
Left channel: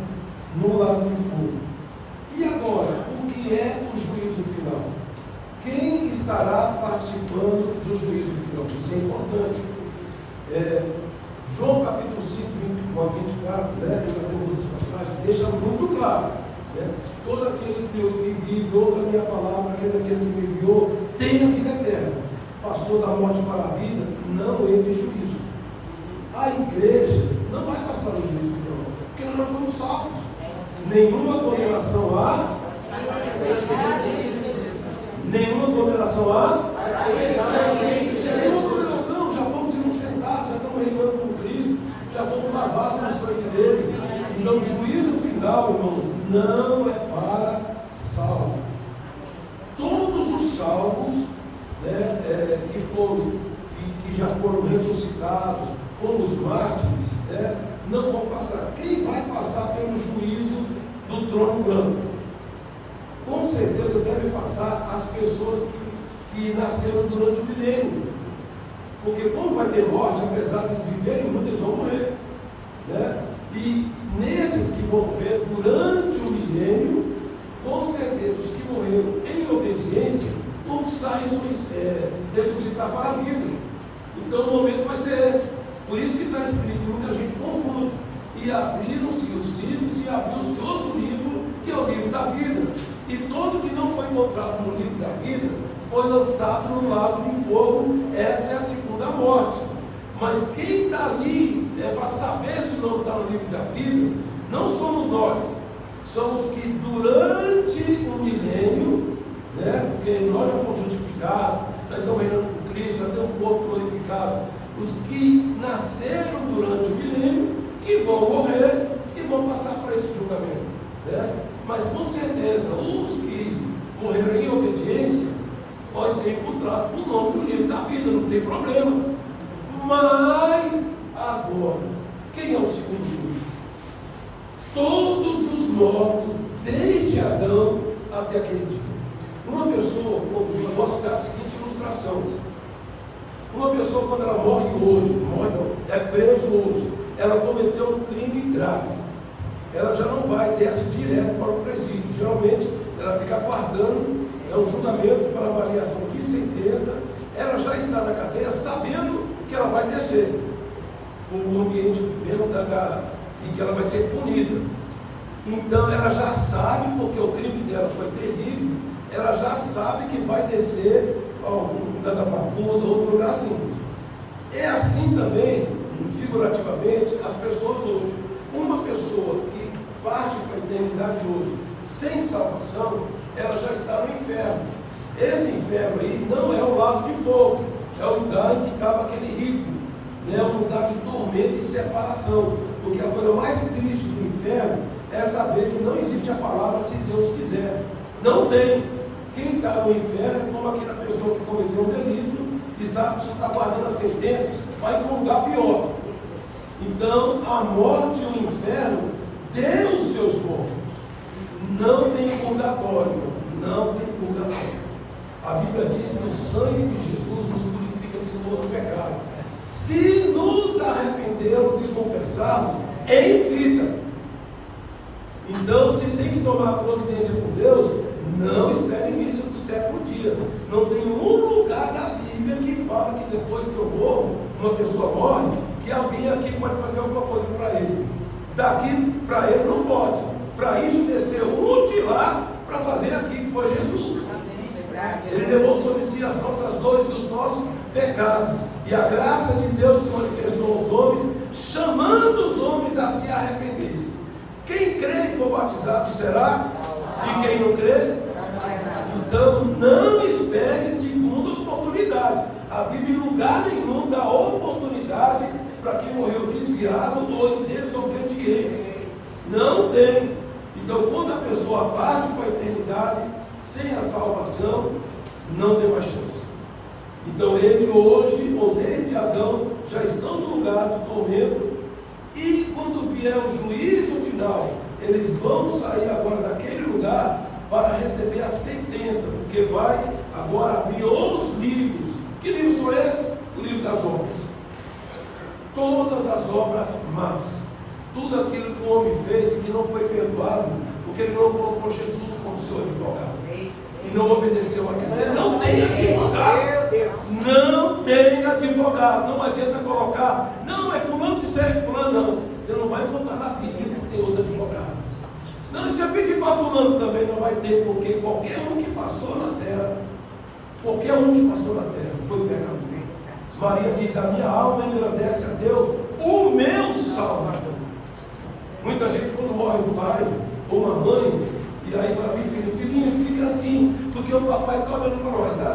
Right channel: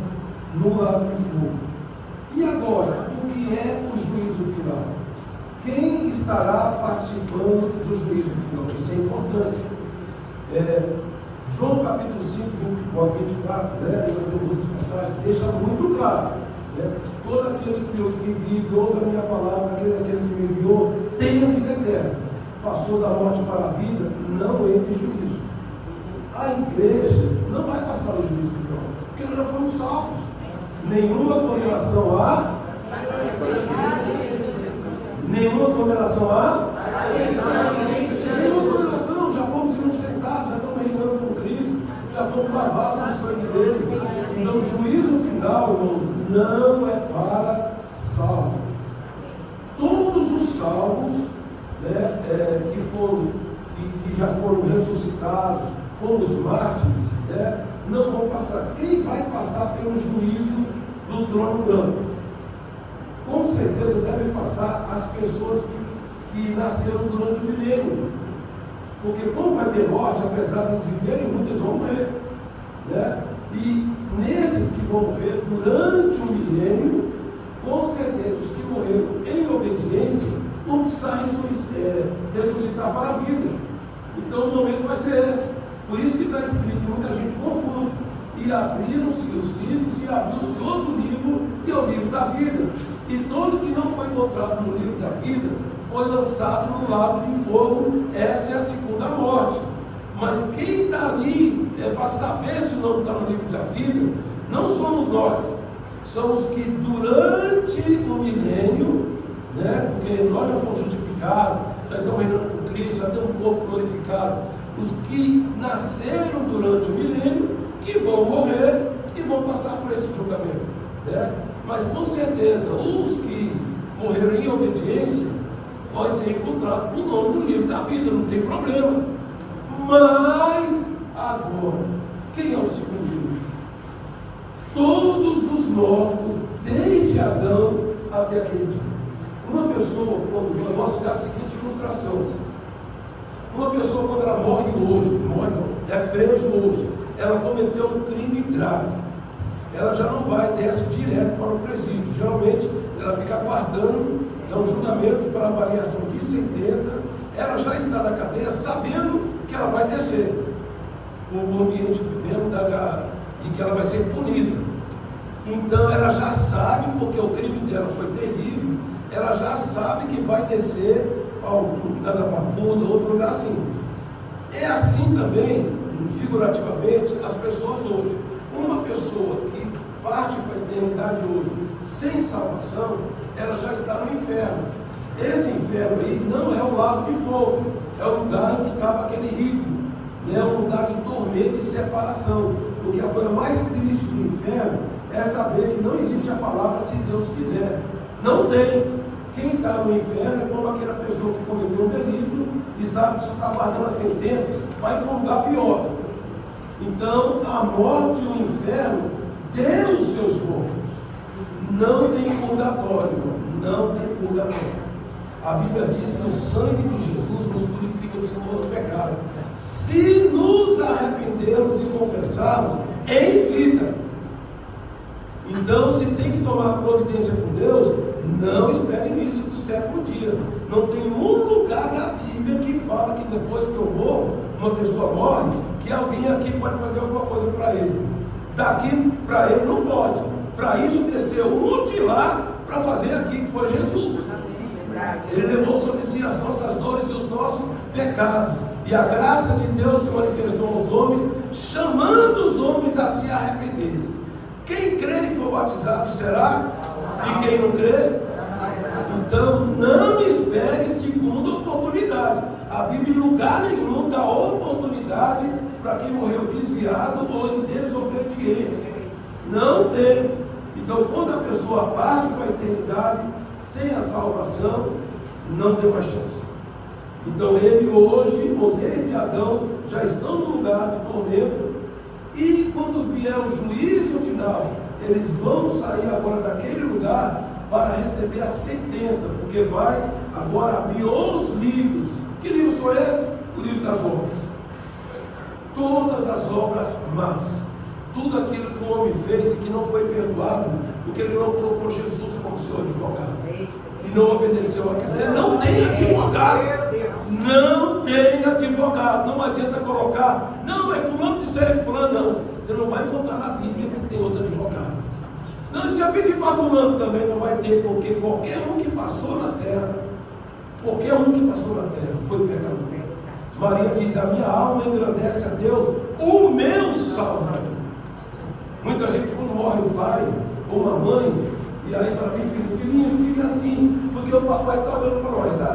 no lago de fogo. E agora, o que é o juízo final? Quem estará participando do juízo final? Isso é importante. João capítulo 5, 24, né? Nós temos outras passagens, deixa muito claro. Né? Todo aquele que vive, ouve a minha palavra, aquele que me enviou, tem a vida eterna. Passou da morte para a vida, não entra em juízo. A igreja não vai passar o juízo final, porque nós já fomos salvos. Nenhuma condenação há. Nenhuma condenação há. Nenhuma condenação, já fomos inocentados, já estamos reinando com Cristo, já fomos lavados no sangue dele. Então, o juízo final, irmãos, não é para salvos. Todos os salvos, né, que já foram ressuscitados, como os mártires, né, não vão passar. Quem vai passar pelo juízo do trono branco? Com certeza devem passar as pessoas que nasceram durante o milênio. Porque como vai ter morte, apesar de eles viverem, muitos vão morrer. Né? E nesses que vão morrer durante o milênio, com certeza os que morreram em obediência vão precisar ressuscitar para a vida. Então o momento vai ser esse. Por isso que está escrito, muita gente confunde. E abriram-se os livros e abriu-se outro livro, que é o livro da vida. E todo que não foi encontrado no livro da vida foi lançado no lago de fogo. Essa é a segunda morte. Mas quem está ali para saber se não está no livro da vida, não somos nós. Somos que durante o milênio, né, porque nós já fomos justificados, já estamos reinando com Cristo, já temos um corpo glorificado. Os que nasceram durante o milênio, que vão morrer e vão passar por esse julgamento. Né? Mas com certeza, os que morreram em obediência, vai ser encontrado o nome no livro da vida, não tem problema. Mas agora, quem é o segundo livro? Todos os mortos, desde Adão até aquele dia. Uma pessoa, eu gosto de dar a seguinte ilustração. Uma pessoa, quando ela morre hoje, é preso hoje, ela cometeu um crime grave. Ela já não vai, desce direto para o presídio. Geralmente, ela fica aguardando um julgamento para avaliação de sentença. Ela já está na cadeia sabendo que ela vai descer no ambiente mesmo e que ela vai ser punida. Então, ela já sabe, porque o crime dela foi terrível, ela já sabe que vai descer a algum lugar da Papuda, outro lugar assim. É assim também, figurativamente, as pessoas hoje. Uma pessoa que parte para a eternidade hoje sem salvação, ela já está no inferno. Esse inferno aí não é o lago de fogo, é o lugar em que estava aquele rico, né? É um lugar de tormento e separação. Porque a coisa mais triste do inferno é saber que não existe a palavra se Deus quiser. Não tem. Quem está no inferno é como aquela pessoa que cometeu um delito e sabe que só está guardando a sentença, vai para um lugar pior. Então, a morte e o inferno deu os seus mortos. Não tem purgatório, irmão. Não tem purgatório. A Bíblia diz que o sangue de Jesus nos purifica de todo pecado. Se nos arrependermos e confessarmos em vida. Então, se tem que tomar providência com Deus, não espere missa do sétimo dia. Não tem um lugar na Bíblia que fala que depois que eu morro, uma pessoa morre, que alguém aqui pode fazer alguma coisa para ele. Daqui para ele não pode. Para isso desceu um de lá para fazer aqui, que foi Jesus. Ele levou sobre si as nossas dores e os nossos pecados. E a graça de Deus se manifestou aos homens, chamando os homens a se arrependerem. Quem crê e for batizado será, e quem não crê, então não espere segunda oportunidade. A Bíblia em lugar nenhum dá oportunidade para quem morreu desviado ou em desobediência. Não tem. Então, quando a pessoa parte para a eternidade sem a salvação, não tem mais chance. Então, ele hoje, ou desde Adão, já estão no lugar de tormento. E quando vier o juízo final, eles vão sair agora daquele lugar para receber a sentença, porque vai agora abrir os livros. Que livros são esses? O livro das obras. Todas as obras más. Tudo aquilo que o homem fez e que não foi perdoado, porque ele não colocou Jesus como seu advogado. E não obedeceu a Deus. Você não tem advogado. Não tem advogado. Não adianta colocar. Não, é fulano de ser fulano. Não. Você não vai encontrar na Bíblia que tem outro advogado. Não, se eu pedir para fulano também não vai ter, porque qualquer um que passou na terra, foi pecador. Maria diz: a minha alma engrandece a Deus, o meu Salvador. Muita gente, quando morre um pai ou uma mãe, e aí fala: filhinho, fica assim, porque o papai está olhando para nós. Tá?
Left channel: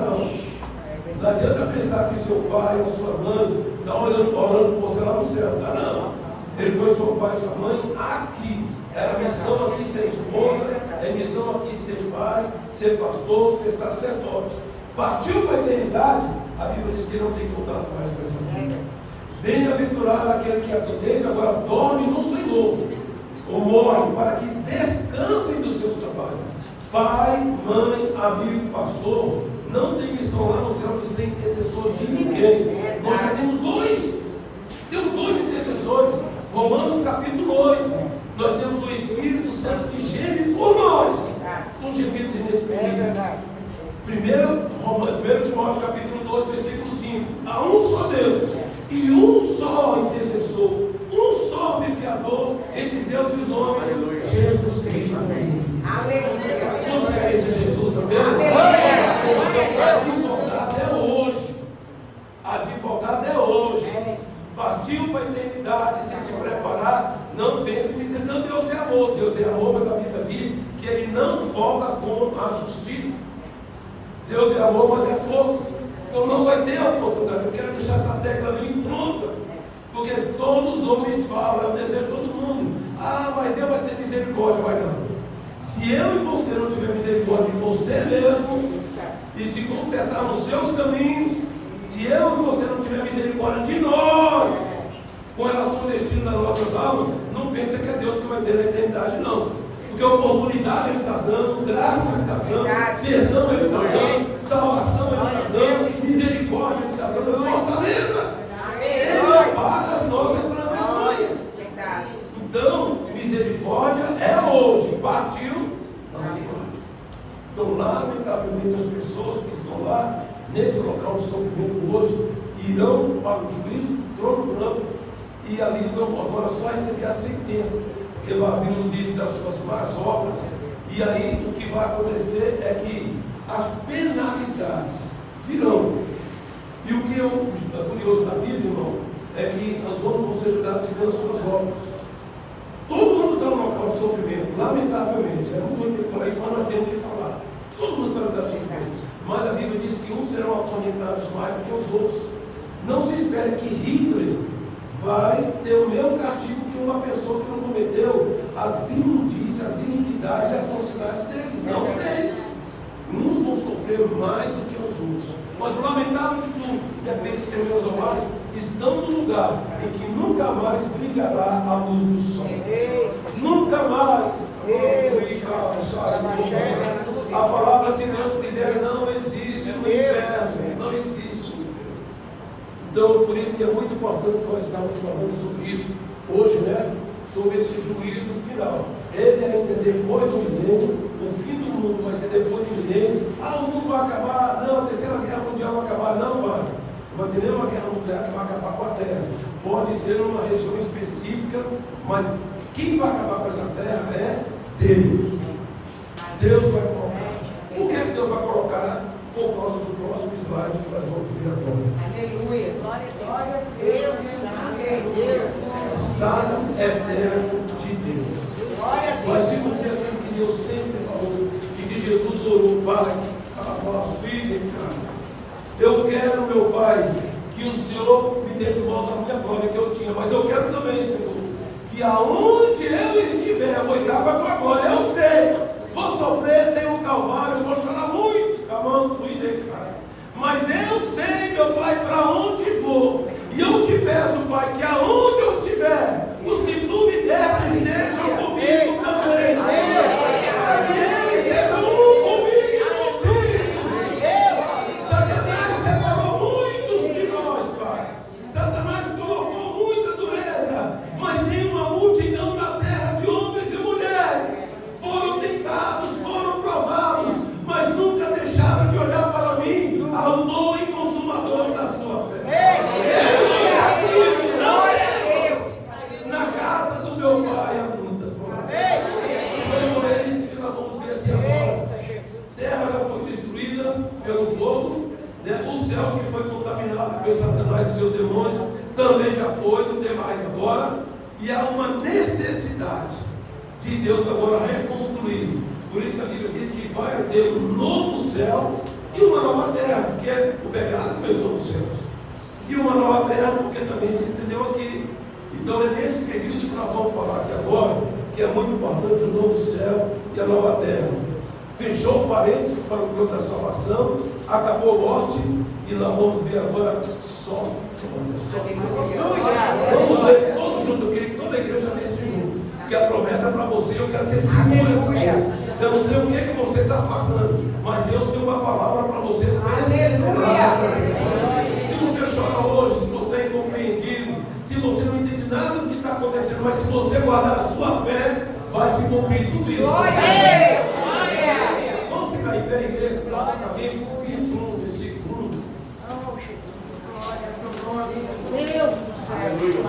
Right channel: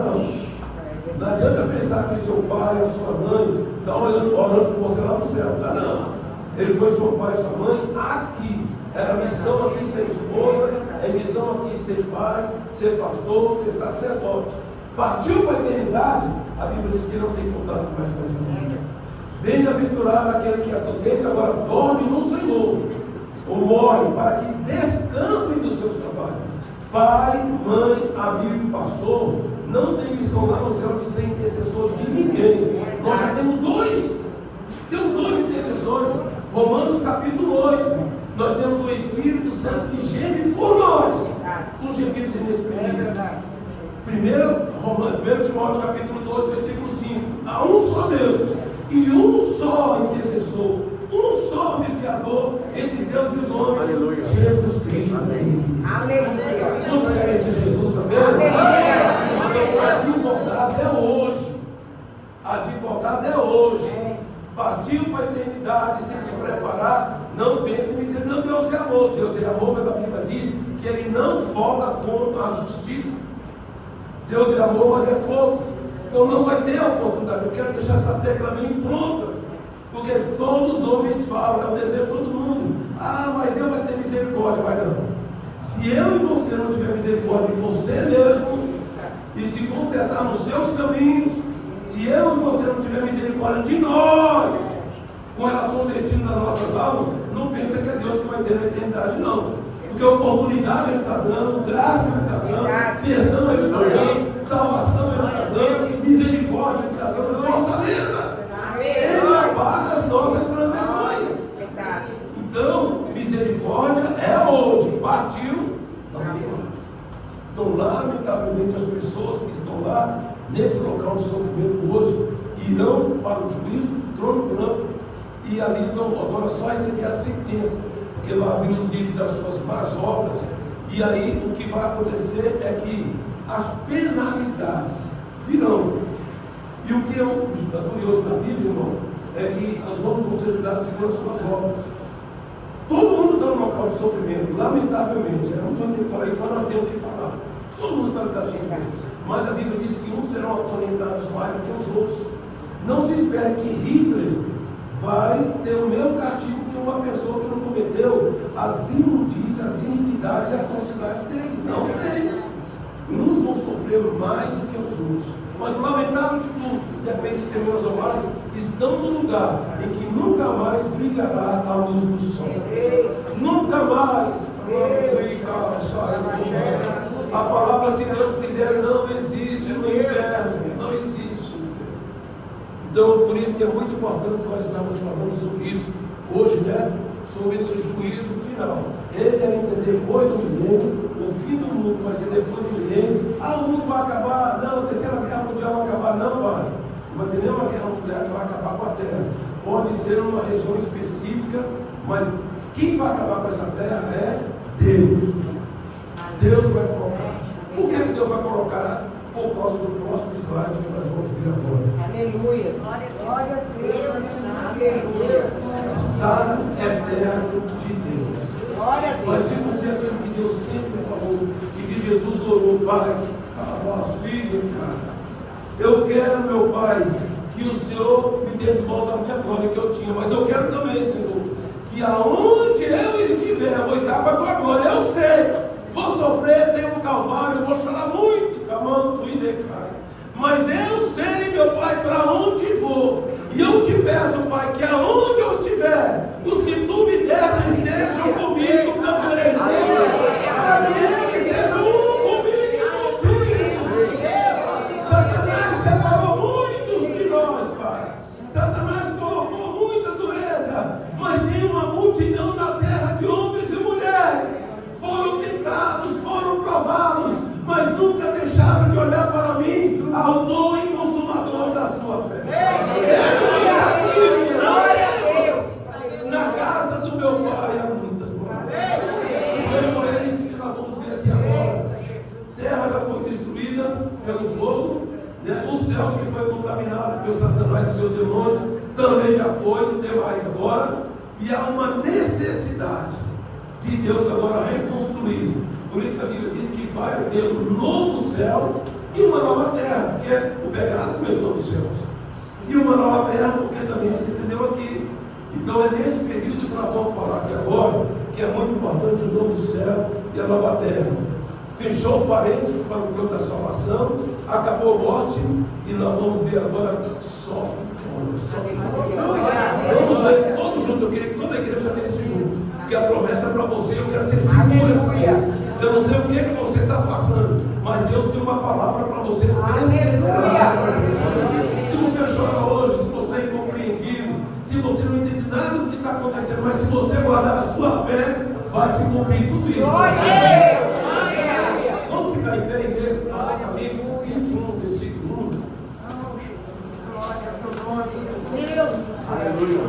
Não adianta pensar que o seu pai, a sua mãe está orando por você lá no céu. Tá? Não. Ele foi seu pai e sua mãe aqui. Era a missão aqui ser esposa, é missão aqui ser pai, ser pastor, ser sacerdote. Partiu para a eternidade, a Bíblia diz que não tem contato mais com essa vida. Bem-aventurado aquele que desde agora dorme no Senhor, ou morre, para que descansem dos seus trabalhos. Pai, mãe, amigo, pastor, não tem missão lá no céu de ser intercessor de ninguém. Nós já temos dois intercessores. Romanos capítulo 8. Nós temos o Espírito Santo que geme por nós, com gemidos inexprimíveis. 1 Timóteo capítulo 2, versículo 5. Há um só Deus e um só intercessor, um só mediador entre Deus e os homens, Jesus Cristo. Amém. Aleluia. Todos querem esse Jesus, amém? Advogado é hoje. Partiu para a eternidade sem se preparar. Não pense em dizer: não, Deus é amor. Deus é amor, mas a Bíblia diz que ele não folga com a justiça. Deus é amor, mas é fogo. Então não vai ter a oportunidade. Eu quero deixar essa tecla bem pronta, porque todos os homens falam, é o desejo de todo mundo: ah, mas Deus vai ter misericórdia. Vai não. Se eu e você não tiver misericórdia de você mesmo e se consertar nos seus caminhos, se eu e você não tiver misericórdia de nós com relação ao destino das nossas almas, não pensa que é Deus que vai ter na eternidade, não. Porque oportunidade Ele está dando, graça Ele está dando, perdão Ele está dando, salvação Ele está dando, misericórdia Ele está dando, fortaleza. Ele apaga as nossas transgressões. Então, misericórdia é hoje. Partiu, não tem mais. Então, lamentavelmente, as pessoas que estão lá nesse local de sofrimento hoje irão para o juízo do trono branco e ali vão agora só receber a sentença, porque vai abrir os livros das suas más obras. E aí o que vai acontecer é que as penalidades virão. E o que é curioso na Bíblia, irmão, é que os homens vão ser julgados segundo as suas obras. Todo mundo está no local de sofrimento, lamentavelmente. Eu não estou entendendo falar isso, mas nós temos que falar. Todo mundo está no lugar de sofrimento. Mas a Bíblia diz que uns serão atormentados mais do que os outros. Não se espere que Hitler vai ter o mesmo castigo que uma pessoa que não cometeu as imundícias, as iniquidades e as atrocidades dele. Não tem. Uns vão sofrer mais do que os outros. Mas o lamentável de tudo, depende de ser meus ou mais, estão no lugar em que nunca mais brilhará a luz do sol. Nunca mais. A palavra, se Deus quiser, não existe no inferno. Não existe no inferno. Então, por isso que é muito importante nós estarmos falando sobre isso hoje, né? Sobre esse juízo final. Ele ainda é depois do milênio. O fim do mundo vai ser depois do milênio. Ah, o mundo vai acabar. Não, a terceira guerra mundial vai acabar. Não vai. Não vai ter nenhuma guerra nuclear que vai acabar com a Terra. Pode ser numa região específica, mas quem vai acabar com essa terra é Deus. Deus vai colocar. Por que Deus vai colocar? Por causa do próximo slide que nós vamos ver agora. Aleluia. Glória a Deus. Aleluia. Estado eterno de Deus. Glória a Deus. Mas se cumprir aquilo que Deus sempre falou e que Jesus orou: Pai, cala os filhos, cara. Eu quero, meu Pai, que o Senhor me ter de volta a minha glória que eu tinha, mas eu quero também, Senhor, que aonde eu estiver, eu vou estar com a tua glória. Eu sei, vou sofrer, tenho um calvário, vou chorar muito, camanto e decai. Mas eu sei, meu Pai, para onde vou. E eu te peço, Pai, que aonde eu estiver, os que tu me deste estejam comigo também. Para que eles sejam um comigo e contigo. Satanás separou muitos de nós, Pai. Satanás colocou muita dureza. Mas tem uma multidão na terra de homens e mulheres. Foram tentados, foram provados, mas nunca deixaram de olhar para mim, autor e consumador da sua fé. Eu não temos na casa do meu Pai há muitas moradas. Então é isso que nós vamos ver aqui agora. A terra já foi destruída pelo fogo, né? Os céus que foi contaminado pelo Satanás e seus demônios também já foi, não tem mais agora. E há uma necessidade de Deus agora reconstruir. Por isso a Bíblia diz que vai ter um novo céu e uma nova terra, porque o pecado começou nos céus. E uma nova terra, porque também se estendeu aqui. Então é nesse período que nós vamos falar aqui agora, que é muito importante o novo céu e a nova terra. Fechou o parênteses para o plano da salvação, acabou a morte, e nós vamos ver agora só. Olha só. Vamos ler todos juntos. Eu queria que toda a igreja lesse junto, porque a promessa é para você. Eu quero que você segure essa coisa. Eu não sei o que você está passando, mas Deus tem uma palavra para você. Se você chora hoje, se você é incompreendido, se você não entende nada do que está acontecendo, mas se você guardar a sua fé, vai se cumprir tudo isso. Vamos ficar em pé, igreja, Apocalipse 21, versículo 1. Aleluia.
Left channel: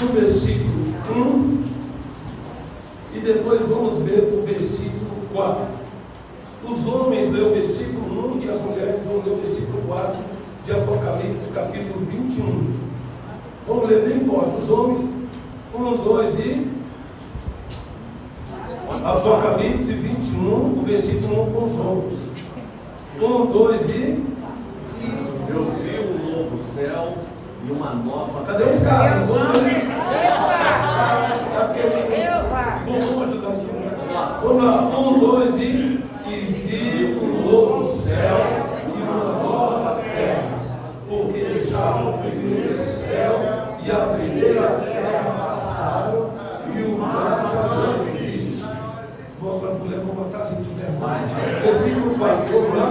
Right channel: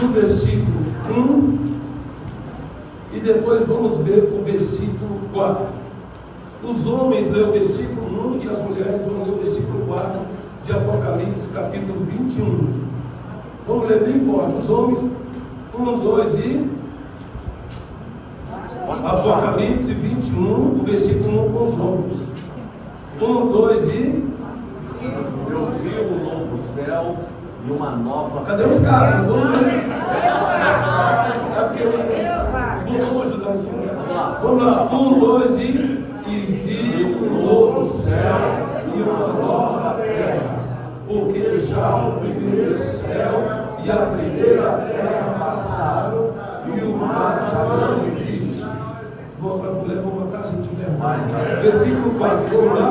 No versículo 1 e depois vamos ver o versículo 4. Os homens lêem o versículo 1 e as mulheres vão ler o versículo 4 de Apocalipse, capítulo 21. Vamos ler bem forte. Os homens, 1, 2 e... Apocalipse 21, o versículo 1 com os homens. 1, 2 e... Eu vi um novo céu e uma nova... Cadê os carros? Vamos ler. É porque não vou ajudar aqui, né? Vamos lá. 1, 2 e... E vi um novo céu e uma nova terra, porque já o primeiro céu e a primeira terra passaram e o mar já não existe. Vamos para as mulheres, vamos matar a gente de vergonha. Versículo 4, vamos lá.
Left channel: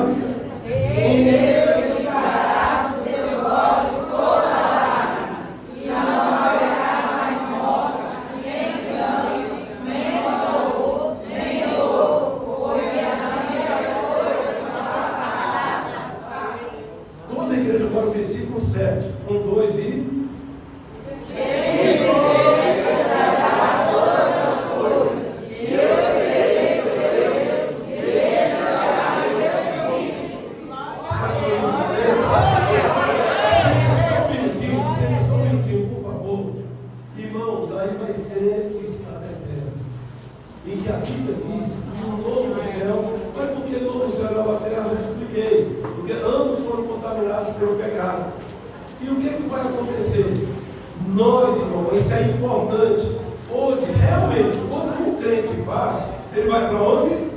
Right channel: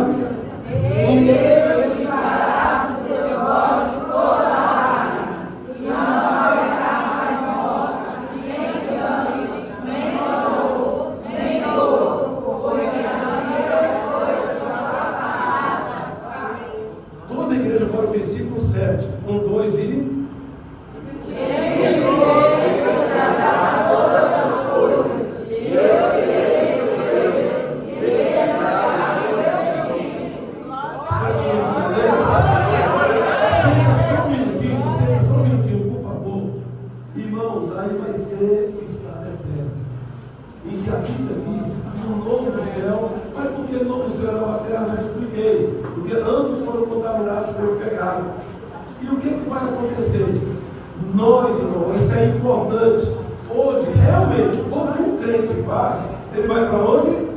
Toda a igreja agora, o versículo 7. 1, 2 e... Só um minutinho, por favor. Irmãos, aí vai ser o estado eterno, em que a Bíblia diz que o novo céu, mas por que novo céu e nova terra? Eu já expliquei. Porque ambos foram contaminados pelo pecado. E o que vai acontecer? Nós, irmãos, isso é importante. Hoje, realmente, quando um crente vai, ele vai para onde?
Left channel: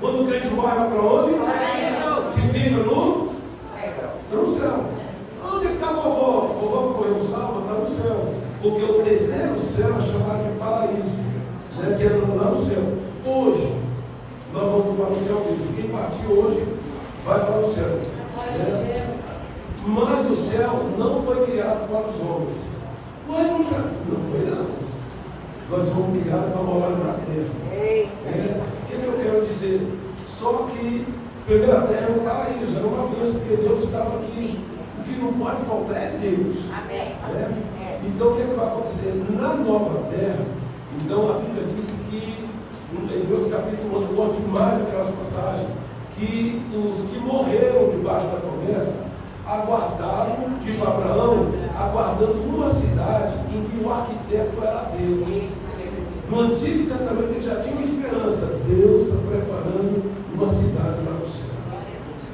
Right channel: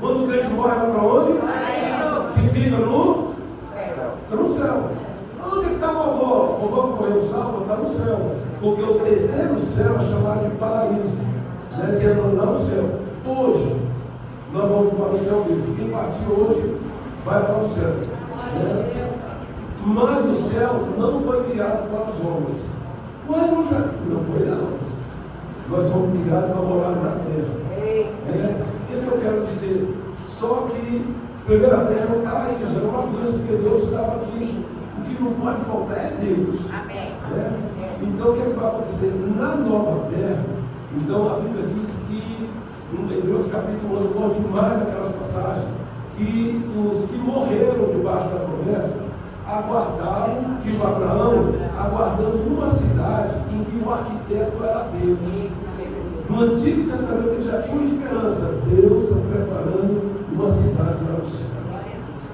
Quando o crente morre, vai para onde? Que fica no céu. Onde está a vovó? A vovó morreu salva, está no céu. Porque o terceiro céu é chamado de paraíso, né? Que é lá no céu. Hoje, nós vamos para o céu mesmo. Quem partir hoje vai para o céu, né? Mas o céu não foi criado para os homens. Não foi nada. Nós fomos criados para morar na terra. O que eu quero dizer? Só que a primeira terra era um paraíso, era uma bênção, porque Deus estava aqui. O que não pode faltar é Deus. Né? Então o que vai acontecer? Na nova terra, então a Bíblia diz que, em Hebreus capítulo 11, eu gosto demais daquelas passagens, que os que morreram debaixo da promessa aguardaram, tipo Abraão, aguardando uma cidade em que o arquiteto era Deus. No Antigo Testamento ele já tinha uma esperança. Deus está preparando uma cidade lá no céu.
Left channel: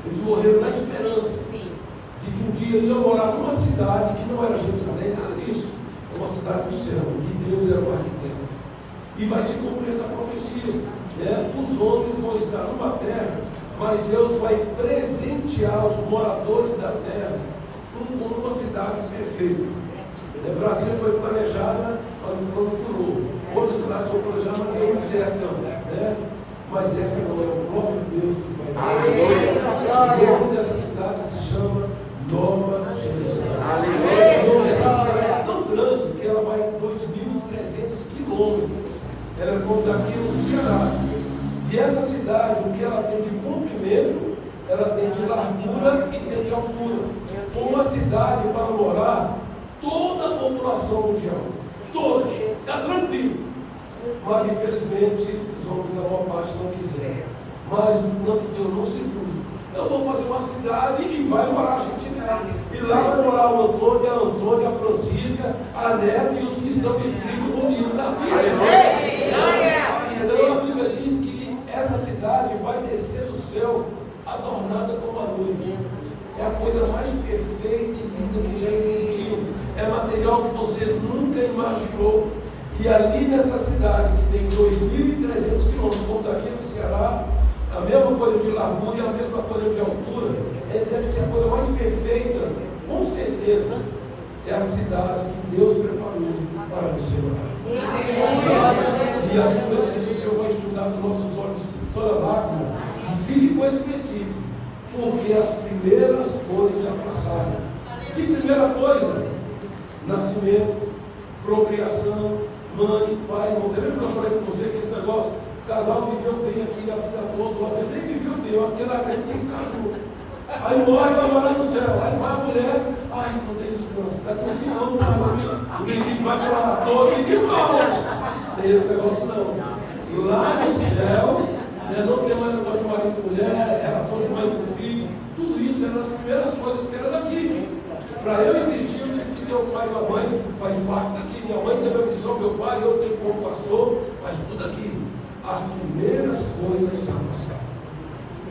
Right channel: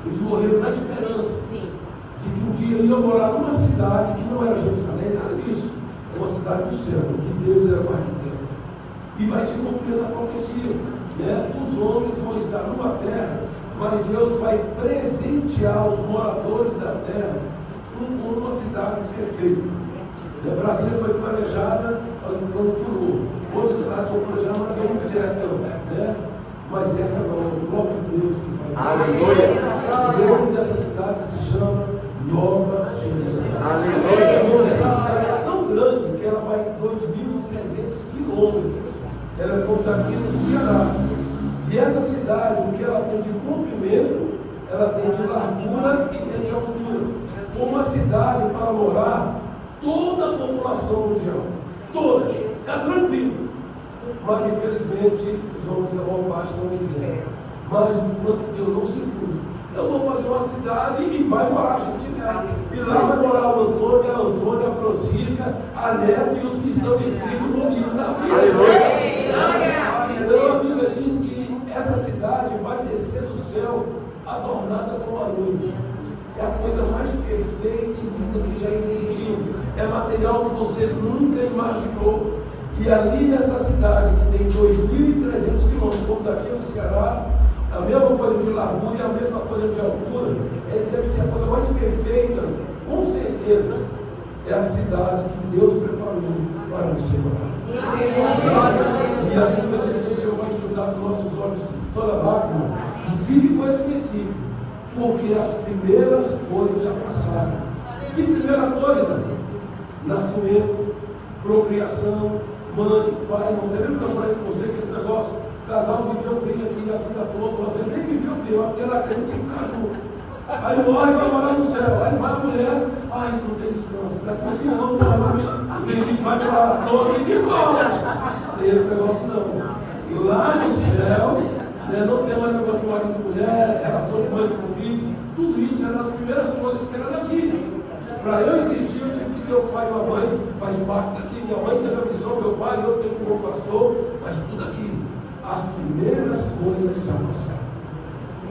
Eles morreram na esperança de que um dia iam morar numa cidade que não era Jerusalém, nada disso. É uma cidade do céu, que Deus era o arquiteto. E vai se cumprir essa profecia. Né? Os homens vão estar numa terra, mas Deus vai presentear os moradores da terra com uma cidade perfeita. A Brasília foi planejada quando furou. Outras cidades foram planejadas, mas não deu muito certo, não. Né? Mas essa não é o próprio Deus que vai dar. O nome dessa cidade se chama Nova Jerusalém. Essa cidade é tão grande que ela vai 2.300 quilômetros. Ela é como daqui no Ceará. E essa cidade, o que ela tem de comprimento, ela tem de largura e tem de altura. Foi uma cidade para morar toda a população mundial. Toda. Está tranquilo. Mas infelizmente os homens, a boa parte, não quiseram. Mas Deus não se frustra. Eu vou fazer uma cidade e vai morar gente nela. E lá vai morar o Antônio, a Antônia, a Francisca, a Neta e os que estão escritos no livro da vida. Então a Bíblia diz que essa cidade vai descer do céu adornada como a luz. É a coisa mais perfeita e linda que já existiu. É material que você nunca imaginou. E ali nessa cidade, que tem 2.300 quilômetros, como daqui no Ceará, a mesma coisa de largura e a mesma coisa de altura, deve ser a coisa mais perfeita, com certeza, é a cidade que Deus preparou para você morar. E a Bíblia diz que o Senhor vai enxugar dos nossos olhos toda lágrima. E fique com esse versículo, porque as primeiras coisas já passaram. Que primeira coisa? Nascimento, procriação, mãe, pai. Você lembra que eu falei com você que esse negócio, o casal viveu bem aqui a vida toda, você nem viveu bem, porque ela crente que casou. Aí morre, vai morar no céu. Aí vai a mulher, ai, não tem descanso. Daqui uns 5 anos, o menino vai para lá todo e de volta. Tem esse negócio não. Lá no céu, né, não tem mais negócio de marido e mulher, relação de mãe com filho. Tudo isso eram as primeiras coisas que eram daqui. Para eu existir, eu tive que ter o pai e a mãe, faz parte daqui. Minha mãe teve a missão, meu pai, eu tenho como pastor, mas tudo aqui. As primeiras coisas já passaram.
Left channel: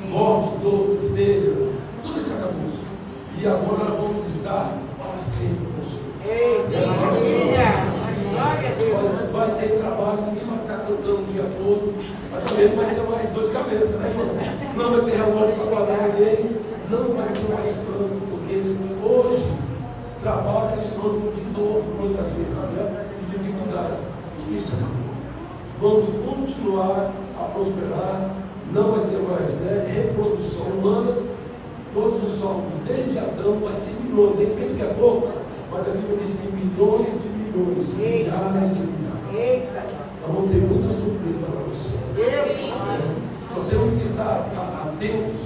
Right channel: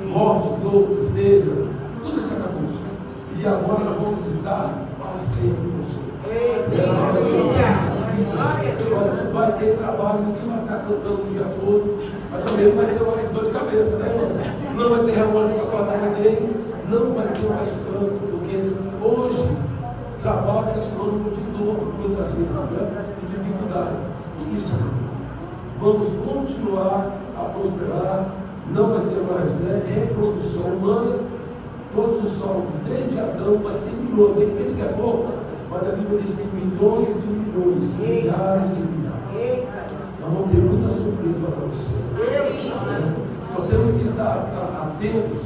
Morte, dor, tristeza, tudo isso acabou. E agora nós vamos estar para sempre com o Senhor. Vai ter trabalho, ninguém vai ficar cantando o dia todo, mas também não vai ter mais dor de cabeça, né, irmão? Não vai ter relógio para guardar ninguém, não vai ter mais pranto, porque hoje trabalho é sinônimo de dor, muitas vezes, né? De dificuldade. Tudo isso acabou. Vamos continuar a prosperar, não vai ter mais, né, reprodução humana. Todos os salmos, desde Adão, vai ser milhões. Aí pensa que é pouco, mas a Bíblia diz que milhões de milhões, milhares de milhares. Nós vamos ter muita surpresa para você. Só temos que estar atentos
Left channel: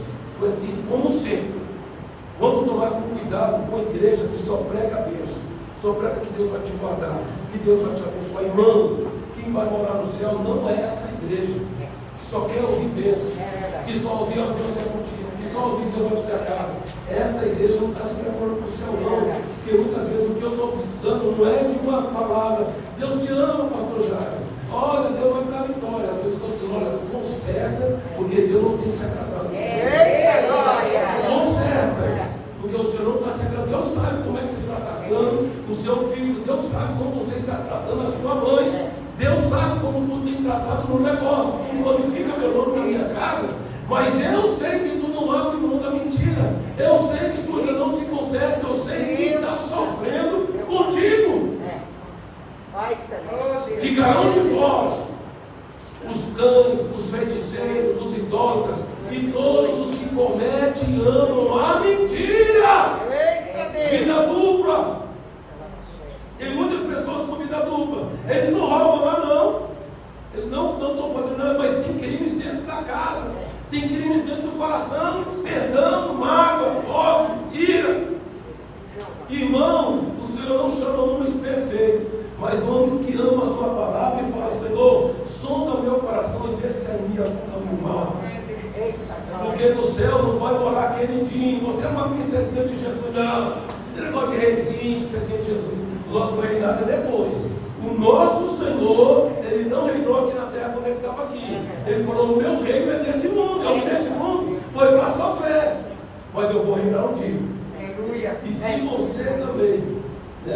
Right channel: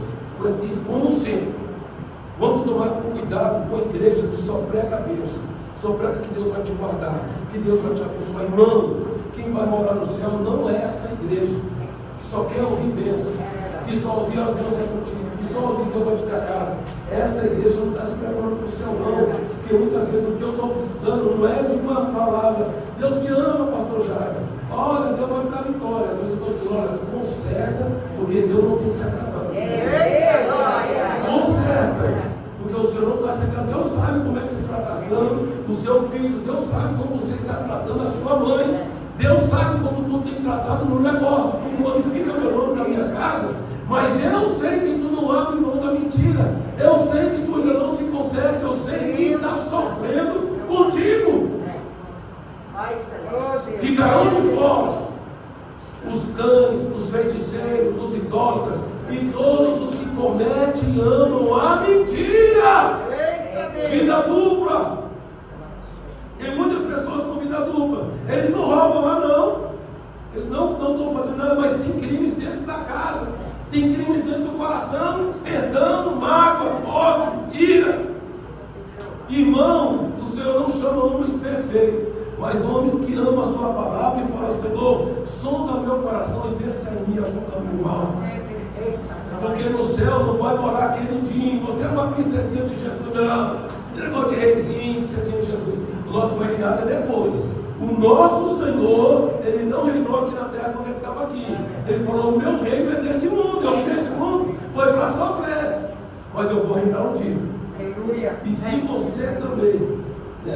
e, como sempre, vamos tomar cuidado com a igreja que só prega a bênção, só prega que Deus vai te guardar, que Deus vai te abençoar. Irmão, quem vai morar no céu não é essa igreja que só quer ouvir bênção, que só ouvir a Deus é contigo, que só ouvir Deus vai te dar casa. Essa igreja não está se preparando para o céu, não. Porque muitas vezes o que eu estou precisando não é de uma palavra. Deus te ama, pastor Jair. Olha, Deus vai me dar vitória. Às vezes eu estou dizendo, olha, conserta, porque Deus não tem se agradado. Conserta, porque o Senhor não está se agradando. Deus sabe como é que você está tratando o seu filho. Deus sabe como você está tratando a sua mãe. Deus sabe como tu tem tratado no negócio. Tu glorifica meu nome na minha casa. Mas eu sei que tu não abre mão da mentira. Eu sei que tu ainda não se conserta. Eu sei que está sofrendo contigo. Ficarão de fora os cães, os feiticeiros, os idólatras e todos os que cometem e amam a mentira. Vida dupla. Tem muitas pessoas com vida dupla. Eles não roubam lá, não. Eles não estão fazendo nada, mas tem crimes dentro da casa. Tem crimes dentro do coração. Perdão, mágoa, ódio, ira. Irmão, o Senhor não chama homens perfeitos, mas homens que amam a sua palavra e falam, Senhor, sonda meu coração e vê se é em mim algum caminho mau. Porque no céu não vai morar queridinho. Você é uma princesinha de Jesus, não. Tem negócio de reizinho, princesinha de Jesus. O nosso reinado é depois. O nosso Senhor, Ele não reinou aqui na terra quando Ele estava aqui. Ele falou, o meu reino é desse mundo. Eu vim desse mundo, foi para sofrer. mas eu vou reinar um dia. Aleluia. E se você também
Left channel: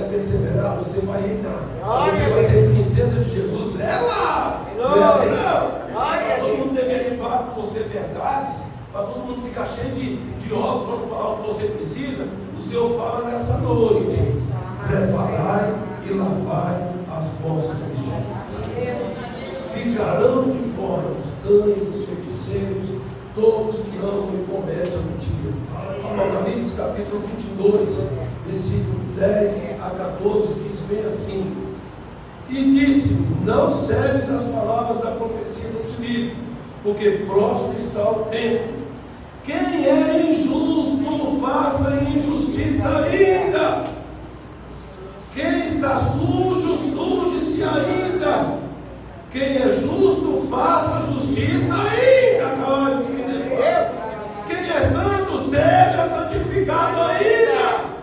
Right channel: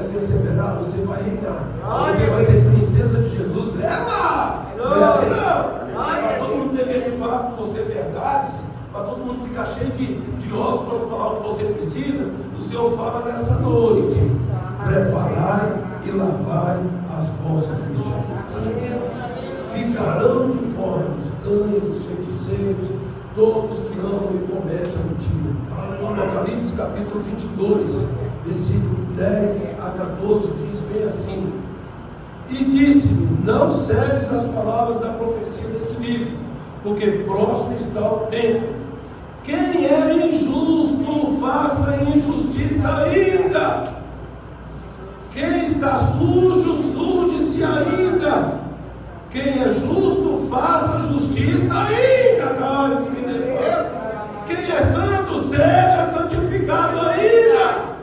perseverar, você vai reinar. Você vai ser princesa de Jesus. Ela! Não é aqui não. Para todo mundo ter medo de falar com você verdades, para todo mundo ficar cheio de óculos para não falar o que você precisa, o Senhor fala nessa noite: preparai e lavai as vossas vestiduras. Ficarão de fora os cães, os feiticeiros, todos que amam e cometem a mentira. Apocalipse capítulo 22, versículo 10 a 14, diz bem assim: e disse-me: não segues as palavras da profecia desse livro, porque próximo está o tempo. Quem é injusto, faça injustiça ainda. Quem está sujo, suje-se ainda. Quem é justo, faça justiça ainda, cara. Quem é santo, seja santificado ainda.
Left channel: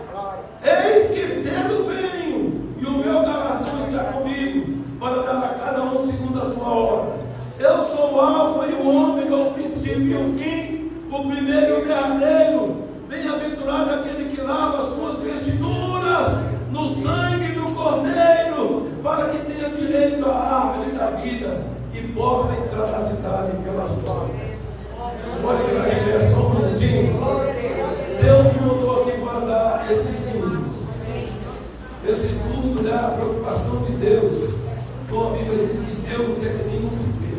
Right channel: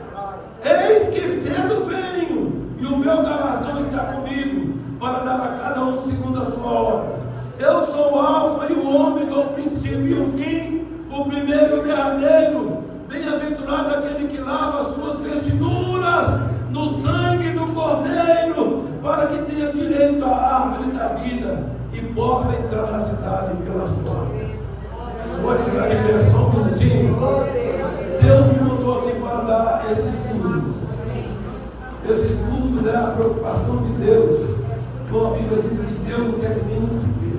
Eis que cedo venho, e o meu galardão está comigo, para dar a cada um segundo a sua obra. Eu sou o Alfa e o Ômega, o princípio e o fim, o primeiro e o derradeiro. Bem-aventurado aquele que lava as suas vestiduras no sangue do Cordeiro, para que tenha direito à árvore da vida e possa entrar na cidade pelas portas. Pode ficar em pé só um minutinho. Deus me mandou aqui para dar esse estudo. Esse estudo é a preocupação de Deus. Então a Bíblia diz que Deus não quer que nenhum se perca.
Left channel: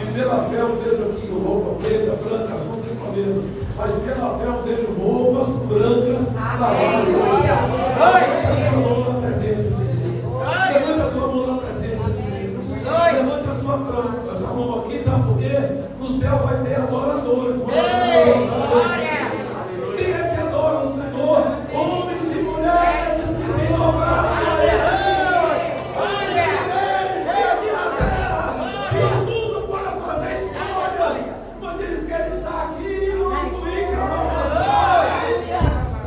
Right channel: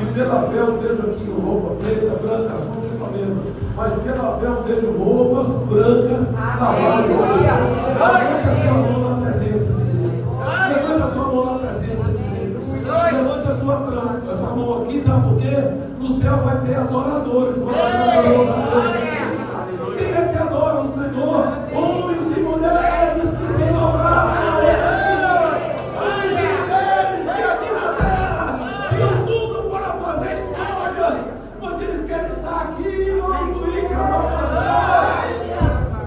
E pela fé eu vejo aqui roupa preta, branca, azul, não tem problema. Mas pela fé eu vejo roupas brancas lavadas no céu. Levante a sua mão na presença de Deus. Levante a sua mão na presença de Deus. Levante a sua mão aqui, sabe por quê? No céu vai ter adoradores. Quem é que adora o Senhor? Homens e mulheres que se dobraram a Ele. Homens e mulheres que aqui na terra tinham tudo para fazer escolha, mas eles querem estar aqui no e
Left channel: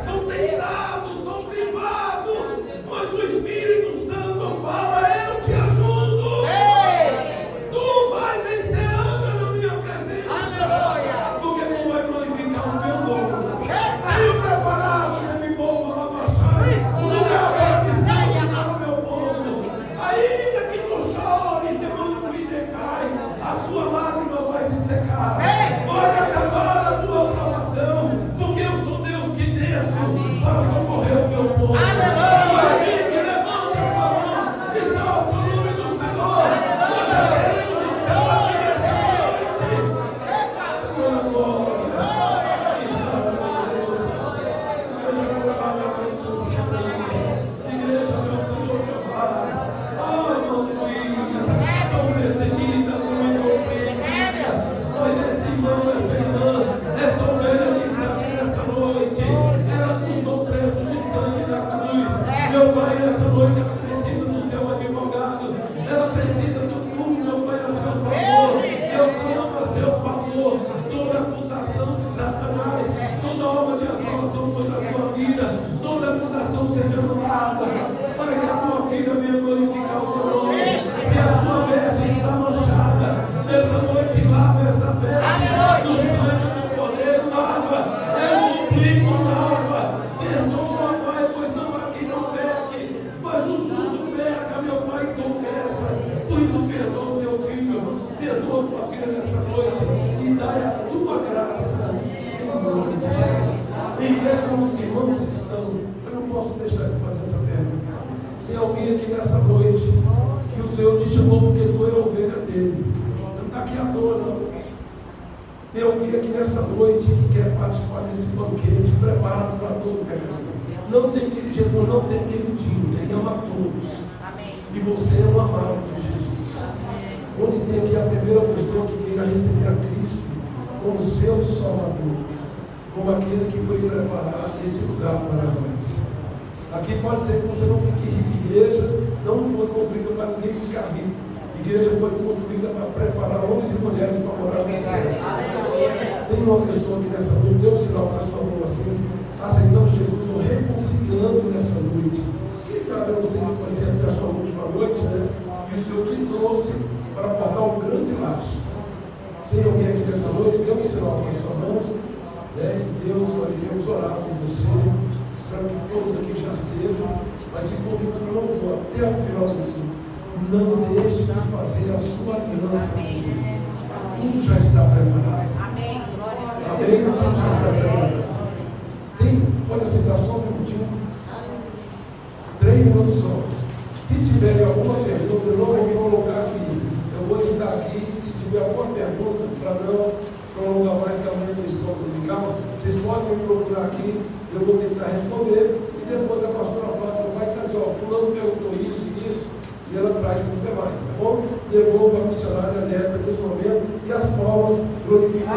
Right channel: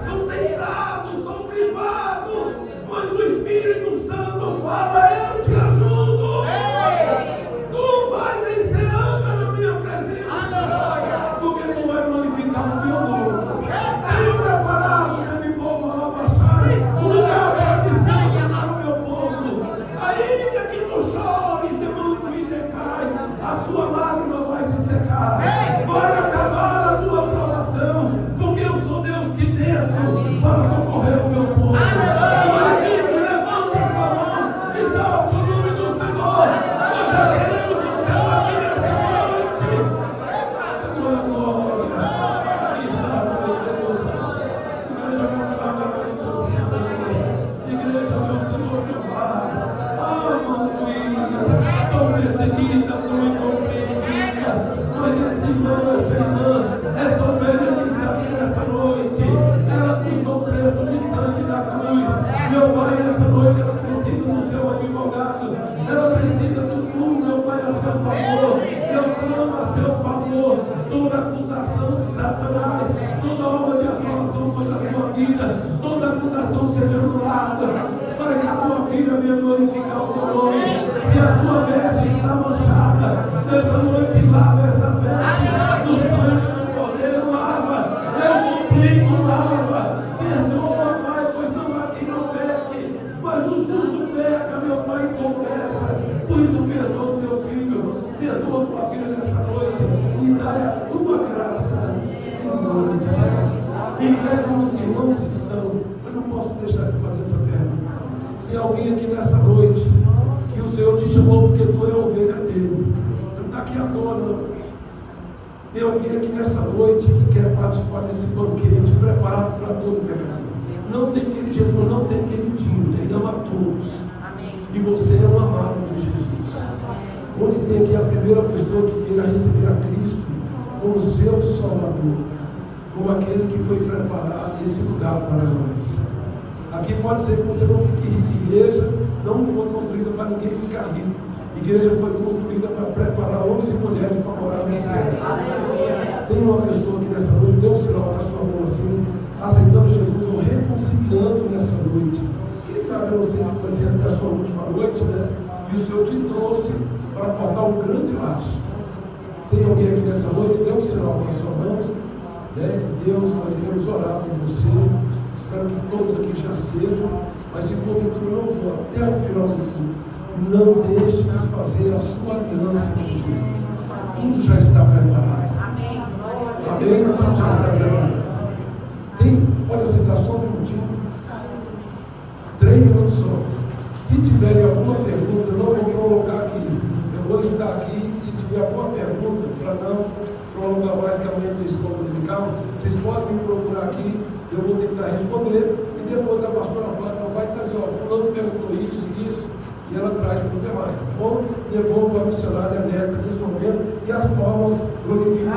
são tentados, são privados, mas o Espírito Santo fala: eu te ajudo. Tu vai vencer, anda na minha presença, porque tu vai glorificar o meu nome. Tenho preparado para me povo lá baixar um lugar para descanso para o meu povo. Ainda que tu chores de muito e decai, a sua lágrima vai se secar. Vai acabar a tua provação, porque eu sou Deus que desço para socorrer o meu povo. Glorifique, levante a sua mão, exalte o nome do Senhor. Nós já queremos o céu aqui nessa noite. Senhor da glória, aqui está o meu Deus. Igreja, meu Pai, igreja, meu Senhor Jeová. Aleluia, tão perseguida, tão incompreendida, mas esse irmão, essa irmã, essa ovelha que está aqui nessa noite, ela custou o preço de sangue na cruz. Meu Pai, nessa noite ela precisa do seu advogado, ela precisa do mundo, meu Pai, a seu favor. Eu clamo a seu favor toda acusação de Satanás, toda obra de assolação contra a sua vida, toda acusação seja anulada, para que a tua filha venha glorificar o teu nome. Se a sua veste está manchada, nessa noite lava essa veste no sangue do Cordeiro, lava. Eu suplico, lava. Perdoa, Pai, pois não há quem não peque, mas o justo peca, meu Pai, confessa. Por isso perdoa teu filho, perdoa tua filha nessa noite e dá a tua graça em nome de Jesus. E é como os irmãos estão. Eu não posso deixar de fazer essa pergunta. Tem alguém aqui nessa noite que o Senhor te chamou porque tu é ovelha dele. Não está aqui à toa, não. Tem alguém aqui nessa noite que quer participar desse banquete preparado para todo pecador. Não tem aquele Jesus, não tem aquele Dino, ele ama todos. E você é o amado de Jesus. Onde tem aqui a primeira pessoa que queira receber a Cristo como seu Salvador, como aquele que foi preparar esse lugar para nós. Aqui pode ser que você não fique rico. Igreja não foi construída para ninguém ficar rico. Igreja foi construída para preparar homens e mulheres para morar no céu. Tem uma pessoa aqui nessa noite, dê um sinal com a sua mão assim, aceitando Jesus ou reconciliando nessa noite. Quem sabe eu não sei se pode ser até a sua última noite, né? E o Senhor te trouxe para cortar um grande laço. Tem alguém aqui nessa noite, dê um sinal com a sua mão. né, de Deus, nós iremos orar por você. Espero que todos aqui já sejam, mas se porventura não for até o final do culto, não deixe de fazer a sua aliança com Jesus. Tudo já está preparado. Amém? Tudo já está preparado. Olha, se dá só um minutinho, 3 minutos só. Se tiverem alguma pergunta, eu não vou me colocar aqui. Eu vou estar aqui. Se tiver alguma pergunta, para não prolongar mais que amanhã tem esse cômodo de carro, vocês podem me procurar aqui. Eu vou tentar responder. E depois a pastora Fátima vai trazer: ó, fulano perguntou isso e isso. E ela traz para os demais, tá bom? Devolvo a missionária Neta nesse momento. E as palmas glorificam